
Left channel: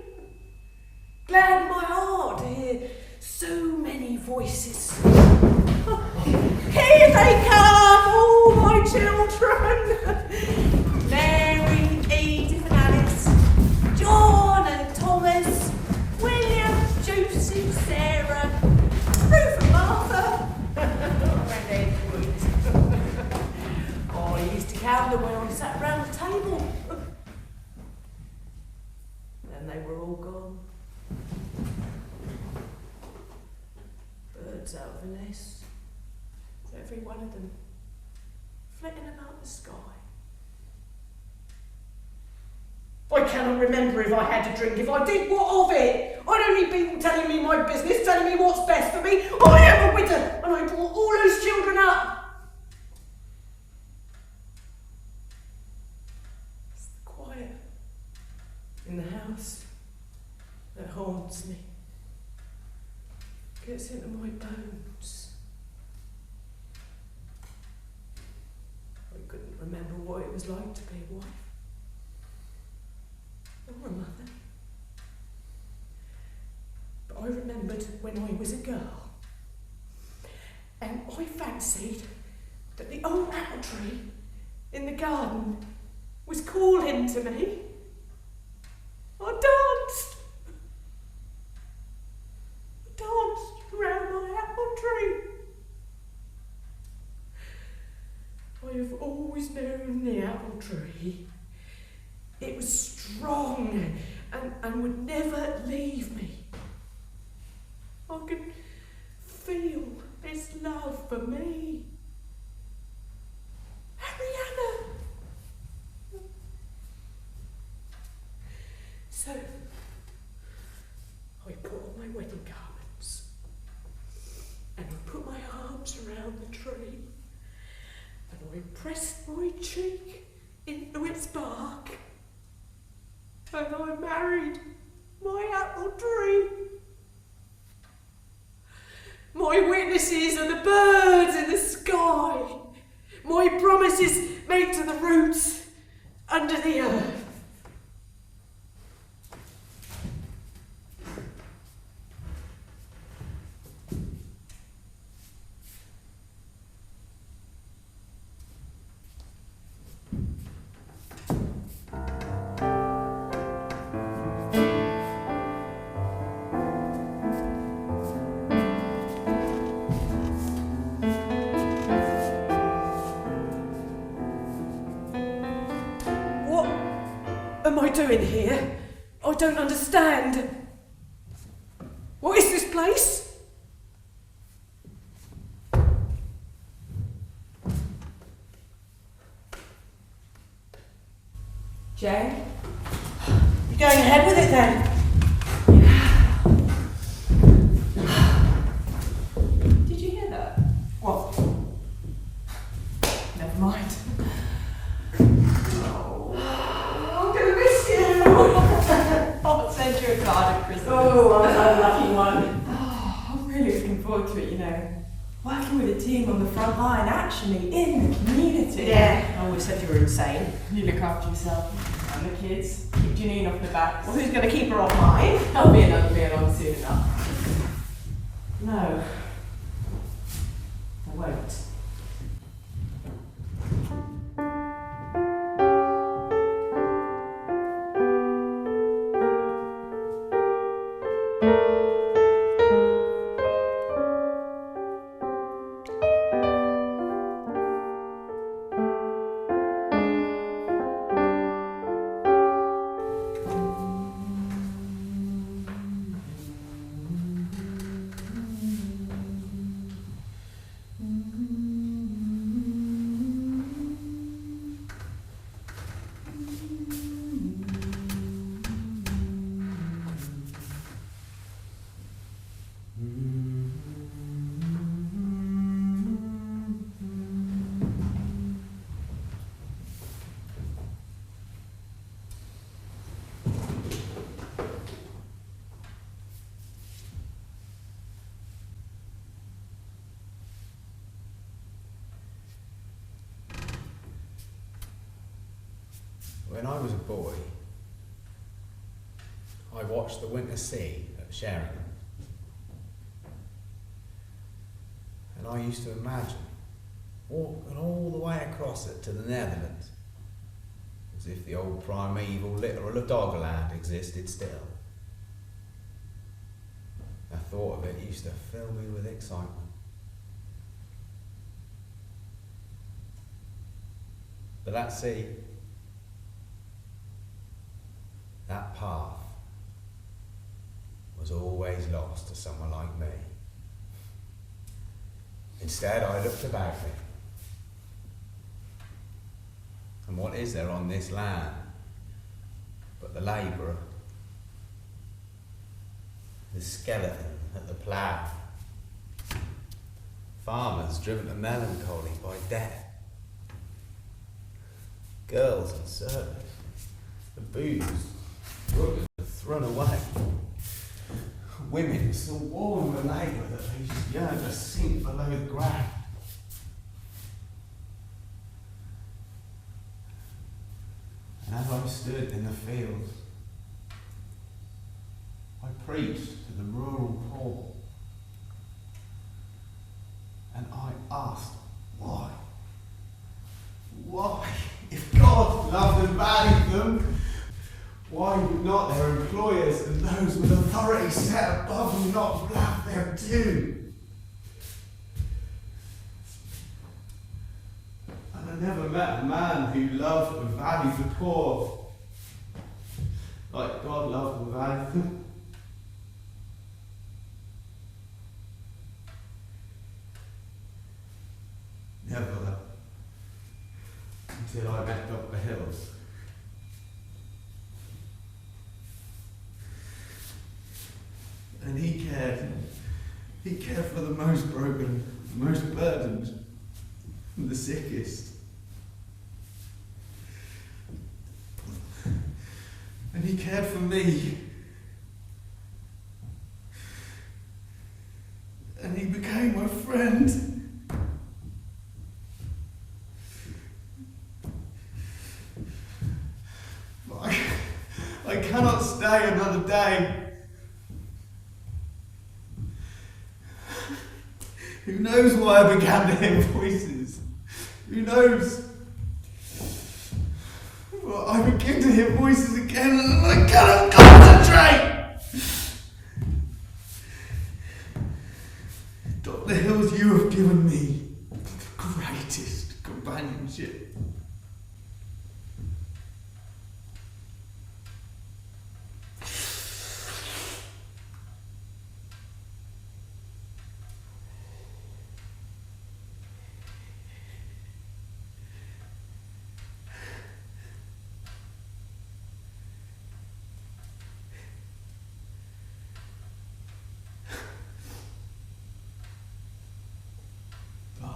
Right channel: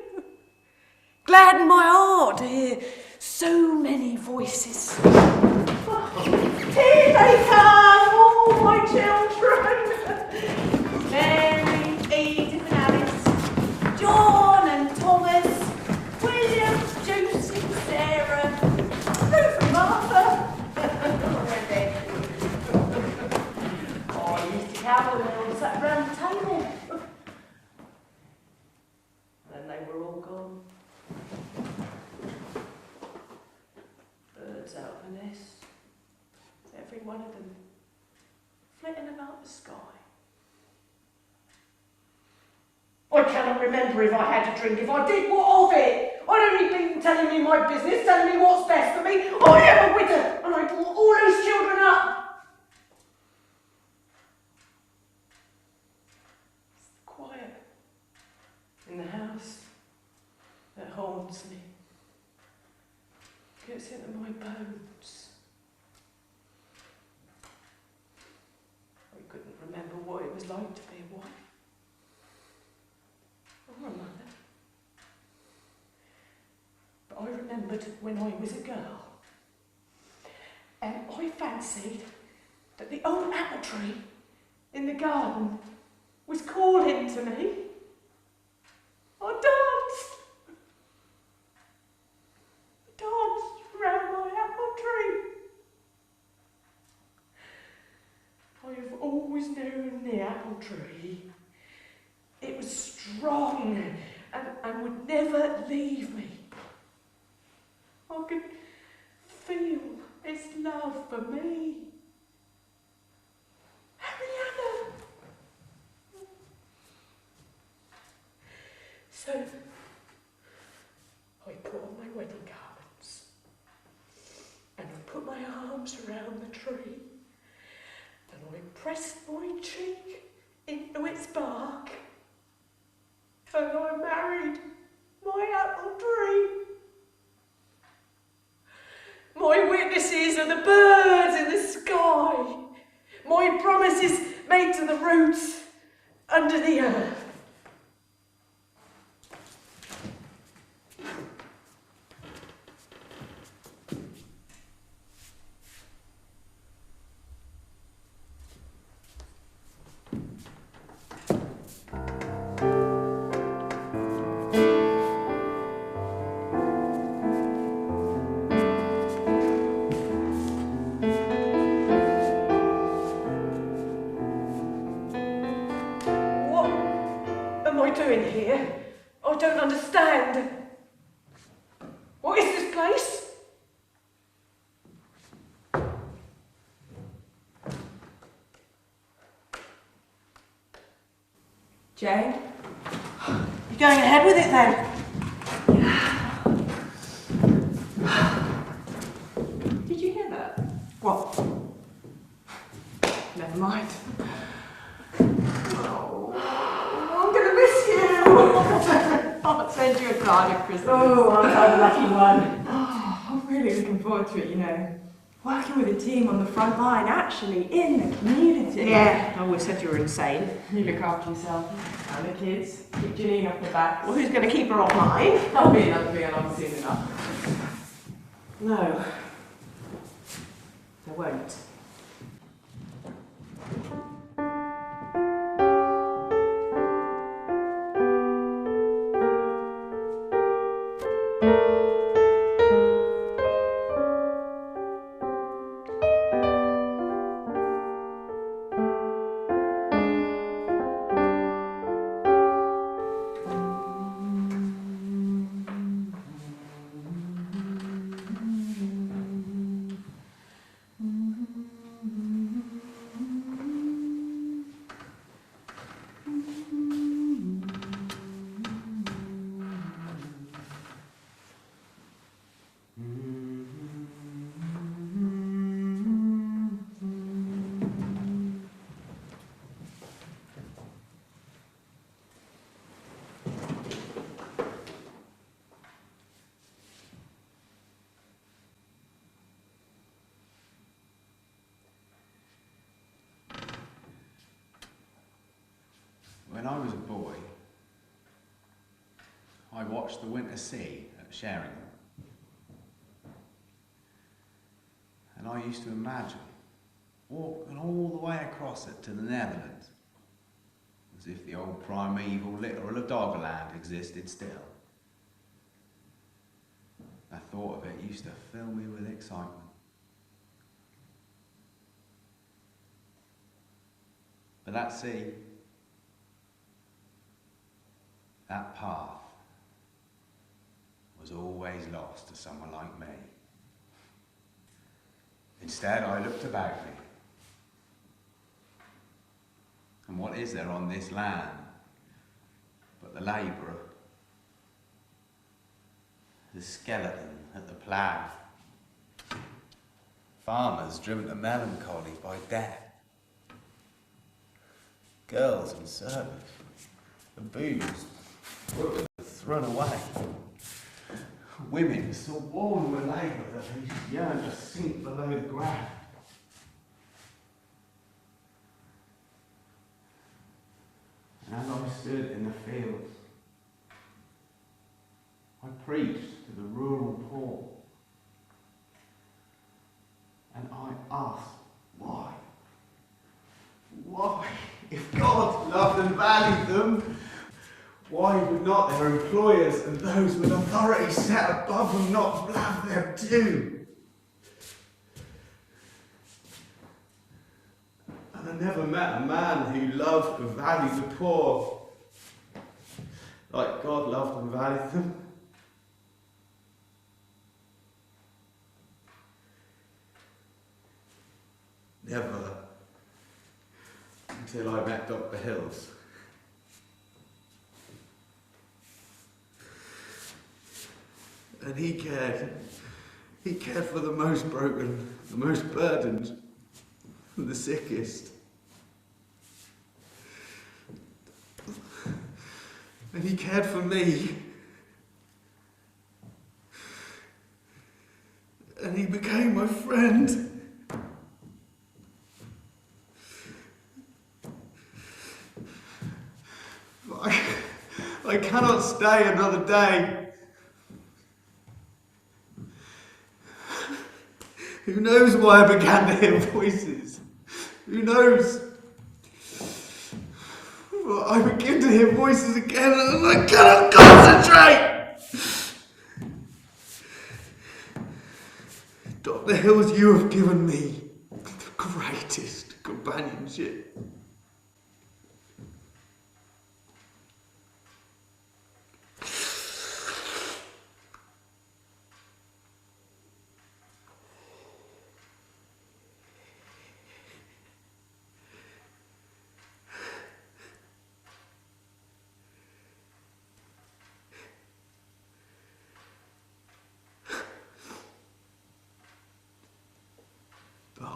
Gladdened my heart to hear so many voices. Here they come, all my children. Mary, Edith and Alice, John and Thomas, William, Joseph, Sarah, Ruth and Martha. Oh, I used to count them when I sat round the table. Then they were all gone. Birds out of the nest. Every one of them flitting about the sky. I cannot remember if I had a drink. If I did, what of it? I'd only been telling me my business, telling me what's best for me. I am a widow, and I brought all those children up. It's the quiet in the house that haunts me. Gets into my bones. I couldn't remember what it was like to be a wife or a mother. But I remembered when I was a girl, and I fancied that the old apple tree in the garden was calling to me. I danced around my apple tree. I've always known the apple tree. It was strong and would never leave me. I could feel its love for me. Ariana! So, I put on my wedding garments and I put my arms around the tree. I pressed my cheek into its bark, and I married my apple tree. My witnesses are the birds in the sky, my promises made to the roots under the earth. What am I doing here? I don't understand. What is this place? Jane? You're going ahead with it then? aren't I the lucky one? Oh, I'm really looking forward to it, you know. Working with a team on the front line, actually, in the community. Yeah, I always said you were insane. You look after yourself and the kids. Keep Janine off the back. Well, who's going to keep her off mine? There'll be another meal on soon enough. No. There won't. When I was a boy, I watched the winter sea at Sheringham. And I used to imagine walking all the way across it to the Netherlands, as if the old primeval littoral of Doggerland existed still. The thought of it used to fill me with excitement. But that sea, that path, was always lost to someone like me. Instead, I looked about me. And what is there on this land but the labourer, the skeleton at the plough, farmers driven to melancholy by death, girls and servants, and booze thrown away, women so worn with labour that they yearn to sink below the ground. And as I stood in the fields, I preached to the rural poor, and I asked, why? Why? If God loved and valued them, why would not their employers and those with authority set above them not blab them too? And I never met a man who loved and valued the poor like God loved and valued them. Never. Until I met Dr. Hills. And he cared for the most broken, the most burdened, the sickest. And he cared for me. And he became my friend. But I cannot stay another day. Who knows why I began to hear voices? Who knows? Well, I begin to hear voices again and I cannot concentrate! Dr. Hills, you have given me the greatest companionship.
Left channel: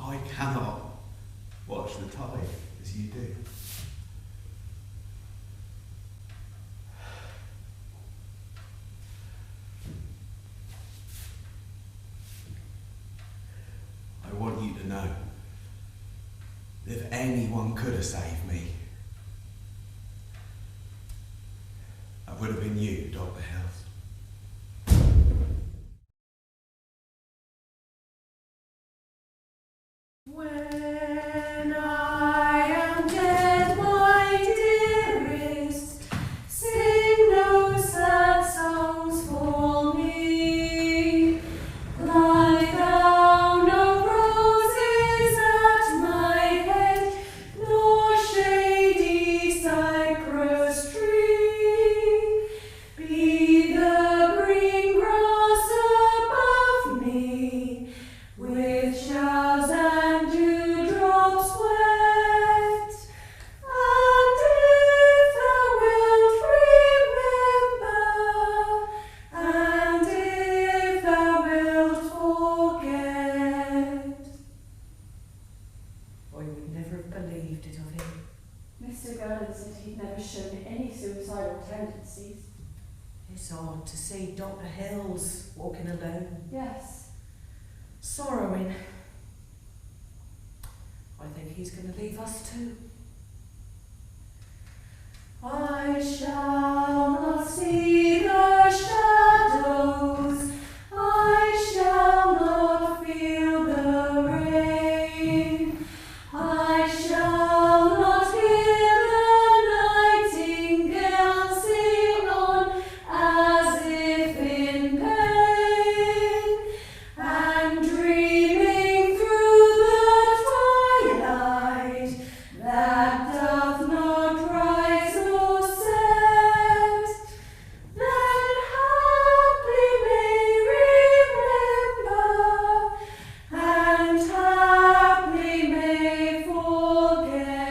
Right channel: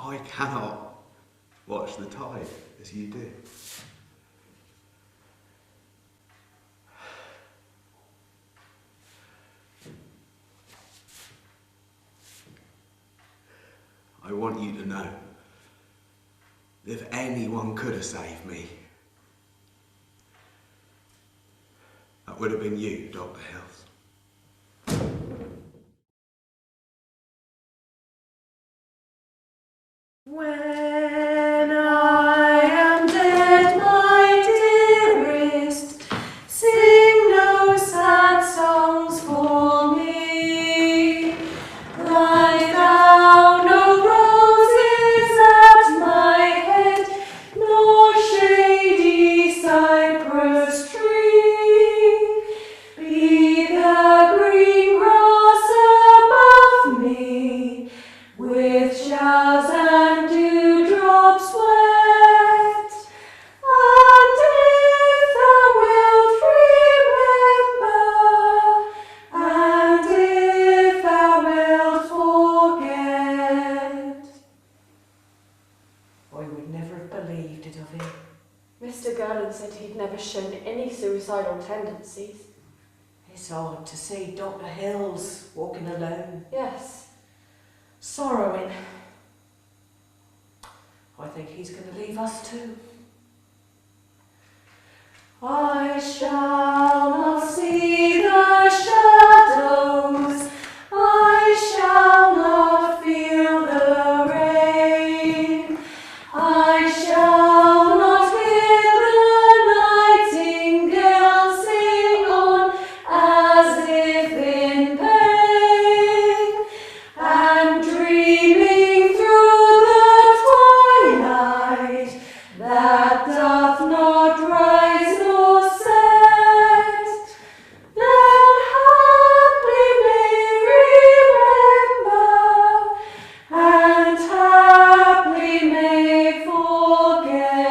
I cannot watch the tide as you do. want you to know, if anyone could have saved me, that would have been you, Dr. Hills. When I am dead, my dearest, sing no sad songs for me. Lie thou no roses at my head, nor shady cypress tree. Be the green grass above me, with showers and dewdrops wet. And if thou wilt remember, and if thou wilt forget. I would never have believed it of him. Mr. Gurlin said he'd never shown any suicidal tendencies. It's hard to see Dr. Hills walking alone, Yes. sorrowing. I think he's going to leave us too. I shall not see the shadows, I shall not feel the rain, I shall not hear the nightingale sing on as if in pain, and dreaming through the twilight that doth not rise nor set, then haply may remember, and haply may forget.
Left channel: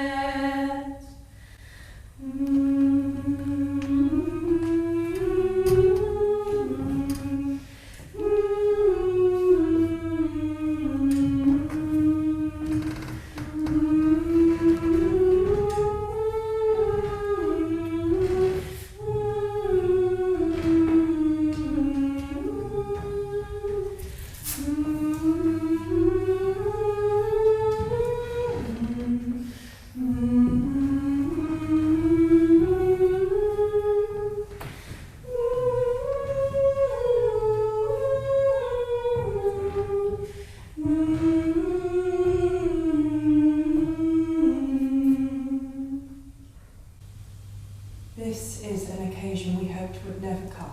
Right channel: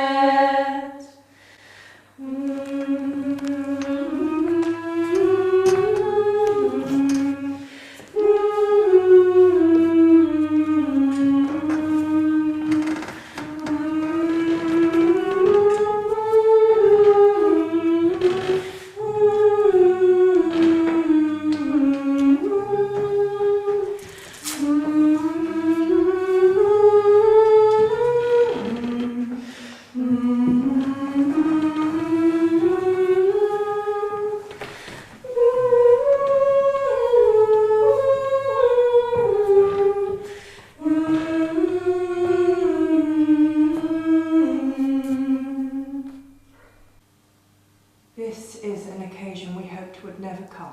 This is an occasion we hoped would never come.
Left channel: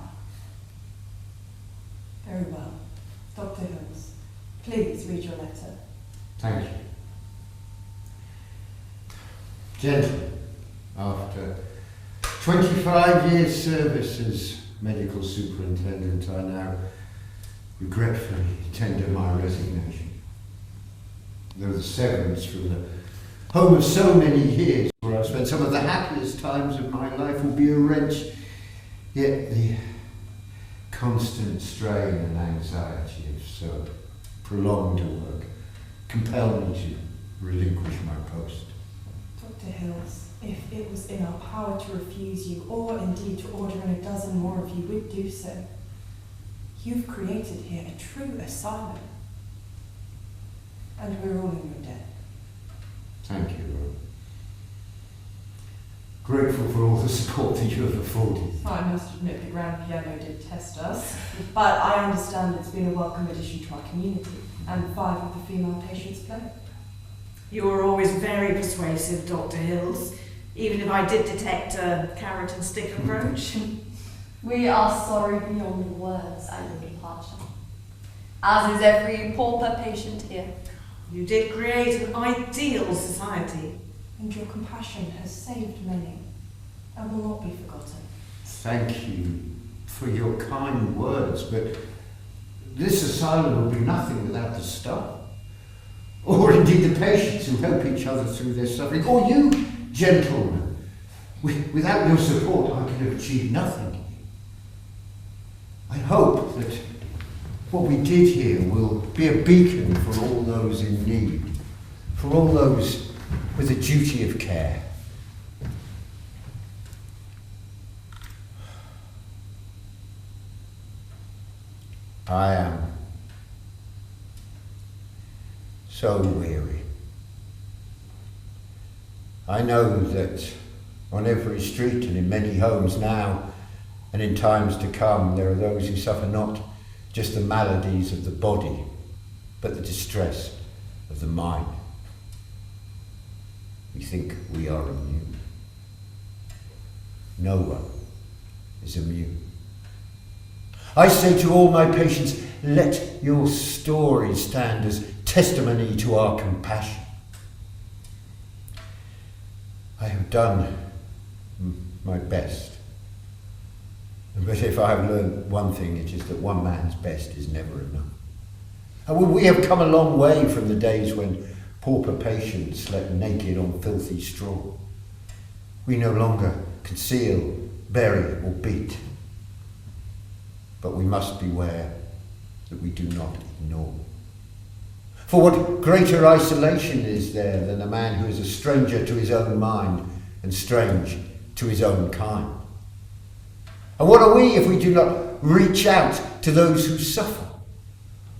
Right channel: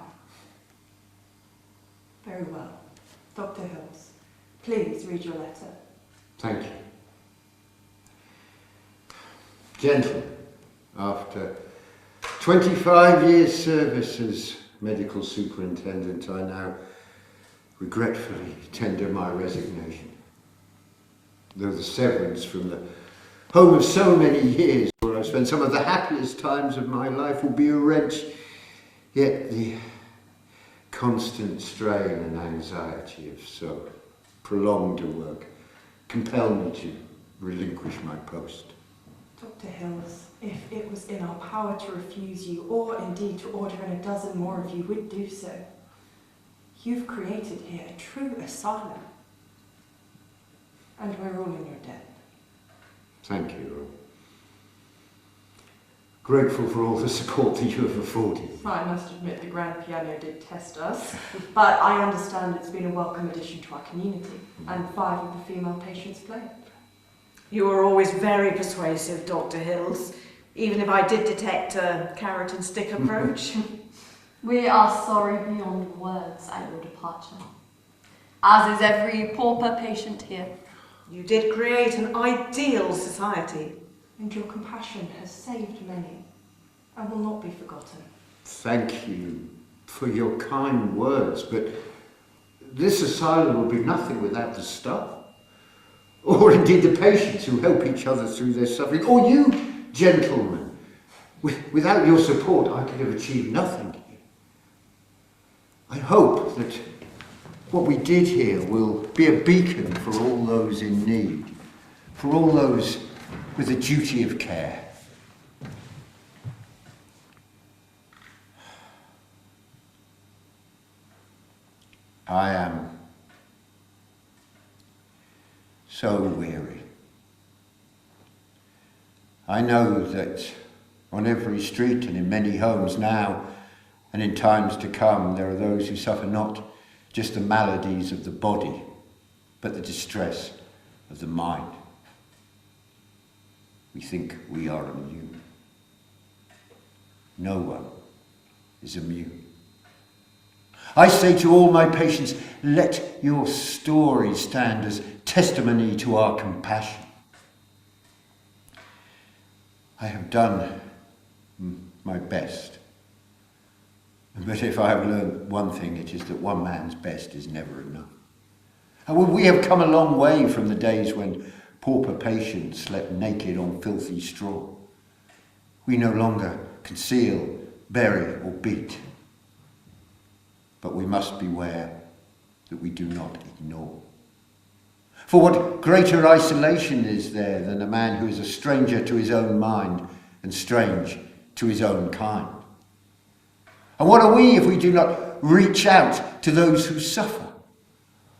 Very well. Dr. Hills, please read your letter. Thank you. Gentlemen, after 25 years' service as medical superintendent, I now regretfully tender my resignation. Though the severance from the home of so many years, where I've spent some of the happiest times of my life, will be a wrench, yet the constant strain and anxiety of so prolonged a work compel me to relinquish my post. Dr. Hills, if it was in our power to refuse you, or indeed to order in a dozen more of you, we'd do so. You've created here a true asylum. And we're all in your debt. Thank you. Grateful for all the support that you have afforded. I must admit the grand piano did test us, but I understand it's been a welcome addition to our community, and 5 of the female patients play. You were always very persuasive, Dr. Hills, even if I did detect a carrot and stick approach. We are sorry beyond words at your departure, as is every pauper patient here. You did create an ideal society. And your compassion has saved many, and will not be forgotten. Thank you for your kind words, but this asylum will be nothing without the staff, or indeed the patients who help each other through their suffering, or you, gentlemen. Without your support, I could have achieved nothing here. I hope that what we did here will be a beacon for all those in need, for all those with a duty of care. I am so weary. I know that on every street and in many homes now and in times to come, there are those who suffer not just the maladies of the body, but the distress of the mind. We think we are immune. No one is immune. I say to all my patients, let your story stand as testimony to our compassion. I have done my best. But if I have learned one thing, it is that one man's best is never enough. And we have come a long way from the days when pauper patients slept naked on filthy straw. We no longer conceal, bury or beat. But we must beware that we do not ignore. For what greater isolation is there than a man who is a stranger to his own mind and strange to his own kind? And what are we if we do not reach out to those who suffer?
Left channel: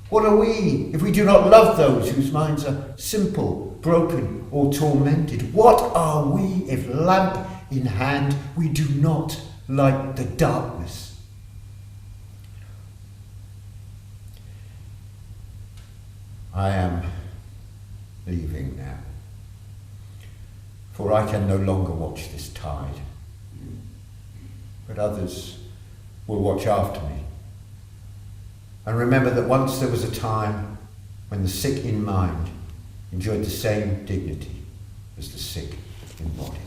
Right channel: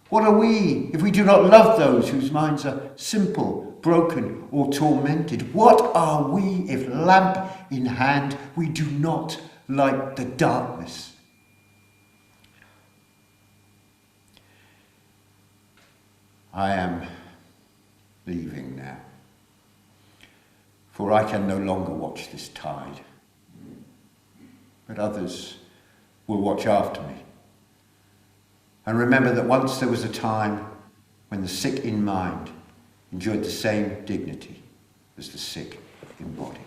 What are we if we do not love those whose minds are simple, broken, or tormented? What are we if, lamp in hand, we do not light the darkness? I am leaving now, for I can no longer watch this tide, but others will watch after me. And remember that once there was a time when the sick in mind enjoyed the same dignity as the sick in body.